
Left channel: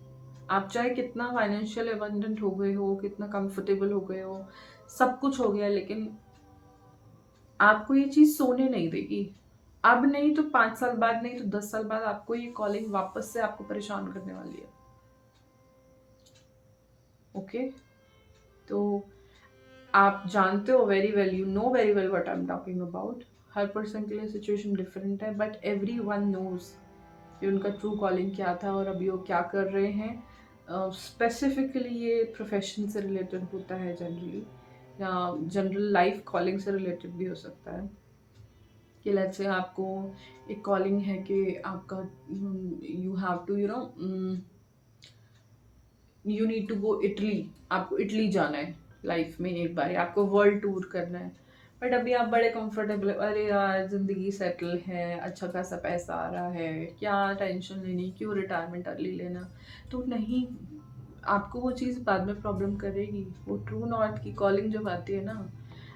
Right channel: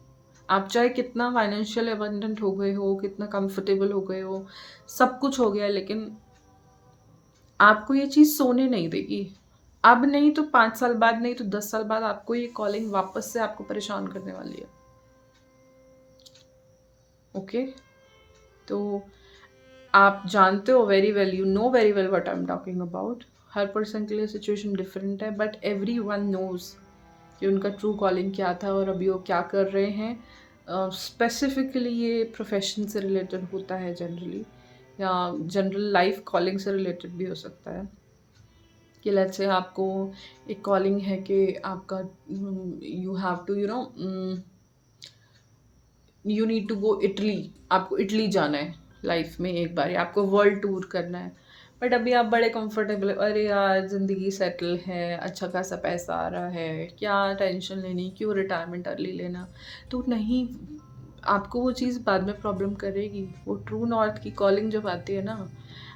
आप चाहे कितना फाइनेंशियल अबंडेंट हो गए हो, कितना कंफर्टेबल हो गए हो, सब कुछ हो गया, लेकिन आपको ये चीज़ सोने नहीं देगी। अब नहीं तो 5 साल बाद, नहीं तो 10 साल बाद आपको ये कॉलिंग वापस से आपको परेशान करने वाली है। ओके, तो आप जानते हो very well, you know very well what I am talking about. Her person के लिए सिचुएशन डिफरेंट है, बट एवरी वन नोज कि उनका ट्रू कॉलिंग क्या था और अभी वो क्या कर रहे हैं। स्पेसिफिकली ये प्रोफेशन से रिलेटेड होता है जनरली, या जनरल लाइफ कॉलिंग से रिलेटेड भी हो सकता है। कि लेट्स से आपको एक कॉलिंग है कि आपका you have to you need to go Italy, आपको इटली जाना है लाइफ में एक बार, आपको वर्ल्ड टूर करना है। बट अभी आप बड़े कंफर्टेबल, अरे यार ज़िंदगी सेटल है, अच्छा खासा पैसा आ रहा है, क्या टेंशन लेनी, क्यों रिटायरमेंट अर्ली लेना। तो नहीं, आपको वो चीज़ बाद में प्रॉब्लम करेगी। वो ट्रू नॉर्थ की कॉलिंग जब आती है ना,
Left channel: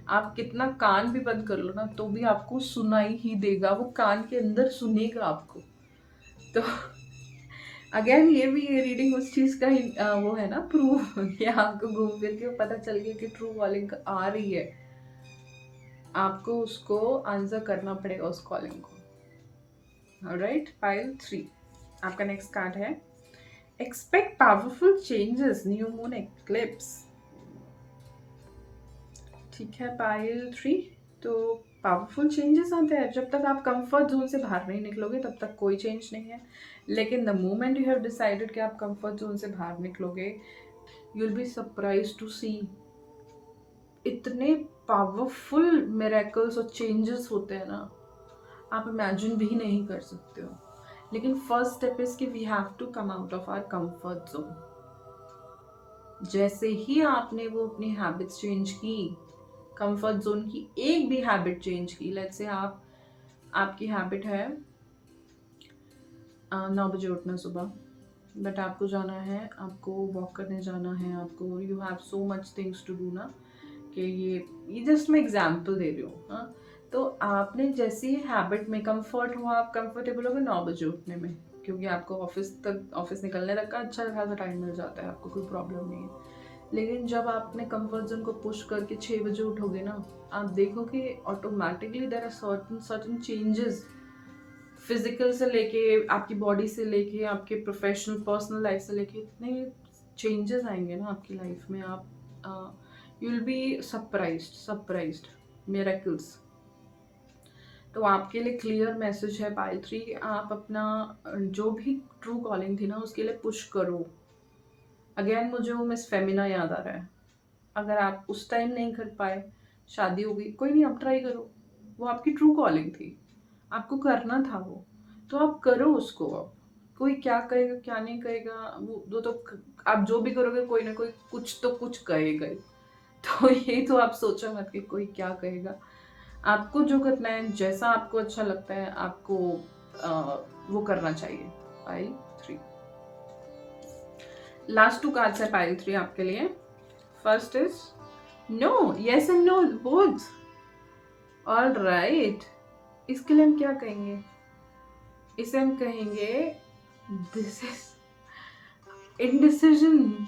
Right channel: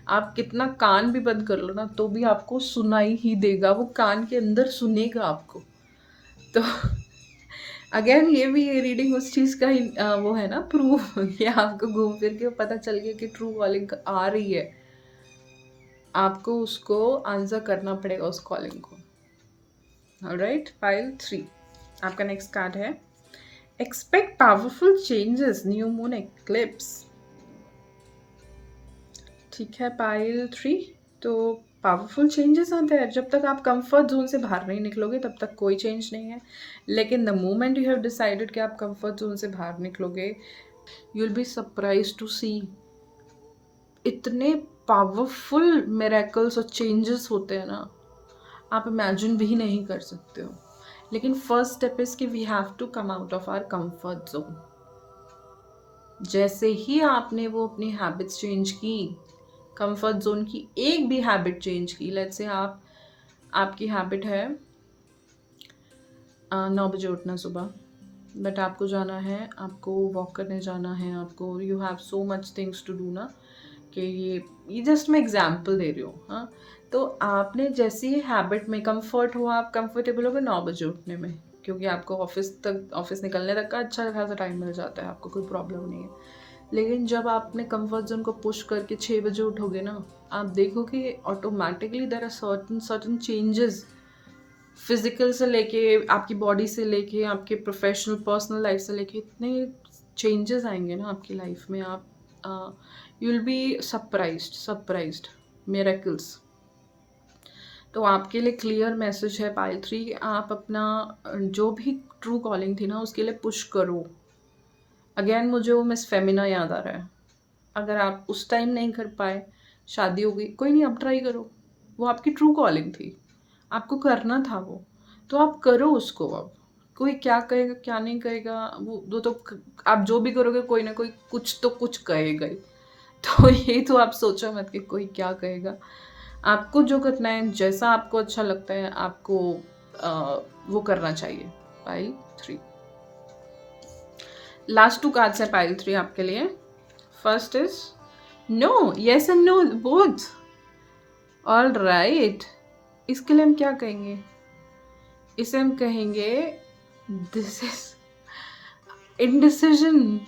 आप कितना कान भी बंद कर लो ना तो भी आपको सुनाई ही देगा, वो कान के अंदर सुनेगा आपको। तो अगेन ये भी ये रीडिंग उस चीज़ का ही वो है ना प्रूफ कि आपको घूम फिर के पता चल गया कि ट्रू कॉलिंग आ रही है, आपको उसको आंसर करना पड़ेगा उस कॉलिंग को। ऑलराइट, पाइल 3 आपका नेक्स्ट कार्ड है expect powerful changes, new moon eclipse. ठीक है पाइल 3, तो पावरफुल चेंजेस आते हैं जब तक आप कंफर्ट जोन से बाहर नहीं निकलोगे तब तक कोई चेंज नहीं है, लेकिन the moment you have decided कि आप कंफर्ट जोन से बाहर निकलोगे, you will be surprise to see इतने पावरफुल मिरेकल्स और चेंजेस होते हैं ना, आप इमेजिन भी नहीं कर सकते हो। लेकिन फर्स्ट स्टेप इज कि we have to come out of our comfort zone. जैसे ही आपने वो अपनी हैबिट्स चेंज की, कंफर्ट जोन की एक भी हैबिट चेंज की, लेट्स से आपकी हैबिट है 9 बजे उठना सुबह, बट आपको जाना है, आपको वॉक करने जाना है, आपको you have so much things to do ना, कि ये जस्ट मैं एग्जांपल दे रही हूँ। हाँ, तो आपने जैसी हैबिट में कंफर्ट हुआ, आप कंफर्टेबल हो गए 9 बजे उठने में, क्योंकि आपको ऑफिस निकलने तक का अच्छा खासा टाइम मिल जाता है, आपको कोई प्रॉब्लम नहीं है। लेकिन जब आपने कंफर्ट जोन को पुश करके 6 बजे उठोगे ना, आप देखोगे automatically there are certain changes, physical से लेके आपकी बॉडी से लेके आपके प्रोफेशनल पर्सनल लाइफ से लेके इतने चेंजेस आएंगे ना आपकी लाइफ में, आप you will be surprised miracles. तो आपके लिए क्लियर मैसेज है पाइल 3 कि आप अपना जो भी ट्रू कॉलिंग थी ना उसके लिए पुश करो। अगेन मुझे वो मिस फेमिना याद आ रहा है, अगर आप उस टाइम नहीं कर पाए, शादी हो गई, कोई नहीं, आप ट्राई करो, वो आपकी ट्रू कॉलिंग थी, आपको करना था वो, तो आप करो उसको। अब कोई क्या कहेगा क्या नहीं कहेगा, वो तो आप जो भी करोगे कोई ना कोई कुछ तो कुछ कहेगा ही, तो ये तो आप सोचो मत कि कोई क्या कहेगा। आपको जो करना है, जैसा आपको अच्छा लगता है, आपको वो करना चाहिए। पाइल 3 लास्ट 2 कार्ड्स है पाइल 3 आपके लिए। First is no, yes and no both. All right, इसके लिए हम क्या कहेंगे, इसे हम कहेंगे this is indecision.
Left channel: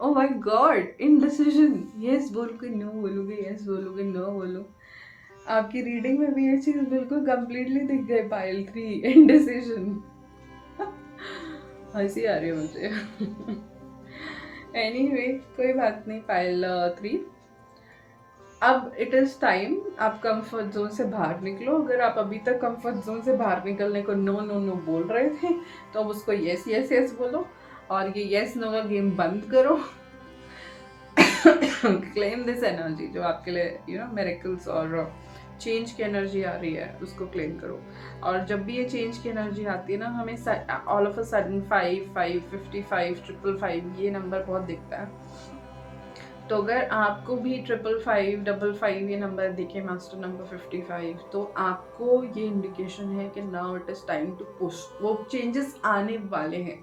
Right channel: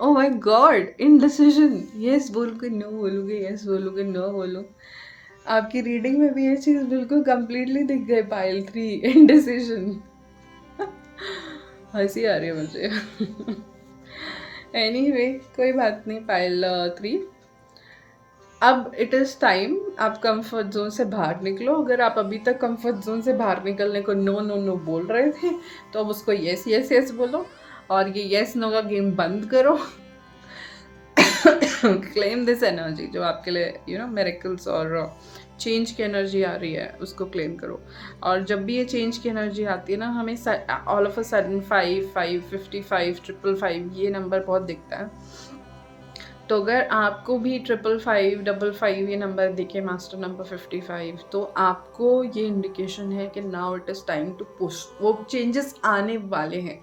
Oh my god, indecision. Yes बोलोगे नो बोलोगे, यस बोलोगे नो बोलो। आपकी रीडिंग में भी ये चीज बिल्कुल कंप्लीटली दिख गई पाइल 3, इनडिसीजन। हंसी आ रही है मुझे। एनीवे कोई बात नहीं पाइल 3, अब इट इज़ टाइम आप कंफर्ट जोन से बाहर निकलो। अगर आप अभी तक कंफर्ट जोन से बाहर निकलने को नो नो नो बोल रहे थे, तो अब उसको यस यस यस बोलो और ये यस नो का गेम बंद करो। क्लेम दिस एनर्जी जो आपके लिए मिरेकल्स और चेंज की एनर्जी आ रही है, उसको क्लेम करो। और जब भी ये चेंज की एनर्जी आती है ना, हमें ऑल ऑफ अ सडन 5 5 55 555 ये नंबर बहुत दिखता है। तो अगर आपको भी 555 55 ये नंबर दिखे, मास्टर नंबर 55, तो आपको ये इंडिकेशन है कि now it is time to push, वो चेंजेस आने वाले हैं।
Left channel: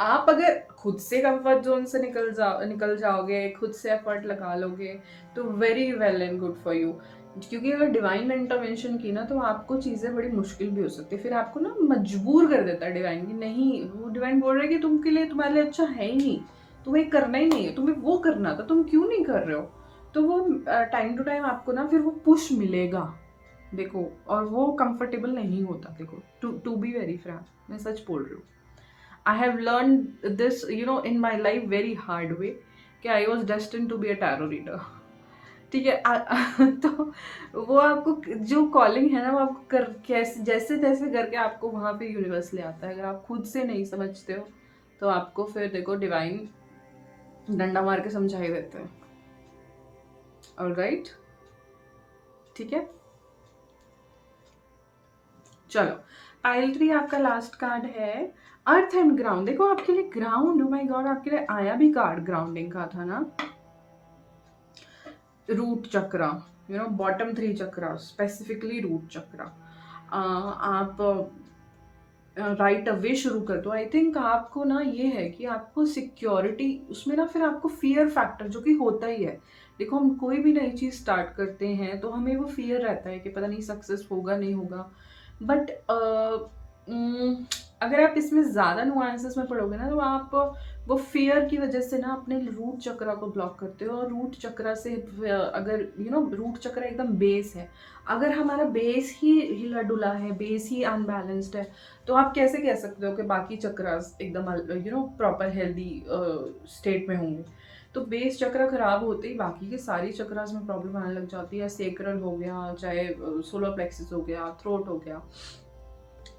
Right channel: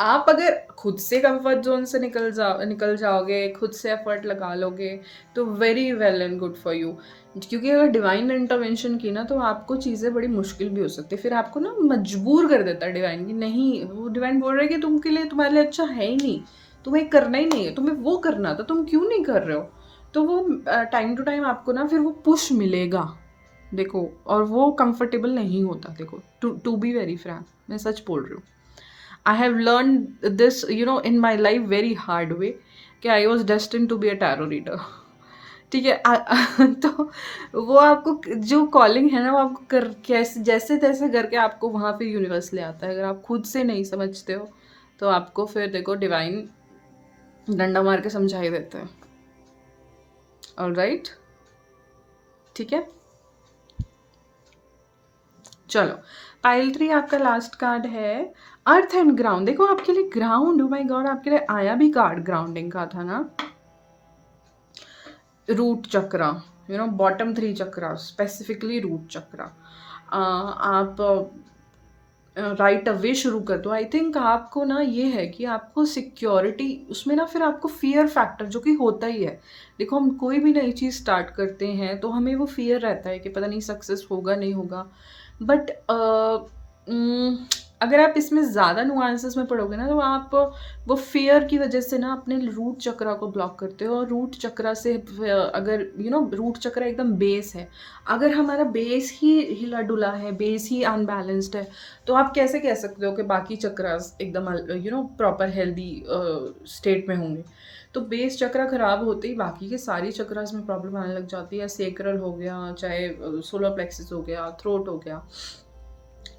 आप अगर खुद से कंफर्ट जोन से निकल जाओगे, खुद से एफर्ट लगा लोगे, तो very well and good for you. क्योंकि अगर डिवाइन ने इंटरवेंशन की ना, तो आपको चीज़ें बड़ी मुश्किल भी हो सकती है, फिर आपको ना मजबूर कर देता है डिवाइन की, नहीं वो डिवाइन बोल रहा है कि तुम्हारे लिए अच्छा है ही नहीं, तुम्हें करना ही नहीं है, तुम्हें वो करना था, तुम क्यों नहीं कर रहे हो। तो वो टाइम टू टाइम आपको ना फिर वो पुश मिलेगा, देखो, और वो कंफर्टेबल नहीं होता। देखो टू बी वेरी फ्रैंक, मैं सच बोल रही हूँ, I have learn this in my life very hard way, कि I was destined to be a tarot reader. ठीक है, तो वो आपको जो कॉलिंग है ना, वो आपको कैसे जैसे तैसे करके आपको वहाँ पे यूनिवर्स ले आता है। अगर आप खुद से नहीं समझते हो तो आपको फिर देखो डिवाइन डंडा मार के समझा ही देते हैं। ऑल राइट, ठीक है, चलो पाइल 3 आपका लास्ट कार्ड है अर्थ एंड ग्राउंड। देखो आपके लिए ग्राउंड, ओ माय गॉड, आपके लिए आया भी कार्ड ग्राउंडिंग का था ना, रूट चक्रा, बॉटम 3 चक्रा, स्पेसिफिकली रूट चक्रा। आप राइट अवे शुरू कर दो। आई थिंक आपको ना ये है कि आपको सिक्योरिटी उसमें ना, फिर आपको फियर फैक्टर जो कि होता ही है। देखो हम कोई भी नई चीज़ स्टार्ट करते हैं तो हमें वो फियर रहता है कि पता नहीं सक्सेस होगा नहीं होगा, बट अगर आप इसमें ज़्यादा नुआंसेस में पढ़ोगे ना तो आप वो फियर की वजह से ना अपने रूट चक्रा को ब्लॉक करते हो। और रूट चक्रा से अगर रूट चक्रा एकदम बेस है, अगर हमारा बेस ही हिला डुला है, बेस ही अनबैलेंस्ड है, तो आप कैसे कह सकते हो कि बाकी चक्रास एकदम प्रॉपर हेल्दी स्टेट में होंगे। तो बेस चक्रा खराब होते ही बाकी के सारी चक्रास में प्रॉब्लम आने लग जाती है। सेक्रल हो गया, चाहे सोलर प्लेक्सिस हो गया, थ्रोट हो गया,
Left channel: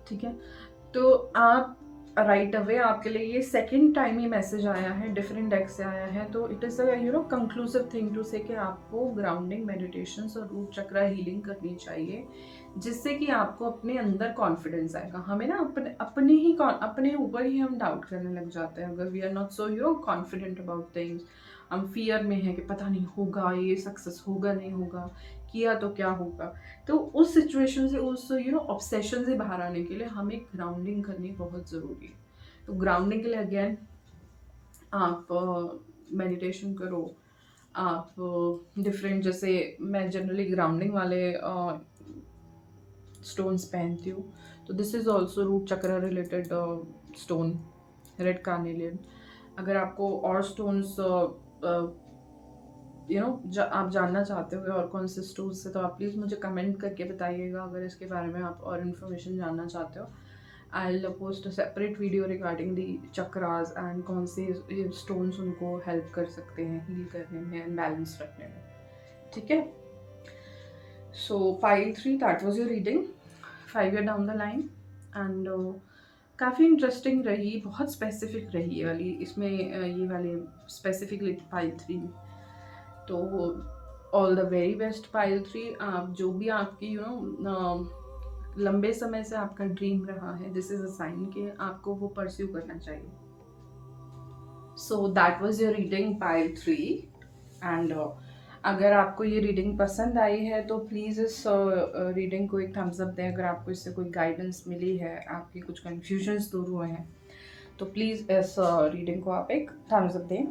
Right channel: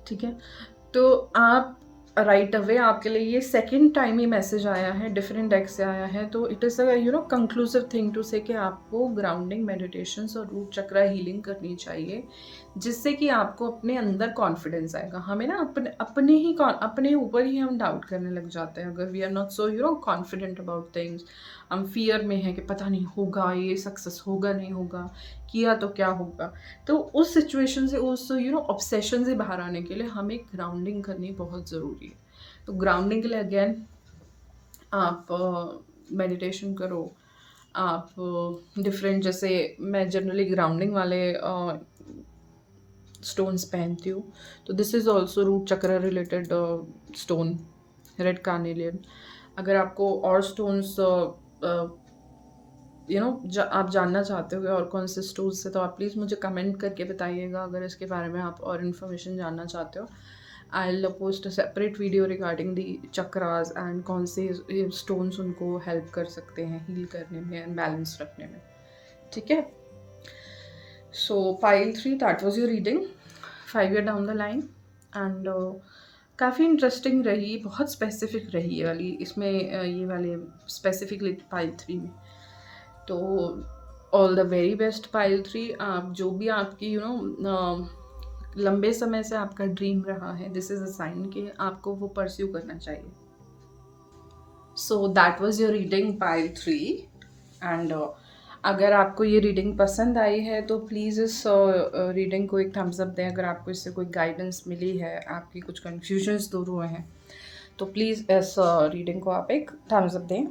ठीक है। तो आप राइट अवे आपके लिए ये सेकंड टाइम ही मैसेज आया है, डिफरेंट डेक से आया है, तो it is conclusive thing to say कि आपको ग्राउंडिंग मेडिटेशंस और रूट चक्रा हीलिंग करनी चाहिए, जिससे कि आपको अपने अंदर कॉन्फिडेंस आएगा। हमें ना अपने ऊपर ही हम डाउट करने लग जाते हैं अगर we are not so confident about things. हम फियर में है कि पता नहीं होगा, ये सक्सेस होगा नहीं होगा, किया तो क्या होगा। तो उस सिचुएशन से, उस ऑब्सेशन से बाहर आने के लिए हमें ग्राउंडिंग करनी बहुत ज़रूरी है। तो ग्राउंडिंग के लिए अगेन आप मेडिटेशन करो, आप डिफरेंट, जैसे मैं जनरली ग्राउंडिंग वाले स्टोन्स पहनती हूँ, तो दिस इज़ ऑल्सो रूट चक्र रिलेटेड स्टोन, रेड कार्नेलियन। अगर आपको और स्टोन्स आप जानना चाहते हो और कौन से स्टोन्स से, तो आप प्लीज़ मुझे कमेंट करके बताइएगा अगर इसके बारे में आप और इन्फॉर्मेशन जानना चाहते हो। I will post a separate video regarding the chakras and कौन से स्टोन्स उनको हेल्प कर सकते हैं हील करने में एंड बैलेंस रखने में, ठीक है। सो pile 3, that was your reading 5 year down the line. And काफ़ी इंटरेस्टिंग रही, बहुत स्पेसिफिक रही ये वाली, इसमें ये वाले स्पेसिफिकली पाइल 3 में। तो all the very best pile 3। आप जो भी आपकी लंबे समय से आपका ड्रीम रहा है, दिस इज़ अ साइन कि आपको वो परस्यू करना चाहिए। So that was your reading pile 3। And अगर आपको ये रीडिंग पसंद आई है तो प्लीज़ इस रीडिंग को एक थम्स अप दें। अगर आपको इससे कोई गाइडेंस मिली है, आपकी कुछ कन्फ्यूजन्स दूर हुए हैं, तो प्लीज़ इस रीडिंग को आप एक थम्स अप दें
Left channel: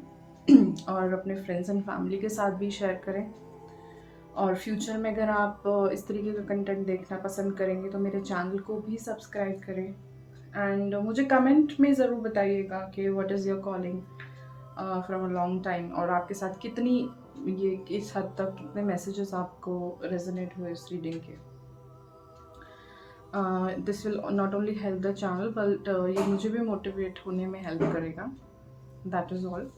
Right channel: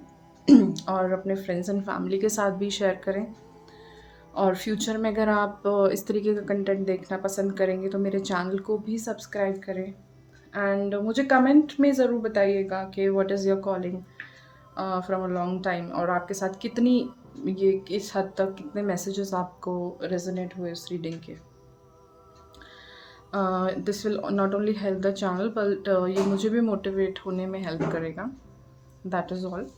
और अपने फ्रेंड्स एंड फैमिली के साथ भी शेयर करें। और फ्यूचर में अगर आप इस तरीके का कंटेंट देखना पसंद करेंगे तो मेरे चैनल को भी सब्सक्राइब करें। एंड मुझे कमेंट में ज़रूर बताइएगा कि what is your calling from a long time, और आपके साथ कितनी ये किस हद तक कितने मैसेजेस आपको रेजोनेट हुए इस रीडिंग के। This will not only help the channel but ये मुझे भी मोटिवेट होने में हेल्प करेगा, दैट इज़ ऑल।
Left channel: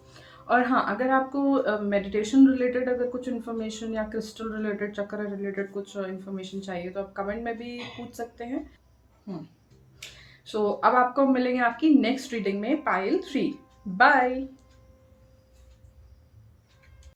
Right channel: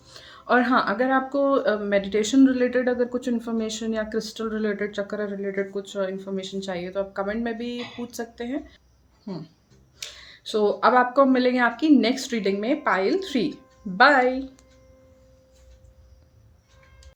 और हाँ, अगर आपको मेडिटेशन रिलेटेड अगर कुछ इन्फॉर्मेशन या क्रिस्टल रिलेटेड, चक्र रिलेटेड कुछ इन्फॉर्मेशन चाहिए तो आप कमेंट में भी पूछ सकते हैं। सो अब आपको मिलेंगे आपकी नेक्स्ट रीडिंग में पाइल 3। बाय।